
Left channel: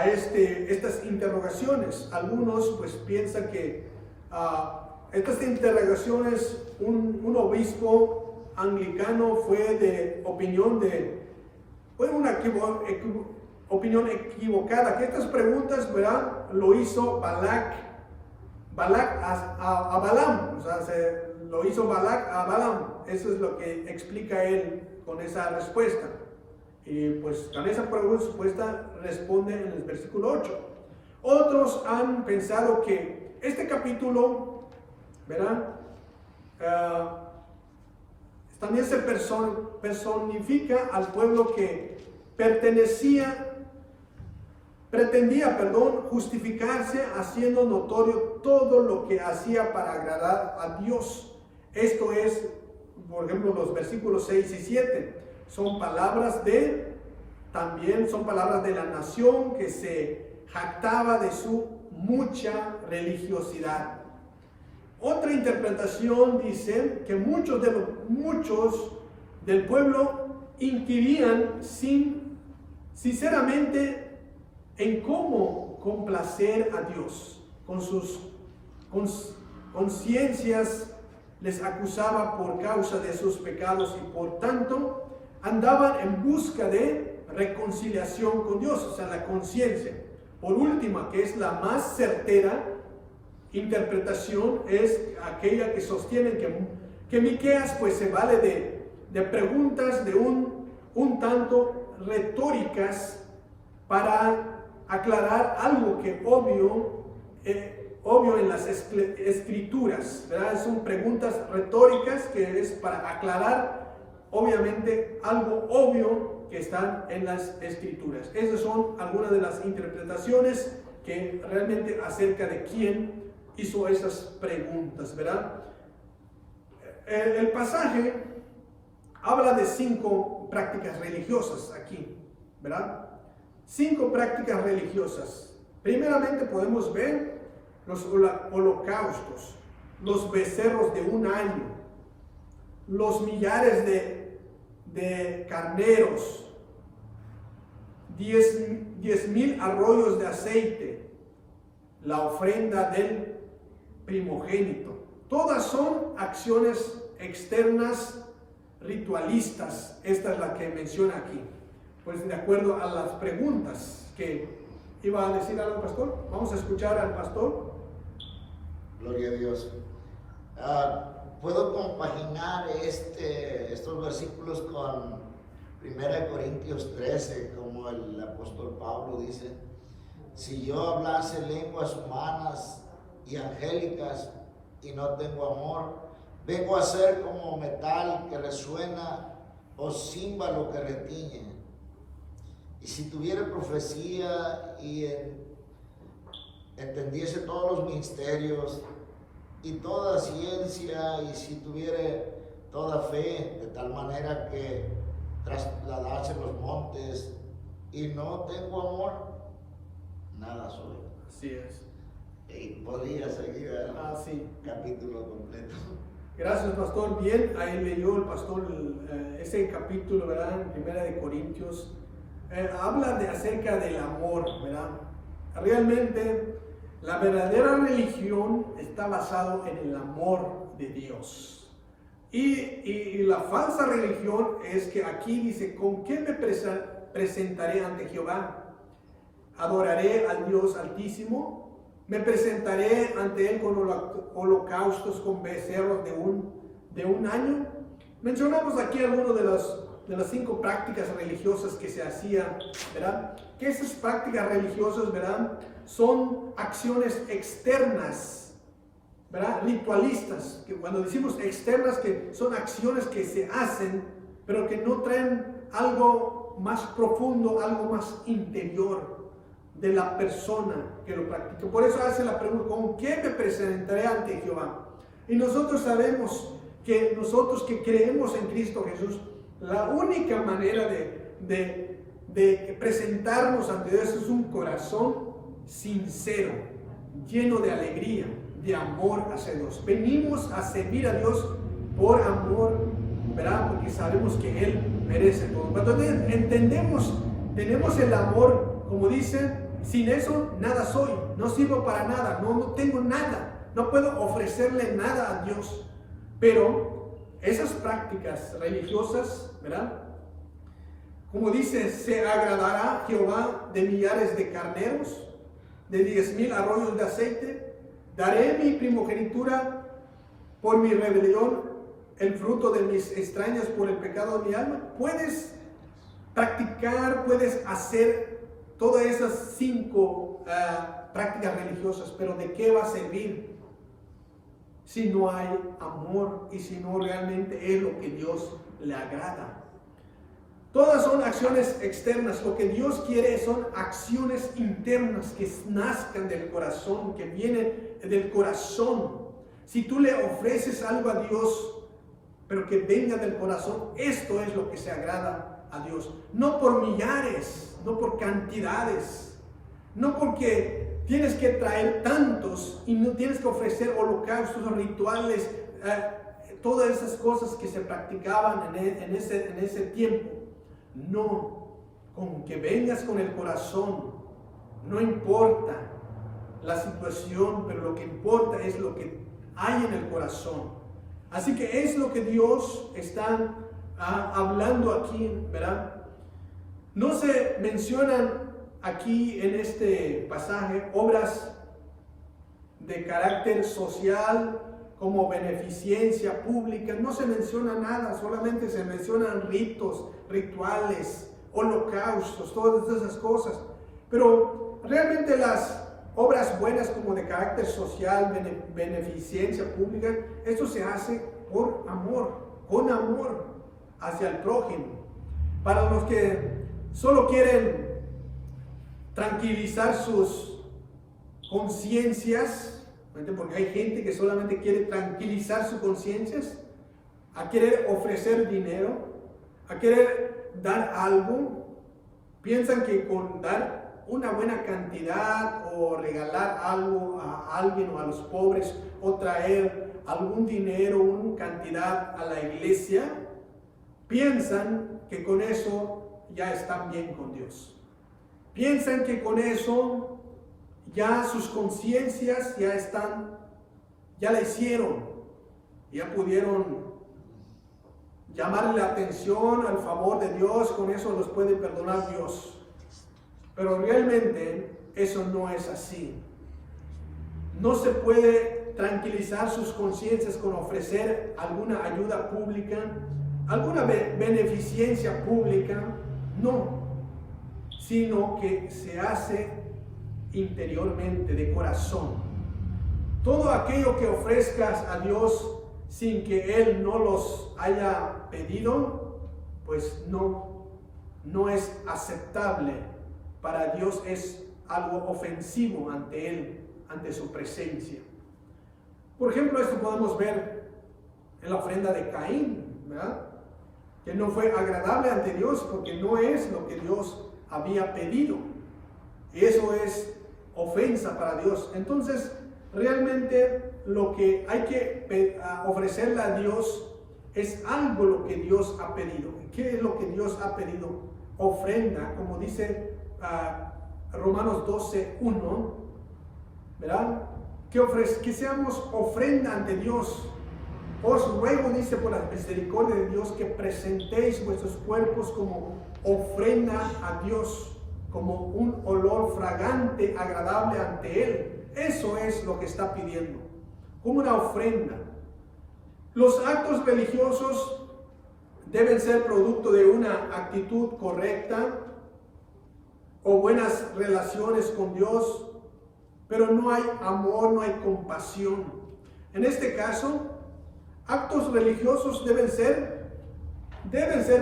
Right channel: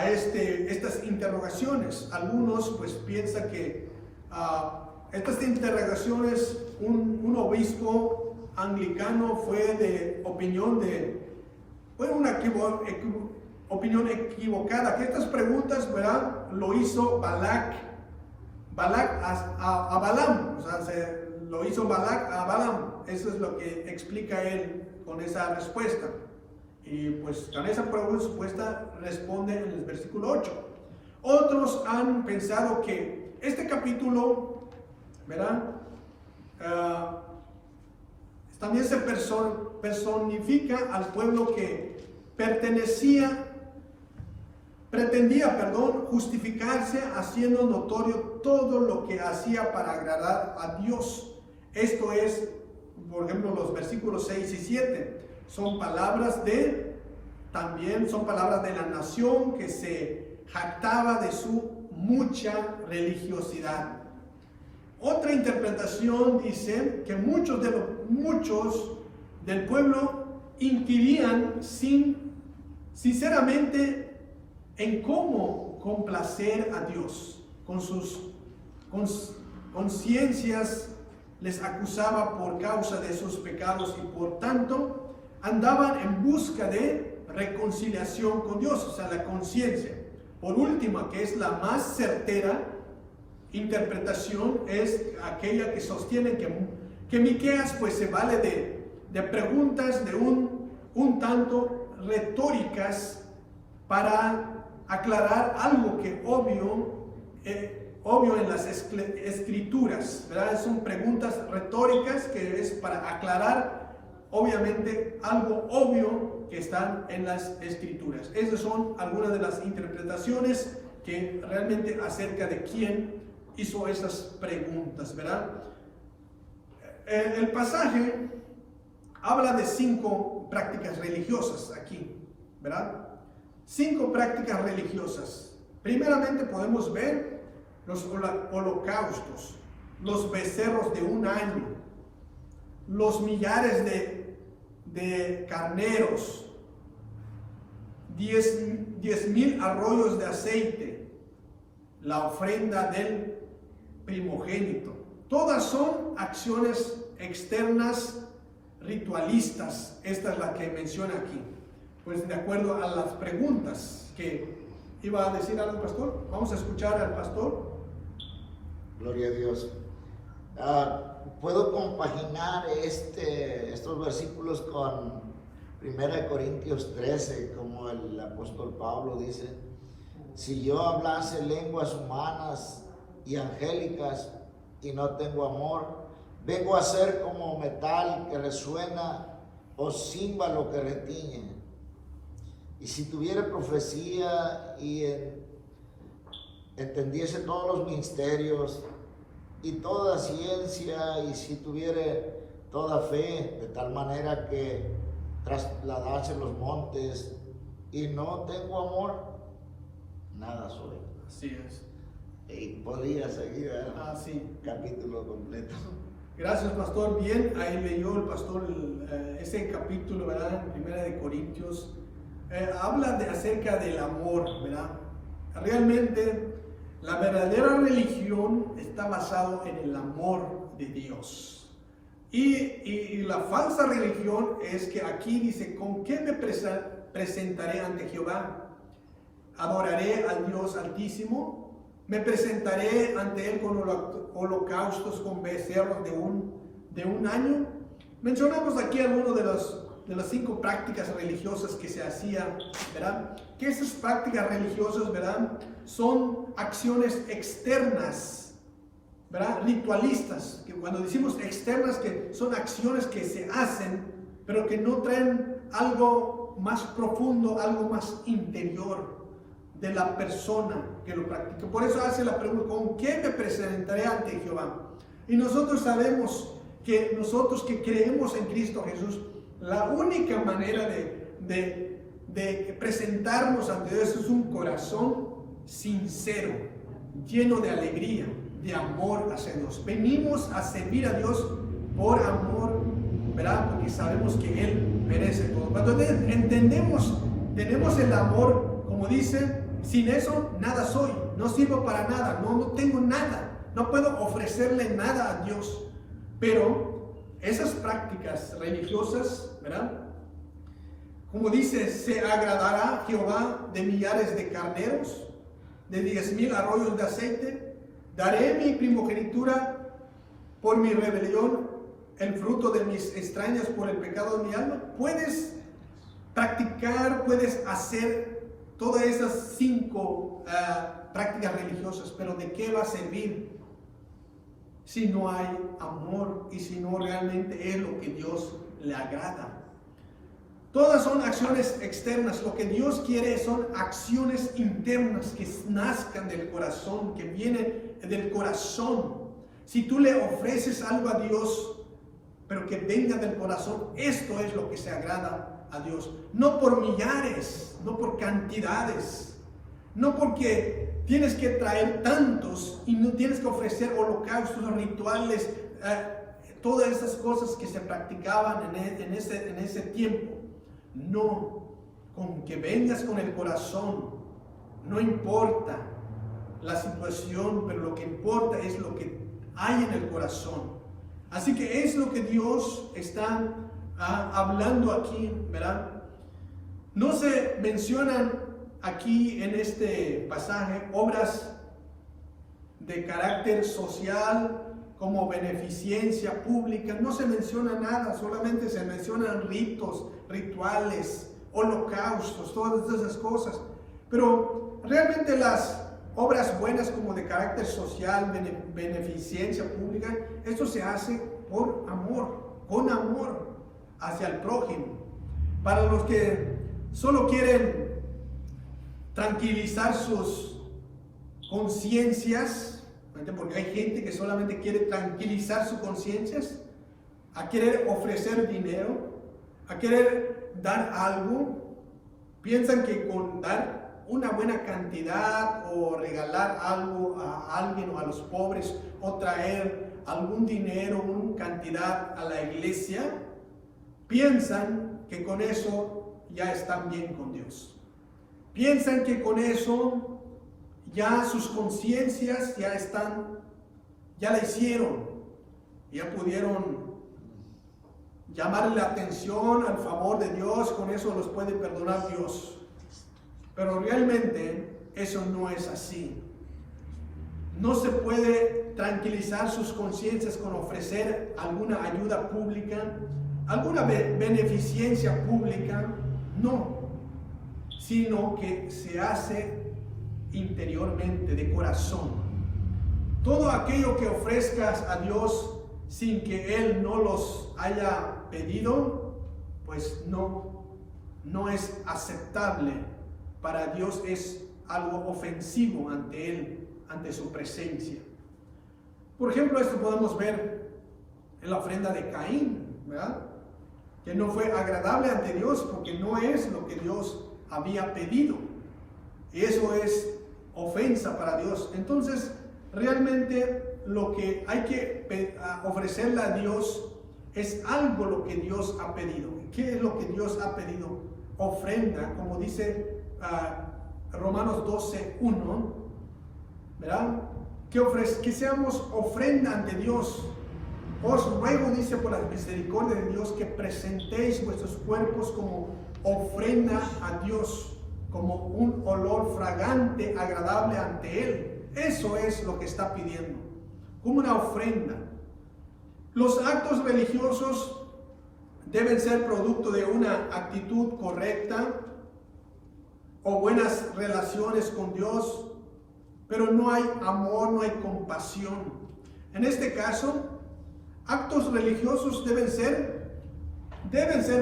estas interrogaciones. Algunos pues piensan que estas interrogaciones, un obispo anglicano fue una opinión equivocada, que estas preguntas, ¿verdad? Lo hizo Balac a Balaam, o sea, lo hizo Balac a Balaam. Eso es lo que explica él con esa respuesta. Y pues con esa respuesta responde en el versículo 8. Otros han pensado que este capítulo, ¿verdad? También se personifica al pueblo que pretendía justificarse haciendo notorio todo lo que hacía para agradar a Dios. Esto es, por ejemplo, los versículos 6 y 7. Son palabras de la nación que se jactaba de su mucha religiosidad. Otra interpretación dice que muchos del pueblo inquirían sinceramente en cómo complacer a Dios. Con sus conciencias les acusaba por causa de sus pecados y por tanto andaban en busca de reconciliación con Dios, o sea, la conciencia. Por última, que es la más certera interpretación, es aquella que sostiene que Miqueas pues se vale de preguntas de un tanto retóricas para aclarar algo que obvio en las escrituras, ¿verdad? Son preguntas retóricas que es para aclarar obviamente algo obvio que están en las escrituras. Esas son algunas de las interpretaciones que realmente acerca de quién hizo esas preguntas, ¿verdad? El pasaje habla de 5 prácticas religiosas aquí, ¿verdad? 5 prácticas religiosas. Primeramente podemos ver los holocaustos, los becerros de un año, los millares de carneros, 10,000 arroyos de aceite, la ofrenda del primogénito. Todas son acciones externas ritualistas. Esta es la que menciona aquí. Pues de acuerdo a las preguntas que iba a decir al pastor, vamos a escuchar al pastor. Gloria a Dios. Puedo compaginar estos versículos con 1 Corintios 13, como el apóstol Pablo dice: si yo hablase lenguas humanas y angélicas y no tengo amor, vengo a ser como metal que resuena o címbalo que retiñe. Y si tuviera profecía y entendiese todos los misterios y toda ciencia, y si tuviera toda fe, de tal manera que trasladase los montes, y no tengo amor, nada soy. Así es. Y podría seguir el Sí. capítulo completo. Gracias, pastor. Bien, ahí leyó el pastor ese capítulo, ¿verdad? En 1 Corintios. Habla acerca del amor, ¿verdad? Realmente la verdadera religión está basada en el amor de Dios. Y la falsa religión es que aquí dice: ¿con qué me presentaré ante Jehová? ¿Adoraré al Dios Altísimo? ¿Me presentaré ante Él con holocaustos, con becerros de un año? Mencionamos aquí algunas de las 5 prácticas religiosas que se hacían, ¿verdad? Que esas prácticas religiosas, ¿verdad?, son acciones externas, ¿verdad?, ritualistas. Que cuando decimos externas, que son acciones que se hacen, pero que no traen algo más profundo, algo más interior de la persona que lo practica. Por eso hace la pregunta: ¿con qué me presentaré ante Jehová? Y nosotros sabemos que nosotros que creemos en Cristo Jesús, la única manera de presentarnos ante Dios es un corazón sincero, lleno de alegría, de amor hacia Dios. Venimos a servir a Dios por amor, ¿verdad? Porque sabemos que Él merece todo. Cuando entendemos, tenemos el amor, como dice: sin eso nada soy, no sirvo para nada, no tengo nada, no puedo ofrecerle nada a Dios. Pero esas prácticas religiosas, ¿verdad?, como dice: se agradará Jehová de millares de carneros, de 10,000 arroyos de aceite. Daré mi primogenitura por mi rebelión, el fruto de mis extrañas por el pecado de mi alma. Puedes practicar, puedes hacer todas esas 5 prácticas religiosas, pero ¿de qué va a servir si no hay amor y si no realmente es lo que Dios le agrada? Todas son acciones externas. Lo que Dios quiere son acciones internas que nazcan del corazón, que vienen del corazón. Si tú le ofreces algo a Dios, pero que venga del corazón, esto es lo que se agrada a Dios. No por millares, no por cantidades, no porque tienes que traer tantos y no tienes que ofrecer holocaustos, rituales, todas esas cosas que se practicaban en ese tiempo. No, con que vengas con el corazón, no importa la situación, pero lo que importa es lo que hay en el corazón. Así que es lo que Dios está hablando aquí, ¿verdad? No se mencionan aquí en este pasaje obras de carácter social como beneficencia pública, no se menciona nada, solamente se mencionan ritos, rituales, holocaustos, todas esas cosas. Pero realmente las obras buenas como de carácter social, beneficencia pública, esto se hace por amor, con amor hacia el prójimo. Para los que solo quieren tranquilizar sus conciencias, porque hay gente que solamente quiere tranquilizar sus conciencias, a querer ofrecer dinero, a querer dar algo, piensan que con dar una buena cantidad o regalar algo a alguien o a los pobres o traer algún dinero, una cantidad a la iglesia, piensan que con eso ya están bien con Dios. Piensan que con eso ya sus conciencias ya la hicieron. ya pudieron llamarle la atención al favor de Dios, con eso los puede perdonar Dios. Pero realmente eso no es así. No se puede tranquilizar sus conciencias con ofrecer alguna ayuda pública, alguna beneficencia pública, no, sino que se hace interiormente, de corazón. Todo aquello que ofrezcas a Dios sin que Él no los haya pedido, pues no es aceptable para Dios, es algo ofensivo ante Él, ante su presencia. Por ejemplo, esto podemos ver en la ofrenda de Caín, ¿verdad? Que no fue agradable ante Dios porque no es lo que Dios había pedido. Y eso es ofensa para Dios. Entonces, realmente lo que hay que ofrecerle a Dios es algo lo que Dios ha pedido. ¿Qué es lo que Dios ha pedido? Ofrenda, como dice Romanos 12:1, ¿verdad? Que seamos ofrenda ante Dios. Os ruego, dice, por la misericordia de Dios, que presentéis vuestros cuerpos como ofrenda a Dios, como un olor fragante, agradable ante Él. Eso es lo que está pidiendo, como una ofrenda. Los actos religiosos deben ser producto de una actitud correcta o buenas relaciones con Dios, pero no hay amor, no hay compasión. En este caso, actos religiosos deben ser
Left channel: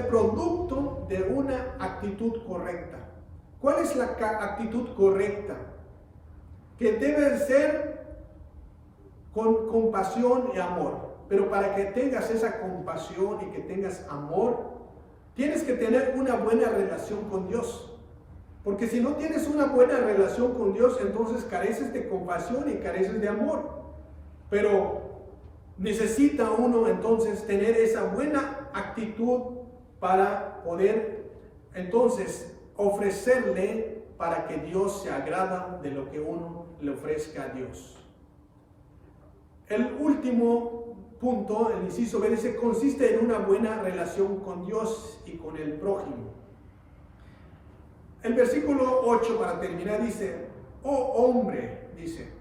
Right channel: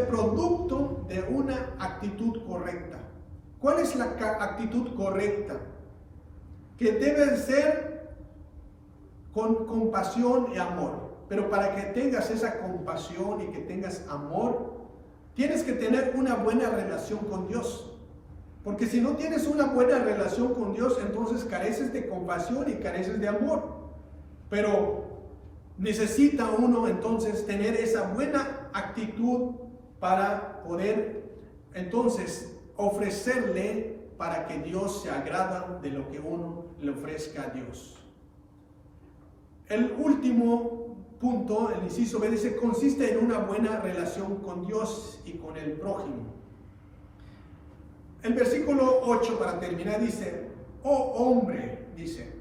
producto de una actitud correcta. ¿Cuál es la actitud correcta? Que debe ser con compasión y amor. Pero para que tengas esa compasión y que tengas amor, tienes que tener una buena relación con Dios. Porque si no tienes una buena relación con Dios, entonces careces de compasión y careces de amor. Pero necesita uno entonces tener esa buena actitud para poder entonces ofrecerle, para que Dios se agrada de lo que uno le ofrezca a Dios. El último punto, el inciso B, dice, consiste en una buena relación con Dios y con el prójimo. El versículo 8, para terminar, dice, oh hombre, dice,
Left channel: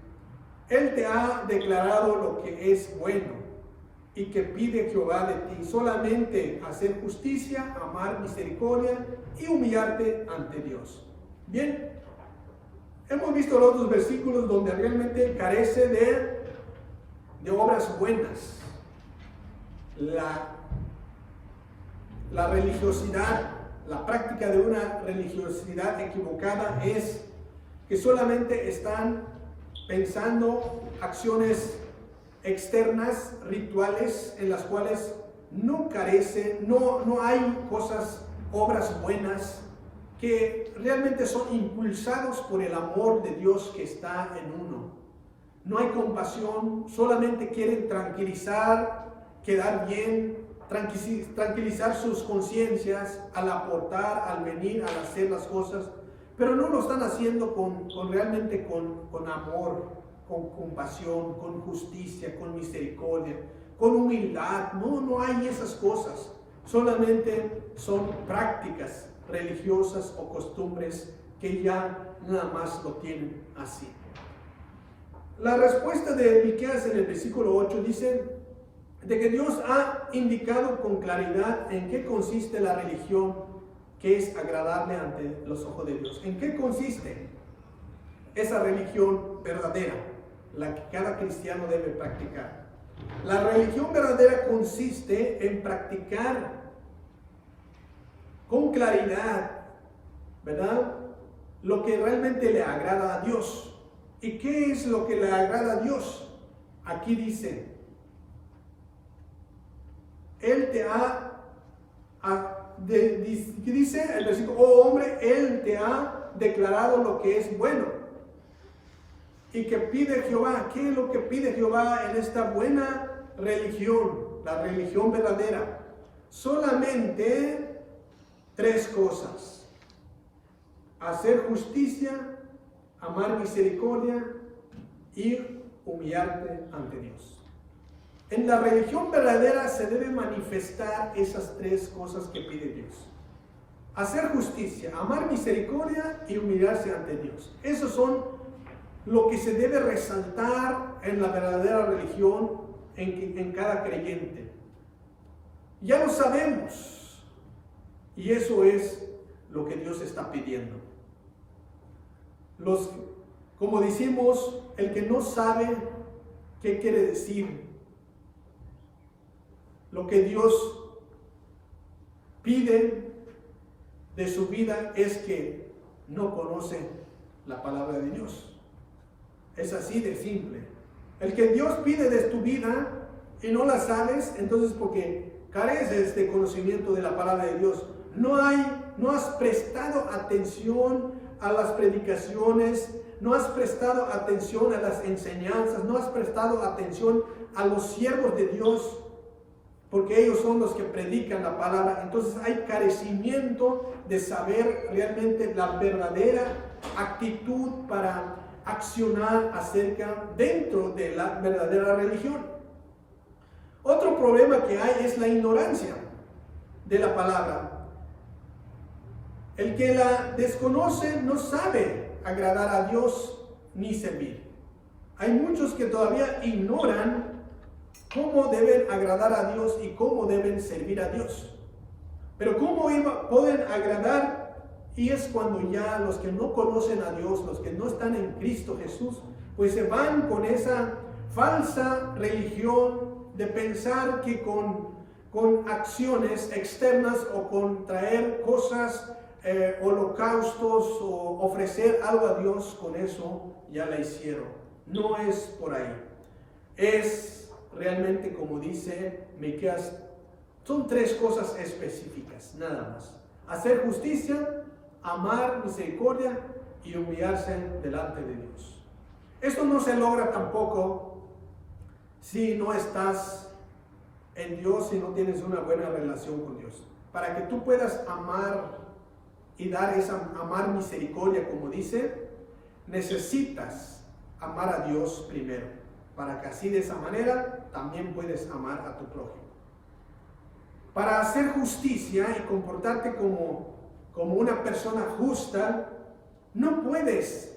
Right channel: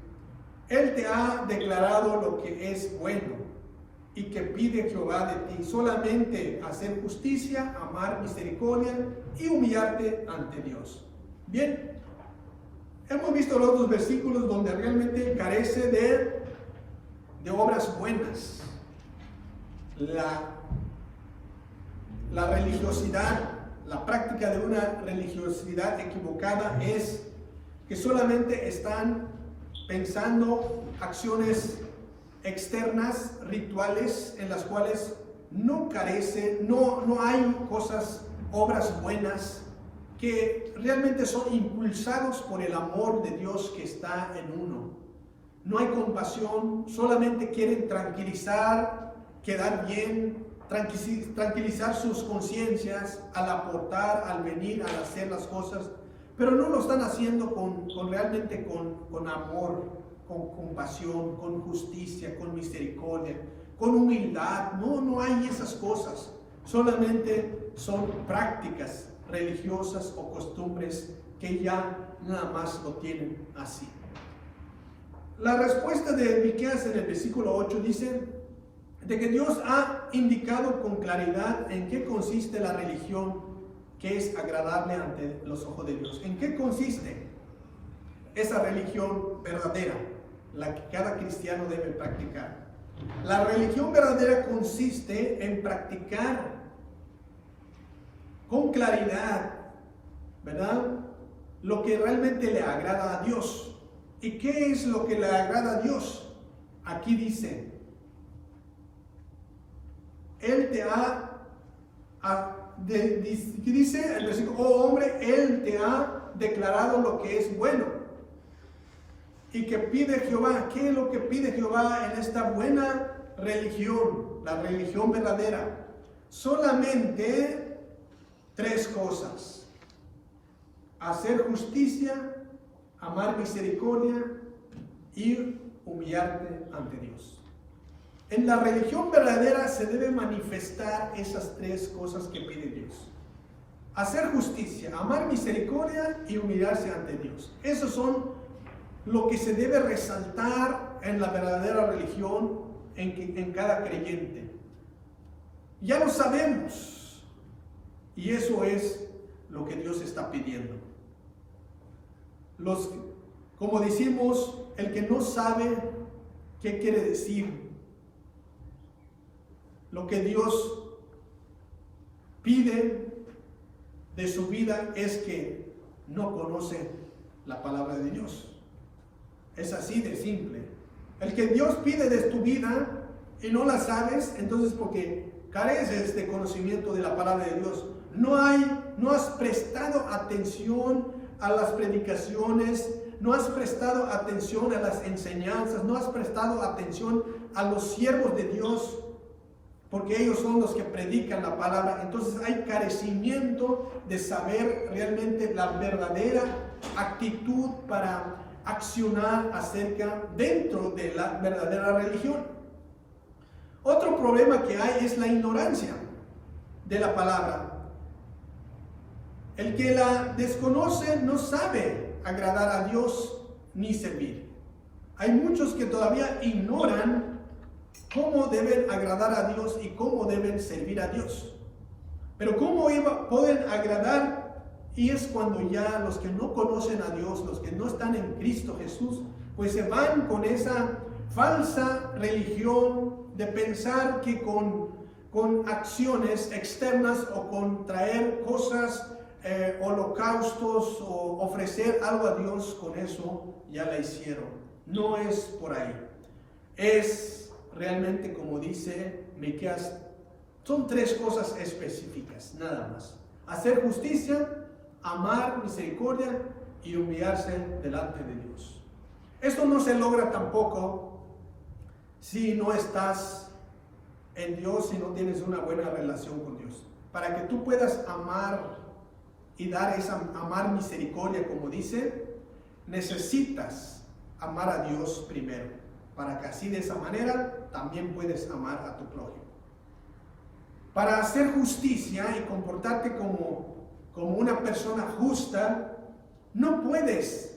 Él te ha declarado lo que es bueno y que pide Jehová de ti, solamente hacer justicia, amar misericordia y humillarte ante Dios. Bien, hemos visto los otros versículos donde realmente carece de obras buenas. La religiosidad, la práctica de una religiosidad equivocada es que solamente están pensando acciones externas, rituales, en las cuales no hay obras buenas que realmente son impulsados por el amor de Dios que está en uno. No hay compasión, solamente quieren tranquilizar, quedar bien, tranquilizar sus conciencias al aportar, al venir, al hacer las cosas, pero no lo están haciendo realmente con amor, con compasión, con justicia, con misericordia, con humildad. No hay esas cosas. Solamente son prácticas religiosas o costumbres que ya nada más lo tienen así. La respuesta de Miqueas en el versículo 8 dice de que Dios ha indicado con claridad en qué consiste la religión que es agradable ante los ojos de Dios. ¿En qué consiste esa religión verdadera, la que cada cristiano debe practicar? La religión verdadera consiste en practicar con claridad, ¿verdad?, lo que realmente le agrada a Dios. ¿Y qué es lo que le agrada a Dios? Aquí dice, Él te dice el versículo, oh hombre, Él te ha declarado lo que es bueno. Y que pide Jehová. ¿Qué es lo que pide Jehová en esta buena religión? La religión verdadera. Solamente 3 cosas: hacer justicia, amar misericordia y humillarte ante Dios. En la religión verdadera se debe manifestar esas tres cosas que pide Dios: hacer justicia, amar misericordia y humillarse ante Dios. Esos son lo que se debe resaltar en la verdadera religión en cada creyente. Ya lo sabemos, y eso es lo que Dios está pidiendo. Como decimos, el que no sabe qué quiere decir lo que Dios pide de su vida es que no conoce la palabra de Dios. Es así de simple. El que Dios pide de tu vida y no la sabes, entonces porque careces de conocimiento de la palabra de Dios. No has prestado atención a las predicaciones, no has prestado atención a las enseñanzas, no has prestado atención a los siervos de Dios, porque ellos son los que predican la palabra. Entonces hay carecimiento de saber realmente la verdadera actitud para accionar dentro de la verdadera religión. Otro problema que hay es la ignorancia de la palabra. El que la desconoce no sabe agradar a Dios ni servir. Hay muchos que todavía ignoran cómo deben agradar a Dios y cómo deben servir a Dios. Pero cómo pueden agradar, y es cuando ya los que no conocen a Dios, los que no están en Cristo Jesús, pues se van con esa falsa religión de pensar que con acciones externas o con traer cosas, holocaustos o ofrecer algo a Dios, con eso ya la hicieron. No es por ahí. Es realmente, como dice Miqueas, son tres cosas específicas, nada más: hacer justicia, amar misericordia y humillarse delante de Dios. Esto no se logra tampoco si no estás en Dios, si no tienes una buena relación con Dios. Para que tú puedas amar y dar amar misericordia, como dice, necesitas amar a Dios primero, para que así de esa manera también puedes amar a tu prójimo. Para hacer justicia y comportarte como una persona justa, no puedes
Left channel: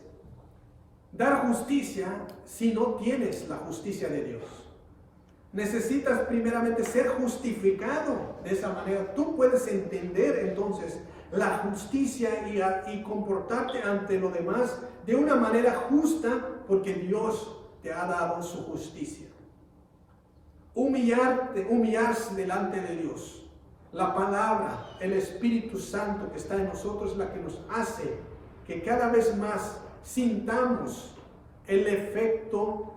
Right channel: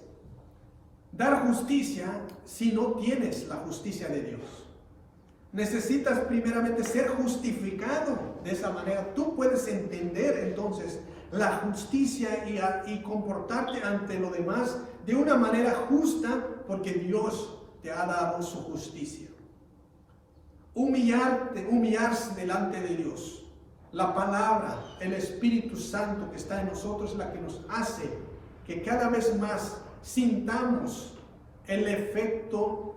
dar justicia si no tienes la justicia de Dios. Necesitas primeramente ser justificado. De esa manera tú puedes entender entonces la justicia y comportarte ante lo demás de una manera justa, porque Dios te ha dado su justicia. Humillarse delante de Dios. La palabra, el Espíritu Santo que está en nosotros, es la que nos hace que cada vez más sintamos el efecto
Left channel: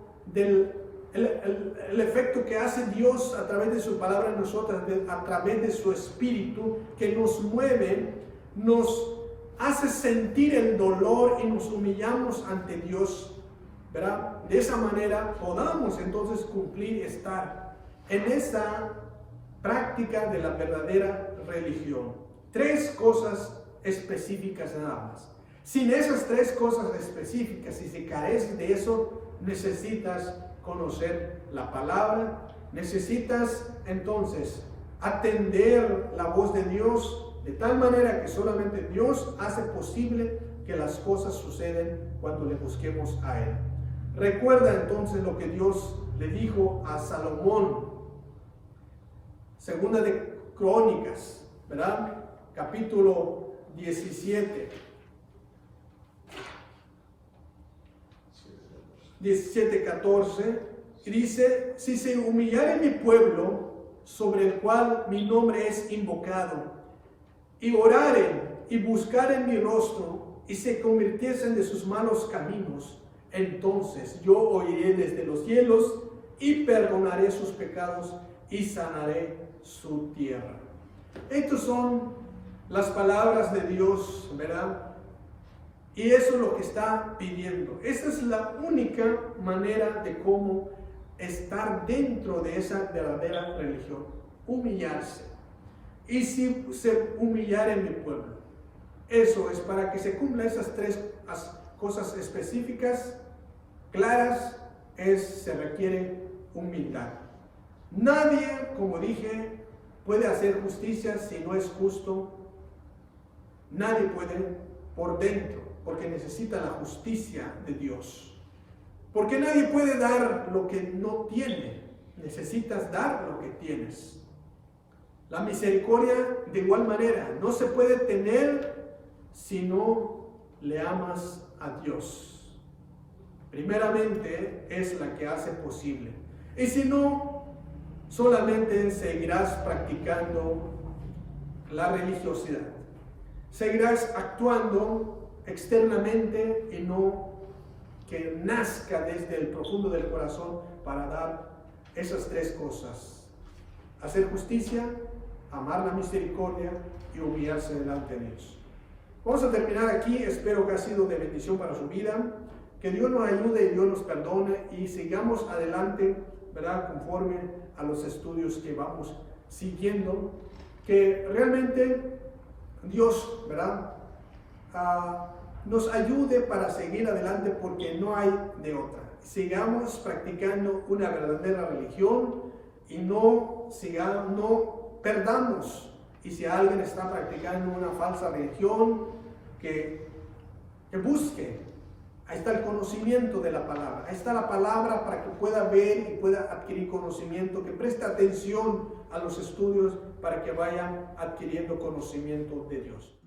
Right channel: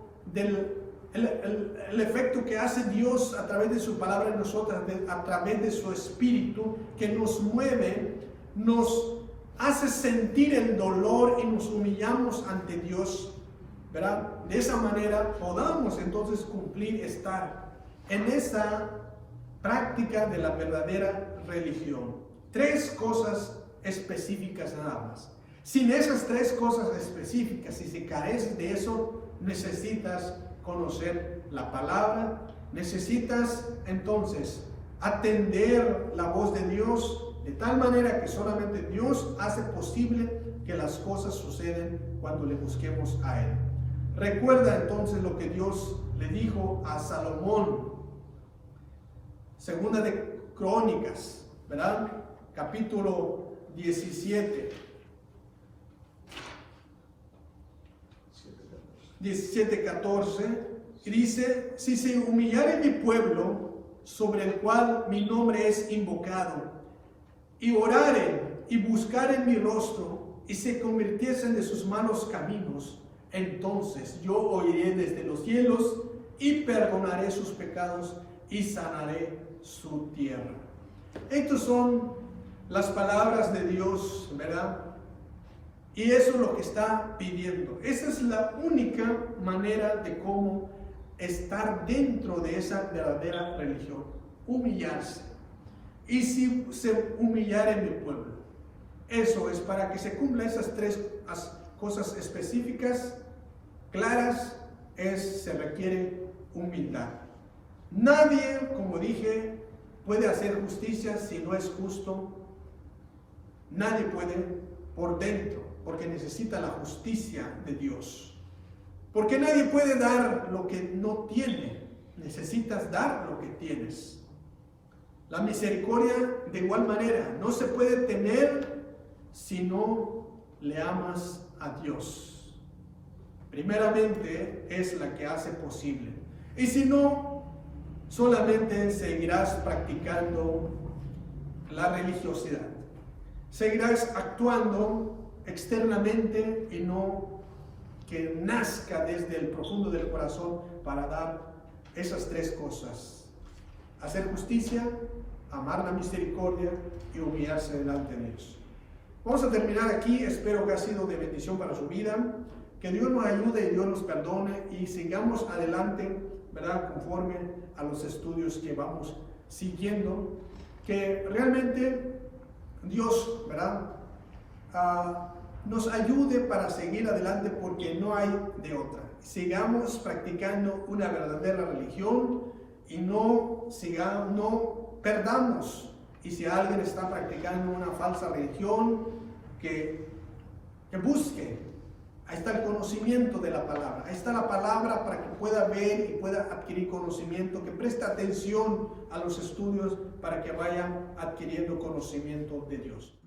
el efecto que hace Dios a través de su palabra en nosotros, a través de su Espíritu, que nos mueve, nos hace sentir el dolor y nos humillamos ante Dios, ¿verdad? De esa manera podamos entonces estar en esa práctica de la verdadera religión. Tres cosas específicas nada más. Sin esas tres cosas específicas, si se carece de eso, necesitas conocer la palabra, necesitas entonces atender la voz de Dios, de tal manera que solamente Dios hace posible que las cosas suceden cuando le busquemos a Él. Recuerda entonces lo que Dios le dijo a Salomón, segunda de Crónicas, ¿verdad? Capítulo 17. 17:14, y dice: si se humillare mi pueblo, sobre el cual mi nombre es invocado, y oraren y buscaren mi rostro, y se convirtiesen de sus malos caminos, entonces yo oiré desde los cielos, y perdonaré sus pecados, y sanaré su tierra. Estas son las palabras de Dios, ¿verdad? Y eso es lo que está pidiendo. Esa es la única manera de cómo estar dentro de esa verdadera religión. Humillarse. Y si se humillare en mi pueblo. Eso es para que se cumplan esas tres cosas específicas, claras, se requiere humildad. Nadie, como dije, puede hacer justicia si no es justo. Nadie puede por dentro, porque necesita la justicia de Dios. Porque nadie puede dar lo que no tiene. Necesitas dar lo que tienes. La misericordia, de igual manera, no se puede tener si no le amas a Dios. Primeramente es la que hace posible. Y si no, solamente seguirás practicando la religiosidad. Seguirás actuando externamente y no que nazca desde el profundo del corazón para dar esas tres cosas: hacer justicia, amar la misericordia y humillarse delante de Dios. Vamos a terminar aquí. Espero que ha sido de bendición para su vida. Que Dios nos ayude y Dios nos perdone y sigamos adelante, ¿verdad?, conforme a los estudios que vamos siguiendo. Que realmente Dios, ¿verdad?, nos ayude para seguir adelante, porque no hay de otra. Sigamos practicando una verdadera religión y no perdamos. Y si alguien está practicando una falsa religión, que busque. Ahí está el conocimiento de la palabra. Ahí está la palabra para que pueda ver y pueda adquirir conocimiento, que preste atención a los estudios para que vayan adquiriendo conocimiento de Dios.